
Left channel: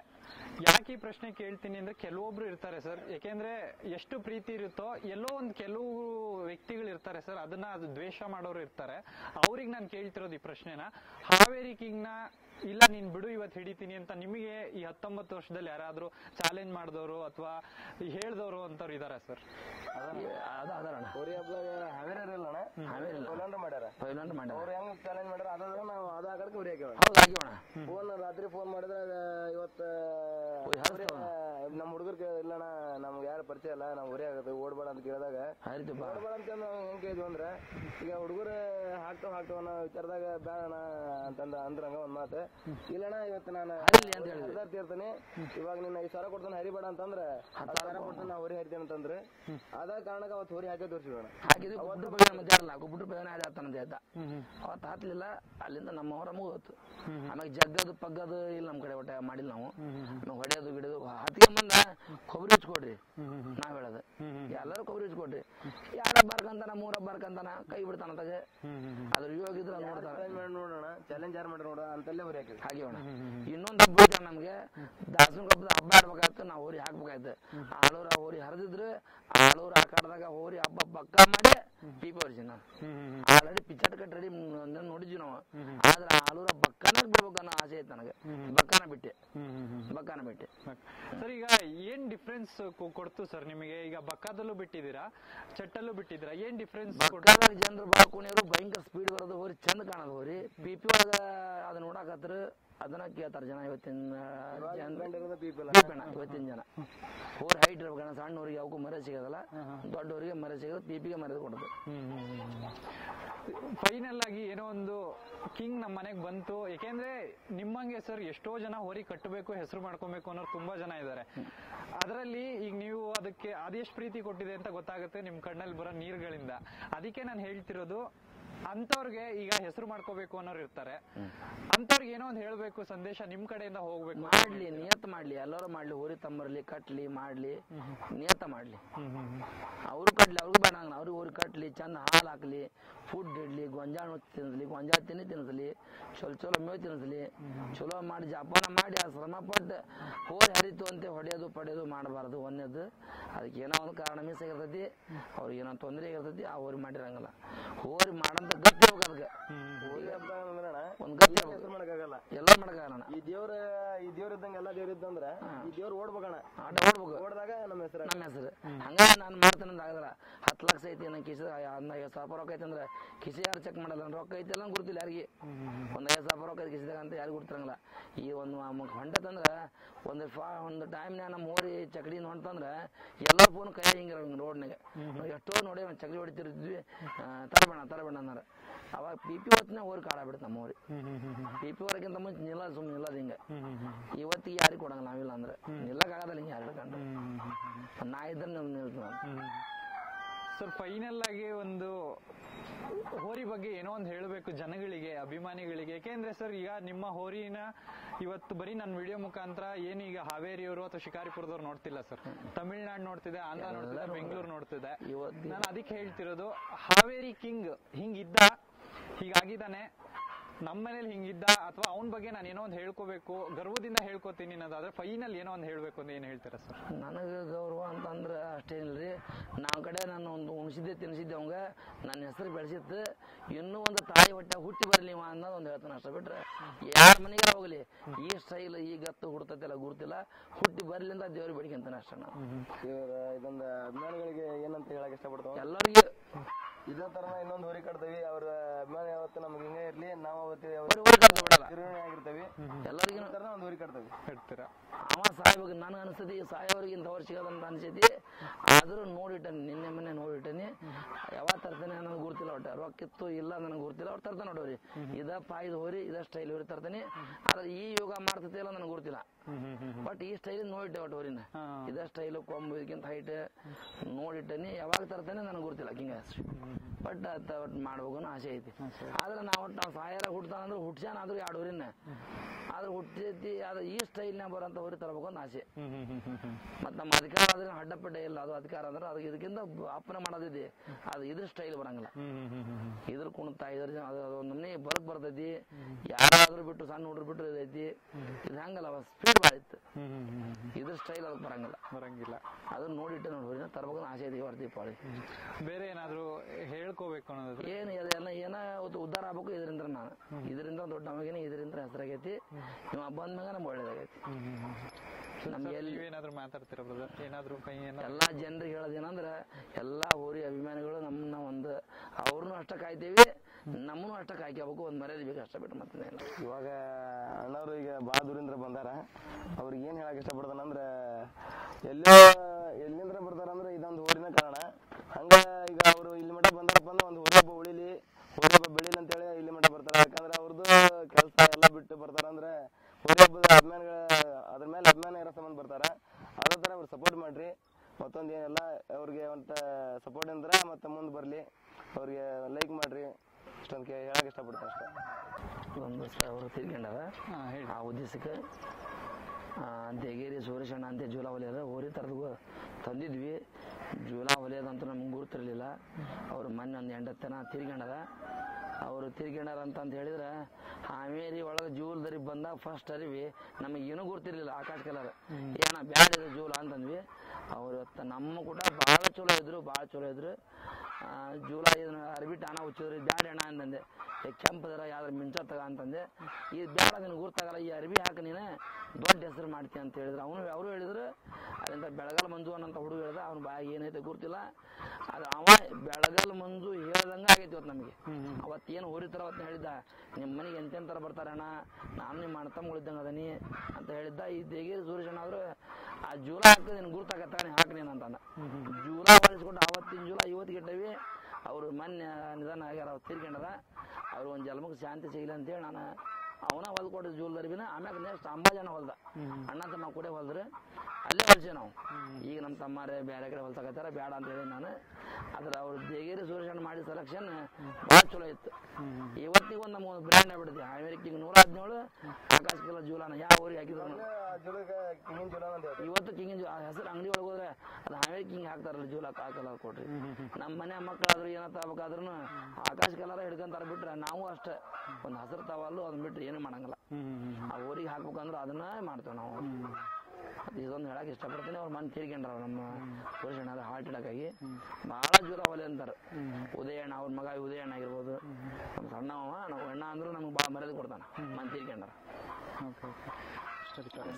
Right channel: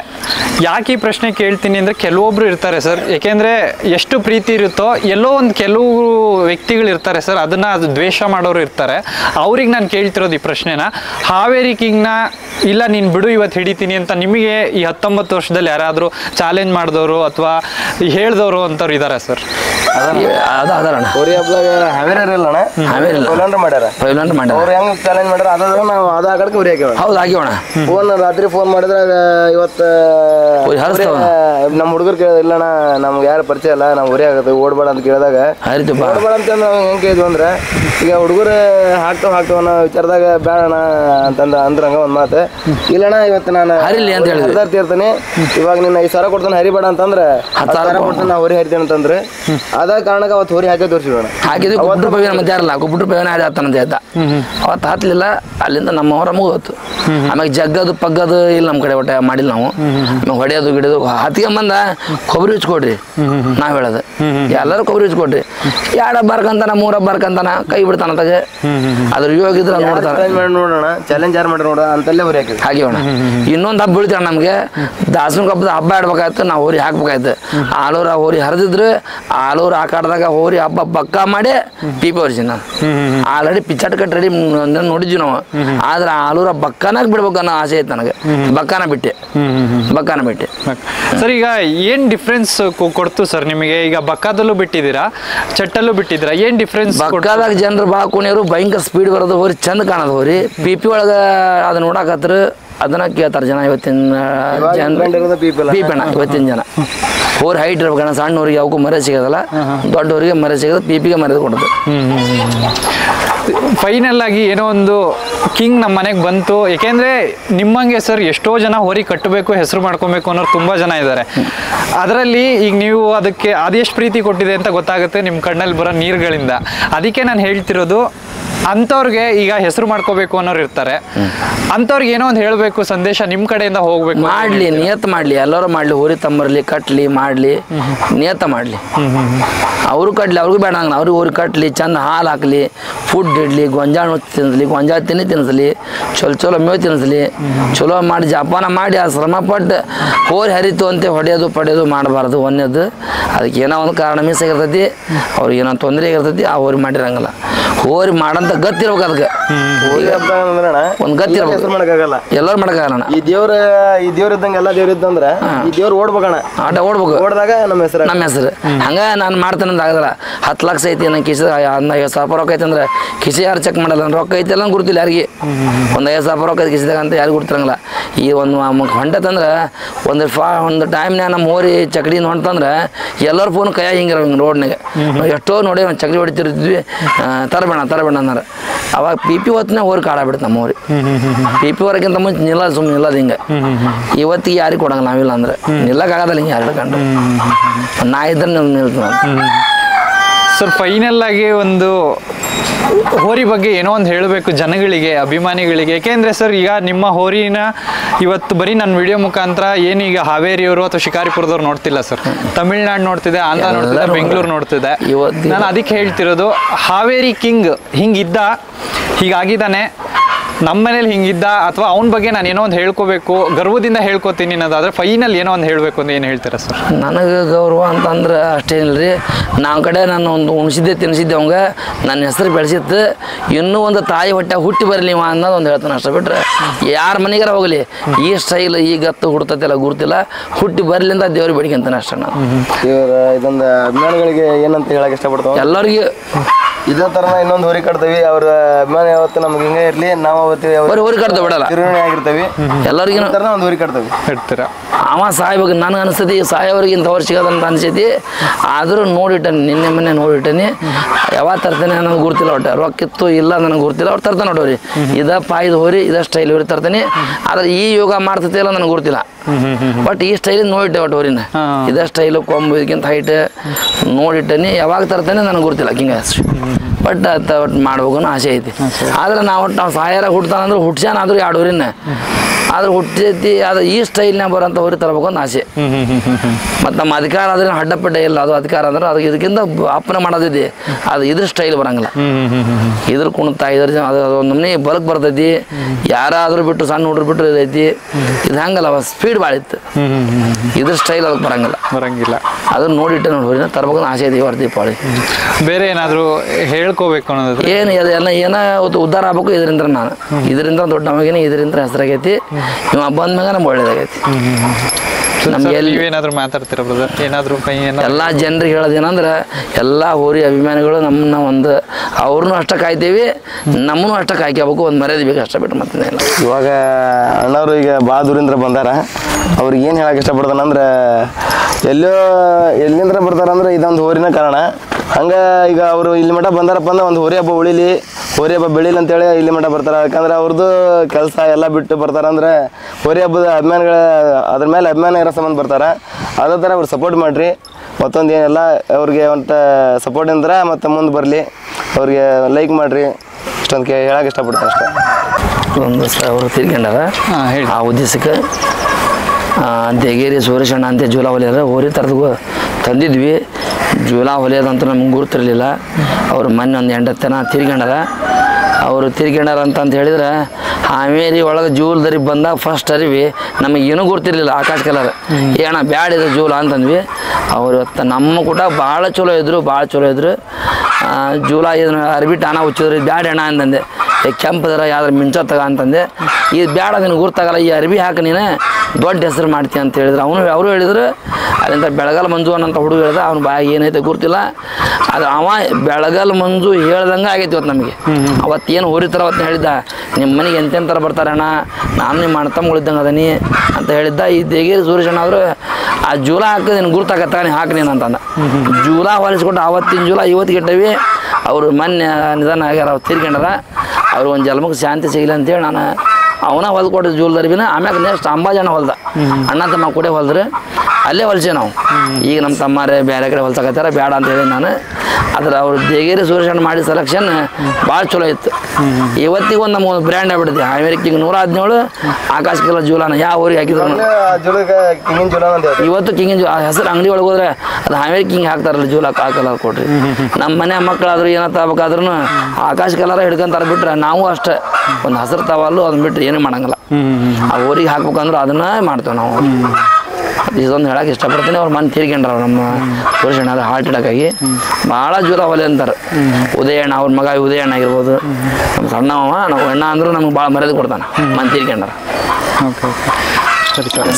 ಯಾಕೆ ಈ ಪ್ರಶ್ನೆ ಕೇಳ್ತೀನಿ ಅಂದರೆ ಕೆಲವೊಬ್ರು ಇರ್ತಾರೆ ಸರ್, ಏಕೆಂದರೆ ಎಷ್ಟು ಪ್ರೀತಿ ಇರುತ್ತೋ ಎಲ್ಲೋ ಒಂದು ಕೆಲವು ವ್ಯಕ್ತಿಗಳು ಇರ್ತಾರೆ ಸರ್, ಅದನ್ನು ದ್ವೇಷ ಮಾಡೋರು ಇರ್ತಾರೆ. ಅವ್ರಿಗೆ ನಾನು ಕೇಳ್ತಿರೋದು ಈ ಪ್ರಶ್ನೆನ, ಹಾವೇರಿ ಕಿಂಗ್ನ ಇಲ್ಲ ನೀನು ಬಿಡು ಇವತ್ತು ಹಿಡಿತೀನಿ ಅಂತ ನಿಮಗೆ ಈ 19 ವರ್ಷದಲ್ಲಿ ಯಾರಾದರೂ ಚಾಲೆಂಜ್ ಮಾಡಿದವರು ಅಥವಾ ಹೇಳ್ದವರು ಅಂತವ್ರು ಇದ್ದಾರೆ ಸರ್? ಹೋರಿ ಹಬ್ಬದಾಗ ಹಾವೇರಿ ಮಾಡ್ಯಾರ. ಅವ್ರು ಹೆಂಗ್ ಚಾಲೆಂಜ್ ಮಾಡ್ಯಾರ ಅದಾದ್ರೆ ನಾವು ಅದ ಕಡೆಗೆ ಹೋರಿ ಹಾಕ್ಯಾವ. ಹೌದು ಹಾಕ್ಯವಣ. ರಾತ್ರಿ ಫೋನ್ ಮಾಡಿದ್ರೆ ಇವತ್ತು ನಮ್ಮ ಹುಡುಗರು ಕೇಳಿದ ಇಲ್ಲಣ್ಣ ನಮ್ಗೆ ಯಾರು ಪರಿಚಯ ಇಲ್ಲ, ನಾವು ಹೋರಿ ಆಗತ್ತೆ ಓಡ್ಬೇಡ ಅಂತ ಕೇಳಿದಾಗ ಓಡ್ಬೇಡ ಅಂತ ನಾವು ಹೆಂಗೆ ಕೇಳಿದ್ವಿ ಅಂದ್ರೆ, ಈಗ ಹುಡುಗರು ಹಾಕ್ತಾವ ಅನ್ನೋ ವಿಚಾರದಾಗ ಬೇಡಣ ಅಂತಂದ ಅಂದ್ರಂಗ ಒಂದ್ ಮಾತು. ಇಲ್ಲಣ್ಣ ಇವತ್ತು ನಾನು ಹರಿದಾರ್ತಿರ್ತೀನಿ, ಇವಾಗ ನಿನ್ನ 5,000 ಕೊಡ್ತಾನೆ ಹರಿಬೇಡ ಅಂತಂದ್ರೆ 10,000 ಕೊಡ್ತಾನೆ ನಾ ಹೋರಿ ಹರಿತೇನೆ ಅಂತಂದ್ರೆ ಅದ ಕಾರಣಕ್ಕೆ ಅವತ್ತು ಹೋರಿ ಹಾಕಿ ತೋರಿಸಿರೋಣ. ಹಾಕಿದ್ವಿ ಮತ್ತೆ ಯಾರಲ್ಲ ಗುಬ್ಬಿಟ್ಟು ಪೇವನ ಹತ್ತಾನಂತ ಹೇಳ್ದ. ಅವತ್ತು ಹತ್ತಲಿಲ್ಲ, ಅಲ್ಲಿಂದ ನಮ್ಮವರ ಮುಗೋತು. ಆಮೇಲೆ ಜಗ್ಗದು ಪಗ್ಗದು ಇಲ್ಲ ನಮ್ಮ ಕಡೆ ಒಟ್ಟೆ ಮಾಡಿಲ್ಲ ನಾವು. ಆಮೇಲೆ ಹೊಡೆಯೋದು ಗಿಡೋದು ಹತ್ಕೊಂಬಂದ ಕೊಬ್ಬರಿ ಹಚ್ಕೊಡ್ರಿ ನಾವ್ ಹೇಳೋದು. ಎಲ್ಲರೂ ಕೊಬ್ಬರಿ ಹಚ್ಕೊಡ್ರಿ. 2 ಹಬ್ಬರ್ಕಂತಾನ 3 ಹಬ್ಬರ್ಕಂತಾನ ಕೈ ಬಿಡ್ತಾನ ತಗ. ಅದ್ರ ಯೋಗಿದ್ರ ನೋಡೋಣ ಚಾಲೆಂಜ್ ಯಾರು ಮಾಡಿ ನೋಡ ಅಂತಲ್ಲೇ ಹೋರಿ ಹಾಕಿ ಹಾಕಿವಣ. ಇನ್ನೊಂದು ಹಬ್ಬ ಬಿಡ್ತಾರ ನಮ್ಗೆ, ದಾಸನ ಹಬ್ಬದ ಹಬ್ಬ ಆಡ್ಬೇಕಾಯ್ತು, ನಾವು ಹೋರಿ ಹಾಕ್ಬೇಕಾಯ್ತು. ಆಲೂರು ಹೋರಿ ಹರಿದಿದ್ರು ಆಲೂರು ಆಕಾಡ್ದಾಗ ಹೋರಿ ಹಬ್ಬ ಪಕ್ಕ ಮಾಡಿ ಪೀಪಿ ಹೊರಿಸಿ ನಾನು ಆಲ್ರೆಡಿ ಪಿಚ್ಚಾಟ್ ಕಟ್ ರೆಡಿ ನೋಡಿದ್ವಿ ನಾವು. ಆದ್ರೆ ಆಲೂರ ಬಕ್ಕನಾಗ ಬಿಡ್ಬೇಕು ಅನ್ನೋ ಆಸೆ ಐತೆ ನನಗೆ. ಬಕ್ಕಾನ ಬಿಟ್ಟೆ. ಸರ್, ಈಗ ಏನ್ ಡಿಫ್ರೆನ್ಸ್ ಕೊಡ್ತು ಸರ್ ನಿಮಗೆ? ಈಗ ಬಕ್ಕಾದಲ್ಲೂ ಬಿಟ್ಟಿದ್ದೀರಾ, ಚಟ್ಟಲ್ಲೂ ಬಿಟ್ಟಿದ್ದೀರಾ, ಏನ್ ಡಿಫ್ರೆನ್ಸ್? ಬಕ್ಕಾದಾಗ ಜನರು ಬಾ ಕುಣಿಯರು ಭಯಂಕರ ಸ್ಪೀಡ್ ಬರೋದು ಹೋರಿ ಚಂದ ಕಾಣೋದು ಹೋರಿ. ಪಿ ಒಳಗ ಅದು ನೋಡಾಕತ್ರ ಅದನ್ನ ಕೇಳ್ತಾರೆ ಜನ ಇವತ್ತಿನ ಜನ ಪೀಪಣ್ಣ ಇವತ್ತಿನ ಜನ ಹೋರಿ ಹೈಟ್ ಇರ್ಬೇಕಣ್ಣ ಸಣ್ಣವ್ರಿಗೆ ಅವಕ್ಕೂ ಮರೆ ಸಿಗೋದಲ್ಲ ದೊಡ್ಡವರಿಗೆ ಮರೆ ಸಿಗೋದು ಪೀಪಿಗೆ ಮರೆದು ಕೊಡೋದು ಫೈನಲ್ ಆಗಿ ಏನೋ ಒಂದು ಕಿಂಗ್ ನಮ್ಮ ಮನೆಗೆ ಬಂತು ಯಾಕೆಂದ್ರೆ ನಿಮ್ಮಂಗೆ ಸರ್ ಎಷ್ಟೋ ಜನ ಹೋರಿ ಕಟ್ಟಬೇಕು ಹೆಸರು ಮಾಡ್ಕೊಬೇಕು ಅನ್ನೋರು ತುಂಬಾ ಜನ ಇದ್ದಾರೆ ಅದರಲ್ಲಿ ಈಗ ನೀವು ಅದಕ್ಕೆ ಅದೆಷ್ಟು ಪ್ರೀತಿ ಕೊಟ್ಟಿದೆ ಅಂತ ಗೊತ್ತಾಗುತ್ತೆ ನಿಮ್ಮ ಕಣ್ಣಲ್ಲಿ ಬರೋ ನೀರುಗಳಿಂದ ಅದಕ್ಕೆ ನಾನು ಹೇಳ್ತಿರೋದು ಅಂಥವ್ರಿಗೆ ಈಗ ಹೆಸರು ಮಾಡ್ಕೋಬೇಕು ಅನ್ನೋರು ಇರ್ತಾರೆ ಅಂಥವ್ರಿಗೆ ಏನೋ ಒಂದು ಹೇಳಬೇಕು ಸಂದೇಶ ನಿಮ್ಮ ಕಡೆಯಿಂದ ಹೋಗ್ಬೇಕು ಮಾಡ್ಲಿ ನಿಯತ್ ಮಾಡ್ಲಿ ಎಲ್ಲರೂ ಮಾಡ್ಲಿ ಹೋರಿ ತಮ್ಮರ್ಲಿ ಕಟ್ಲಿ ಮಾಡ್ಲಿ ನಿಯತ ಮಾಡ್ಲಿ ಅವರು ಕಟ್ಲಿ ಅವ್ರಿಗೂ ಬೇಡ ಅವ್ರಿಗೆ ಹೋರಿ ಕಟ್ಲಿ ಚಂದ ಹಾಲು ಹಾಕ್ಲಿ ಫುಡ್ ಇಡ್ಲಿ ಗೊಂಜಾಳ ತಿನ್ನಿಸ್ಲಿ ಗೊಂಜಾಳ ತಿನ್ನಿಸ್ಲಿ ಚಲೋ ಮೇವು ತಿನ್ನಿಸ್ಲಿ ಚಲೋ ಮಾಡಿ ಜಪಾನ ಮಾಡಿ ಆ ಶ್ರಮ ಪಟ್ಟು ಹೋರಿ ಹರಿತು ಅಂತ ಹೊಡೆಯೋದು ಪಡೆಯೋದು ಮಾಡಬಾರ್ದು ಒಂದೇದು ಅದಕ್ಕೆ ಏನೋ ಒಂದು ಕಾರಣ ಮಿಸ್ ಆಗಿರ್ತೈತಿ ಅವ್ರಿಗೆ ಏನೋ ತೊಂದರೆ ಆಗಿರ್ತೈತಿ ಆ ಹೋರಿ ಮಾಡಿರಂಗಿಲ್ಲ ಹೋರಿ ಮಾಡಂತ ಗತ್ತಿರ್ಬೇಕು ಅದಕ್ಕೆ ಒಂದ್ ಗತ್ತಿರ್ಬೇಕು ಎಲ್ಲರೂ ಮಾಡಕ್ಕಾಗಲ್ಲ ಈ ದೇವ್ರ ಇದ್ದಂಗ ಎಲ್ಲ ದೇವ್ರ ಇದ್ದಂದ್ರೆ ಈ ದೇವ್ರು ಓಡ್ಬೇಕಣ್ಣ ಆಟ ಓಡ್ಬೇಕು ಓಡ್ದಾಗ ನಮ್ಮ ಹೆಸರು ಹಂಗ ನಾನು ಮಾಡ್ತೇನೆ ಅಂತ ಆಗಲ್ಲ 10 ಲಕ್ಷ ಐತಿ ನನ್ನ ಕಿಸ 50,000 ರೊಕ್ಕ ಐತಿ ಅಂದ್ರೆ ಕಿಸಿ ಯಾರು ಚೆಕ್ ಮಾಡಲ್ಲ ರೊಕ್ಕ ಐತಿ ಎಲ್ಲ ಗುರ್ತಿಲ್ಲ ಯಾರಿಗೆ ಒಂದು 50,000 ರೊಕ್ಕ ಕಿಸಿದಾಗ ಅಂತ ಯಾರು ಗುರ್ತಿರಂಗಿಲ್ಲ ಈ ಒಂದು ಹೊಂಟತ್ತಂದ್ರೆ ಒಂದು ಟೈಮ್ನಾಗ ನಮ್ಮ ಹೋರಿ ಚಕಡಿ ಹೊಂಟಂದ್ರೆ ಎಲ್ಲರ ಫೋನ್ ಕೈಯಾಗ ಹಿಂಗಿರ ರೋಡ್ನಾಗ ಎಷ್ಟೋ ನೋಡಿ ಚಕಡಿ ಹೊಡಿತಿರ್ತಿದ್ವಿ ತರಬೇಡ ಅಂದ್ರೆ ಅವಾಗ ಪಿ ಹೊತ್ತಿನ ಹೋರಿ ಕಾಡಾಬಿಡುತ್ತೆ ನಮ್ಮ ಹೋರಿ ಪಿ ಹೊರಗಿಂತ ಮುಂಚೆ ನಿಲ್ಲೋದು ಸುಮ್ಮನೆ ನಿಲ್ಲೋದು ಹಿಂಗೆ ಇವತ್ತಿಗೆ ಯಾರಿಗೆ ಕೊಡಂಗ ನಾವಿಲ್ಲ ಅಂದ್ರೆ ನಿಲ್ಲಕ್ಕಾಗಲ್ಲ ಹಿಂಗೆ ಯಾರು ಕಂಡು ನಾ ಇದ್ರೆ ನಿಲ್ತೀನಿ ಸರ್ ಫೈನಲ್ ಆಗಿ ಒಂದು ಹೋರಿ ಬಗ್ಗೆ ಏನೋ ಒಂದು ಹೇಳಬೇಕು ಜನಗಳಿಗೆ ಅಭಿಮಾನಿಗಳಿಗೆ ಯಾಕೆಂದ್ರೆ ಸರ್ ಈಗ ನಿಮ್ಮ ಹೋರಿನ ಇವತ್ತು ಬರೀ ನನ್ನ ವಿಡಿಯೋ ಮುಖಾಂತರ ಏನೀಗ ಹಾವೇರಿಯವರು ಅಥವಾ ಶಿಕಾರಿಪುರದವ್ರು ನೋಡ್ತಿಲ್ಲ ಸರ್ ತಮಿಳ್ನಾಡು ನೋಡ್ತಿದೆ ಆಂಧ್ರ ನೋಡ್ತಿದೆ ಬೆಂಗಳೂರು ನೋಡ್ತಿದೆ ನಾನು ಅದಕ್ಕೆ ಹೇಳ್ತಿರೋದು ಹಾವೇರಿ ಕಿಂಗ್ ಹಿಂಗಿದ್ದ ಹೀಗಾಗಿದ್ದಾನೆ ನಮ್ಮ ಮನೇಲಿ ಹಿಂಗಿದ್ದ ಅಥವಾ ಅವನ ಬಗ್ಗೆ ನಾನು ಏನೋ ಒಂದು ಹೇಳ್ಕೋಬೇಕು ಗರ್ವದಿಂದ ಹೇಳ್ಕೊತೀನಿ ಅನ್ನೋದಾದ್ರೆ ಫೈನಲ್ ಏನೋ ಒಂದು ಹೇಳಬೇಕು ಅಂತ ಏನು ಹೇಳ್ತೀರಾ ಸರ್ ನನಗೆ ಗೌರವ ಅಂತಂದ್ರೆ ಅಷ್ಟೇನಿಲ್ಲ ರೀ ನಾವು ಕಡೆ ನಾನು ಒಂದು ಉಣಿಸಿದ್ದೆ ತಿನ್ನಿಸಿದ್ದೆ ಅವಂಗ ನನ್ನ ಹೆಸರು ಬೆಳೆಸಿತ್ತು ಇನ್ನೂ ಒಂದು ತಾಯಿ ಹೊಟ್ಟೆ ಹುಟ್ಟಿ ಬರಲಿ ಅನ್ನೋದು ಒಂದು ಹೇಳ್ತಾನೆ ಅಷ್ಟೇ ಬಿಟ್ರೆ ಯಾರ ಮನೆಗಾರ ಹೋಗಲಿ ಈ ಸ್ಟೈಲ್ ಈ ಗತ್ತು ಹುಡ್ತತಿಲ್ಲ ಗುರ್ತಿಲ್ಲ ಹುಟ್ಟಿ ಬರಲಿ ಅಂತ ದೇವ್ರಿಗೆ ಬೇಡಿಕೆಂತಾನೆ ಅಷ್ಟೇ ನಾನು ಇವ್ರ ಇದೊಂದು ಅಭಿಮಾನಿಗಳಿಗೆ ಏನಂತ ಹೇಳಕ್ ಇಷ್ಟಪಡ್ತಾವ ಎಲ್ಲರಿಗೆ ಇದೇ ತರ ಇನ್ನೊಂದು ಹೋರಿ ಕಟ್ತೀವಿ ಅವ್ರ ಅಭಿಮಾನ ಯಾವತ್ತು ನಮ್ಗೆ ಹಿಂಗೆ ಇರ್ಲಿ ನಾವು ಹೋರಿ ಕಟ್ತಾ ಬಿಡಲ್ಲ ತಿರುವಣಿ ಆಗಿರ್ತೀವಿ ಎಲ್ಲರಿಗೂ ಒಂದು ಹೋರಿ ಕಟ್ತೀವಿ ಹೇಳ್ತೀರಾ ಅವ ಸಾಯ್ಬೇಕು ನನಗೆ ಅನಿಸ್ತತಿ ಸಾಯೋವ್ರಿಗಿಂತ ಅವ್ರು ಸಿಗೋದಂತ ಅನಿಸೈತಿ ಆದರೂ ನೋಡಿಟ್ಟನಿ ನಿನ್ನೆ ಮೊನ್ನೆ ನೋಡಿಟ್ಟನಿ ಯಾವಾಗ ತರ್ತಾನೆ ನನಗೆ ಗುರ್ತಿಲ್ಲ ಒಟ್ಟು ರೊಕ್ಕಿತ್ತು ಇಲ್ಲ ನನಗೆ ಗುರ್ತಿಲ್ಲ ಅವ್ರು ತರ್ತಾನೆ ನೋಡೋರಿ ಇದ ಪಾಯ್ದು ಹೋರಿ ಇದ ಸ್ಟೈಲ್ ಹೋರಿ ತರ್ತಾನೆ ಆದ್ರೆ ಈ ಯೋಗ ಮಾಡ್ತತಿ ಇಲ್ಲ ನನಗೆ ಗುರ್ತಿಲ್ಲ ಬಟ್ ಈ ಸ್ಟೈಲ್ ನೋಡಿಟ್ಟೆ ಒಟ್ಟು ಹೋರಿನ ಇದ ಸ್ಟೈಲು ಕೊಂಬು ಇದಕ್ಕಿಂತ ಹೈಟ್ ನೋಡಿಟ್ಟನಿ ಯಾವಾಗ ತರ್ತಾನೆ ನನಗೆ ಗುರ್ತಿಲ್ಲ ಹಿಂಗೆ ಬಟ್ ಒಟ್ಟು ಮಾಡ್ಬೇಕು ಅನ್ನೋ ಆಸೆ ಐತಿ ಆದ್ರೆ ನಾವು ಒಟ್ಟು ನಾವು ಸಾಯಾರ ಹುಡ್ತಾನಂದ್ರೆ ಹುಟ್ಸ್ಯಾನ ಆದ್ರೂ 2 ಹೋರಿನ ಆದ್ರೆ ಹುಟ್ಟೈತಿ ಅದು ಈ ಸ್ಟೈಲ್ನಾಗ ಬರೋಂಥ ಹೋರಿ ತರಬೇಕು ಅಂತ ಆಸೆ ಮತ್ತು ನಮ್ಮ ಅಧಿಕಾರ ಆದ್ರೆ ಅಡ್ಡಪಡ್ಡ ಇಲ್ಲ ಅದು ಅಧಿಕಾರ ಅಂದ್ರೆ ಅದು ಇದಕ್ಕಿಂತ ಅಪ್ಪನೆ ಮಾಡೋದಿದೆ ಅದು ಇದ್ರ ಸ್ಟೈಲ್ ಬರಂಗಿಲ್ಲ ಇದ್ರ ಕುಣಿತ ಇದ್ರ ಅದು ಒಂದು ನಮ್ನಿ ಬಲಕ್ ಬರ್ತೈತಿ ಯಾರಾದ್ರೂ ಬಿಟ್ಟು ಸಣ್ಣ ಹುಡುಗ್ರು ಬಿಟ್ಟು ಇದೈತಿ ಇದು ಹಂಗಲ್ಲ ಸ್ಪೀಡ್ ಭಾಳ ಇತ್ತು ಇದ್ರ ಸ್ಟೈಲ್ ಅದಕ್ಕೆ ಬರಂಗಿಲ್ಲ ಅದನ್ನ ನೋಡಿಟ್ಟೆ ನೋಡಿ ಹೋರಿನ ತರ್ಬೇಕು ಆಸೆ ಐತಿ ಇವತ್ತು ದೀಪಾವಳಿ ಬೇರೆ ಏನಾದರೂ ಹೇಳ್ಕೋಬೇಕು ಅನ್ನೋದು ಏನು ಅದೆಲ್ಲ ಏನೋ ಉದ್ಧಾರ ಆಗ್ಬೇಕು ಇದರಿಂದ ದೊಡ್ಡ ನಮಗೇನೆ ಇದರಿಂದ ಹೆಸರಾಗೈತಿ ನೀವು ಬಂದ್ಮ್ಯಾಗ ನಮ್ಗೆ ಒಳ್ಳೇದಾಗೈತಿ ನಮ್ಗೆ ಏನಾದ್ರು ಮಾತಾಡ್ತೀರಾ ಬ್ರದರ್ ಏನಾದ್ರು ಎಲ್ಲ ಜನರಿಗೆ ಹೇಳೋದೇನಂದ್ರೆ ಎಲ್ಲ ಹೋರಿ ಅಭಿಮಾನಿಗಳು ನಮ್ಮನ್ನ ಒಂದು ಅವ್ರನ್ನೂ ಅಷ್ಟ ಕಾಯ್ತೀವಿ ನಮ್ಮನ್ನು ಅಷ್ಟ ಕಾಯ್ಕೋಬೇಕು ಒಂದು ಮರ್ಯಾದೆ ಬೇಕು ಅಷ್ಟ ಬಿಟ್ಟು ಮತ್ತೆ ಇವಾಗ ಅಣ್ಣವರು ಈಗ ಭಾಳ ದೂರಿಂದ ಬಂದಾರ ಅವ್ರಿಗೆ ಏನು ಹೇಳಕ್ಕೆ ಇಷ್ಟಪಡ್ತಾನಂದ್ರೆ ಎಲ್ಲಿಂದ ಬರ್ತಾರಂದ್ರೆ ಇದೊಂದು ಹೋರಿನ ಕಾರಣ ಹಂಗೆ ಈಗ ಅವರು ಇಲ್ಲಿ ಮಠ ಬಂದಾರಪ್ಪ ಅಂದ್ರೆ ಒಂದು ಹೋರಿ ಹಬ್ಬ ಉಳಿಲಿ ಹೋರಿ ಹಬ್ಬ ಬೆಳಿಲಿ ಅಂತೇಳಿ ಇಲ್ಲಿ ಮಠ ಬರ್ತಾರೆ ಯಾಕಂದ್ರೆ ಅವ್ರದ್ದು ಕೆಲಸ ಎಲ್ಲ ಬಿಟ್ಟು ಬರ್ತಾರಂದ್ರೆ ಹೋರಿ ಹಬ್ಬದ ಅಭಿಮಾನಿಗಳ ಅದ್ರ ಮೇಲೆ ಅಭಿಮಾನ ಇರೋ ಸಂಬಂಧ ಬರ್ತಾರೆ ಅದೇ ಥರ ಅವ್ರು ಸಪೋರ್ಟ್ ಮಾಡಿರಿ ಮತ್ತೊಂದು ಏನೆಲ್ಲ ಅವ್ರಿಗೆ ಒಂದು ಸಪೋರ್ಟ್ ಅಂದ್ರೆ ಮತ್ತೆ ಮುಂದೆ ಬರಲಿ ಅವ್ರಿಗೆ ಲೈಕ್ ಮಾಡಿರಿ ಇಷ್ಟೊಂದು ಹೇಳಕ್ಕೆ ಇಷ್ಟಪಡ್ತಾರೆ ಅಷ್ಟೇ ಒಂದು ಅವರು ತೀರ್ಕೊಂಡಾರ ಆ ಉದ್ದೇಶಕ್ಕೆ ದೇಗೇರಿ ಸೂರೇಶಣ್ಣ ಅಂತ ಜೂಲಾ ಹೊಲಿಯಾರ ಹೋರಿ ತಂದಿದ್ವಿ ಜೂಲಾ ಹೊಲಿಯೋದಂತೂ ನಮ್ಗೆ ಗುರ್ತಿರಲಿಲ್ಲ ಅವ್ರು ಮೊನ್ನೆ ಒಂದು 8 ಜನ ತೀರ್ಕೊಂಡಾರ ಅವರು ತೀರ್ಕೊಂಡಾರ ಅಂತ ಹೇಳಿದ್ರೆ ಹಾವೇರಿ ಒಳಗೆ ಜೂಲ್ದರಿ ಬಂದಾಗ ಫಸ್ಟ್ ಅರಿವಿ ನಮಗೆ ಏನೂ ಗುರ್ತಿರ್ಲಿಲ್ಲ ಆಕಾಶ ಕಲರ್ ಏಣ ಬ್ಯಾಡಿದ ಜೂಲ ಅಂತಂದ್ವಿ ಅವ್ರು ಇವತ್ತು ನಮ್ಮ ಕೂಡ ಭಾಳ ಚಲೋ ಇದ್ರು ಜೂಲ ಇದನ್ನ ಅರ್ಬಿ ಟಾನ ಹುಚ್ಚಿದ್ರಿ ಬ್ಯಾಡ ಅಣ್ಣ ಅಂತಂದೆ ಕೆಂಪದರ ಯಾವ್ದಾರು ಮಿಂಚ ತಗ ಅಂತಂದೆ. ಇದು ಬೇಡ ನಿನಗೆ ಗುರ್ತಾಗಲ್ಲ, ಈ ಅರ್ಬಿ ಹಾಕಿ ನೀನು ದೊಡ್ಡ ಹೆಸರು ಮಾಡ್ತೀಯ ಅಂತ ಹೇಳಿದ್ರು. ಅವರು ಹೇಳಿದ್ರು. ಅಲ್ಲಿಂದ ಬೆಳಗಾಲ ಮಂಜು ಅನ್ನೋಂಥ ಹುಡುಗ ಹೇಳ್ದ, ಅವ್ನ ಬಾಯಿಗೆ ಏನೈತೆ ಗುರ್ತಿಲ್ಲ. ಅದು ಅವ ಬೆಳಗಾಲ ಮಂಜು ಹೇಳ್ದಂಗೆ ಆಗೈತಿ ಇವತ್ತು ನಮಗೆ. ಅವತ್ತೇನು ಹೋರಿತಾರ ಅವತ್ತು ಹೇಳಿದ್ದ, ನಿಮ್ಮ ಮನೆಗೆ ಎಂತೆಂಥರ ಬರ್ತಾರೆ ಅಣ್ಣ, ನಾನು ನಿಮ್ಮ ಅಣ್ತಮ್ಮಗಳಿದ್ದಂಗೆ ಅದನಿ ಅಂತ ಹೇಳಿದ್ದ. ಈ ದೇಗೇರಿ ಸುರೇಶಣ್ಣ ಆದರೂ ಆ ಜೂಲ ಹಾಕಿದ ನೀನು ಗುರ್ತಾಗತ್ತ ನೀನು ಹಾಕಿ ನೀನು ಅಂತಂದ. ಜೂಲ ಹೊಲಿಸ್ಕೊಟ್ಟು ಆವತ್ತಿನ ಜೂಲ ಇವತ್ತಿಗೆ ಇಟ್ಟವಿ. ಅವರು ಮೊನ್ನೆ ನಿಧಾನ ಆಗ್ಯಾರ, ಅವ್ರು ತೀರ್ಕೊಂಡಾರ. ಅವ್ರು ಒಂದು ಜನ್ಮಕ್ಕೆ ಶಾಂತಿ ಸಿಗಲಿ ಅಂತೇಳಿ ನಾನು ಅವನ ಹೊಲ್ದು ಕೊಟ್ಟಿದ್ದು ಜೂಲ್ದಾರಿ ಬಿನ. ಆಮ್ಯಾಗ ನೆಕ್ಸ್ಟ್ ಅಂಬಾಜನ ಹೊಲ್ದ, ಅಣ್ಣ ತಮ್ಮ ಕೂಡ ಹೊಲ್ದ್ರೆ ಅಲ್ಲೇ ಹೊಲ್ಸೆ ನಾವು. ಈಗ ನಮ್ಮ ತಮ್ಮರೇ ಬೇರೆ ಕಡೆ ಹೊಲ್ಸಕತ್ತಾರ, ಬೇಡ ಅಂತ ಹೇಳಿ ನಾನು. ಆದ್ರೆ ಅವ್ರು ದೇಗೇರಿ ಸುರೇಶಣ್ಣ ಮಾಡಿ ಸೆಲೆಕ್ಷನ್ ಭಾಳ ಚಲೋ ಇತ್ತು. ಇವತ್ತಿಗೆ ಒಂದು ನಮ್ಮ ಬ್ರ್ಯಾಂಡ್ ಆಗ್ಬಿಡುತ್ತೆ. ಅಮೇರಿಕಿಂಗ್ 117 ಆಕಾಶ ಕಲರ್ ಜೂಲಾನ ಯಾವ ಊರಿಗೆ ಹಾಕಿದ್ರು ಇವತ್ತು ಕಿಂಗಿನ ಹೆಸರು ಅಂಗಡಿ ಒಳಗೆ ಹೋದ್ರೆ ಅದು ಅಮೇರಿಕಿಂಗ್ ಹಾಕ್ತಾರಲ್ಲ ಜೂಲ ಆ ಕಲರ್ ಕೊಡ್ರಿ. ನಮ್ಮ ಮನೆ ಮಕ್ಕಳಾದ್ರೂ ಏನಂತ ಆಗ್ಬೇಕಾದ್ರೂ ಆಕಾಶ ಕಲರ್ ಹಿಡ್ಕೊಂತಾರ ಬಿಟ್ರೆ ನಾವು ಅಷ್ಟೇ ಒಂದು ಹಸಿರು ತಾವಲ್ಲೂ ಅದನ್ನ ಬಿಟ್ಟರೆ ಏನೂ ಮಾಡಂಗಿಲ್ಲ. ಆ ಊರಿಗೆ ಹಾಕ್ಬೇಕಂದ್ರೆ ಅದನ್ನ ಮಾಡ್ತೇವೆ ನಾವು. ಇದೊಂದು ಹೇಳಕ್ಕೆ ಇಷ್ಟಪಡ್ತೀನಿ. ಅವ್ರು ಮನೆ ತೀರ್ಕೊಂಡ್ರ ನಮ್ಮ ಸುರೇಶಣ್ಣ ಹಾರ್ಟ್ ಅಟ್ಯಾಕ್ ಆಗಿ ಭಾಳ ಜೂಲ ಹೊಲೆ ಅಂತಾರೆ. ಉದಯಣ್ಣ ಅವ್ರ ಮಗ ಉದಯಣ್ಣ ಆಗಿರ್ಬೋದು, ನಮ್ಮ ಸಣ್ಣವ ನಾವು ಅಣ್ಣ ಅಂದ್ರೂ ನಮ್ಗೆ ಭಾಳ ಮರ್ಯಾದೆ ಕೊಡ್ತಾನೆ. ಮನೆ ತೀರ್ಕೊಂಡ್ರ. ಸರಿ ಸರಿ.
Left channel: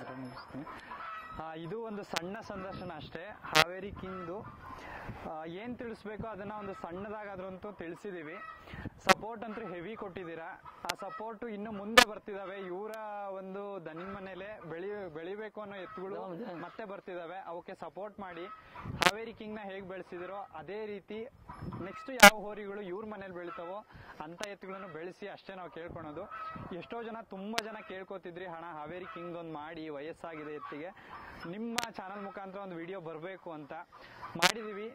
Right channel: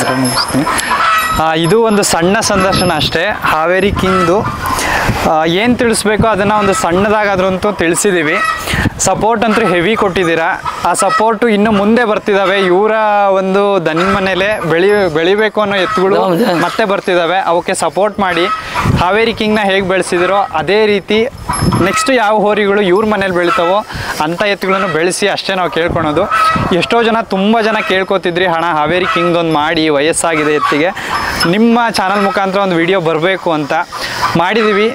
ಇದು ಒಂದು ಸಣ್ಣ ಸಂದರ್ಶನ ಅಷ್ಟೇ. ಹಾವೇರಿ ಕಿಂಗ್ದು ಏನು ತಿಳಿಸ್ಬೇಕೋ ಅದನ್ನು ಒಂದು ಸಣ್ಣದಾಗಾದ್ರಂತೂ ತಿಳಿಸಿದ್ದೀವಿ. ಸಪೋರ್ಟ್ ಅಂತೂ ಹೆವಿ ಕೊಟ್ಟಿದ್ದೀರಾ. ಆ ಸಪೋರ್ಟು ಇನ್ನು ಮುಂದೆ ಬರ್ತಿದ್ದಾವೆ. ಇವರ ಒಂದು ದನಿನ ಮನೇಲೆ ಬೆಳಿಬೇಕು ಅನ್ನೋ ಎತ್ತುಗಳು ಮತ್ತೆ ಬರ್ತಿದ್ದಾವೆ. ಅವಕ್ಕೆ ಸಪೋರ್ಟ್ ಮಾಡಿ. ಹಾವೇರಿ ಕಿಂಗ್ನ ಹೇಗೆ ಬೆಳೆಸಿದಿರೋ ಅದೇ ರೀತಿ ನೆಕ್ಸ್ಟ್ ಯಾವ ಹೋರಿಗಳು ಇವ್ರ ಮನೇಲಿ ಬೆಳಿತಾವೋ ಅಂಥ ಎತ್ತುಗಳನ್ನು ಬೆಳೆಸಿ ಅಷ್ಟೇ ನಾವು ಕೇಳ್ಕೊಳೋದು. ಎಷ್ಟೋ ಜನ ತುಂಬ ಜನ ಕೇಳ್ಕೊತಿದ್ರಿ, ಹಣ ಹಾವೇರಿ ಕಿಂಗ್ದೊಂದು ಮಾಡಿ, ವಯಸ್ಸಾಗಿದೆ ಎತ್ತಿಗೆ, ನಿಮ್ಮ ಚಾನಲ್ ಮುಖಾಂತರ ಒಂದು ವಿಡಿಯೋ ಬರಬೇಕು ಅಂತ ಮಾಡಿದ್ದೀವಿ.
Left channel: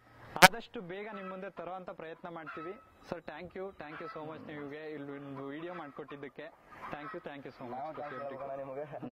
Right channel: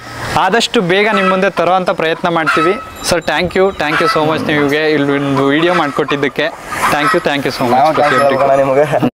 ಆದಷ್ಟು ಬೇಗ ನಿಮ್ಮ ಮುಂದೆ ತರೋವಂಥ ಪ್ರಯತ್ನ ಮಾಡ್ತೀವಿ. Sir thank you so much. ನೀವು ಇಲ್ಲಿ ಒಂದು ವಿಡಿಯೋ ಮಾಡಿಕೊಟ್ಟಿದ್ದಕ್ಕೆ ಥ್ಯಾಂಕ್ ಯು ಸೋ ಮಚ್.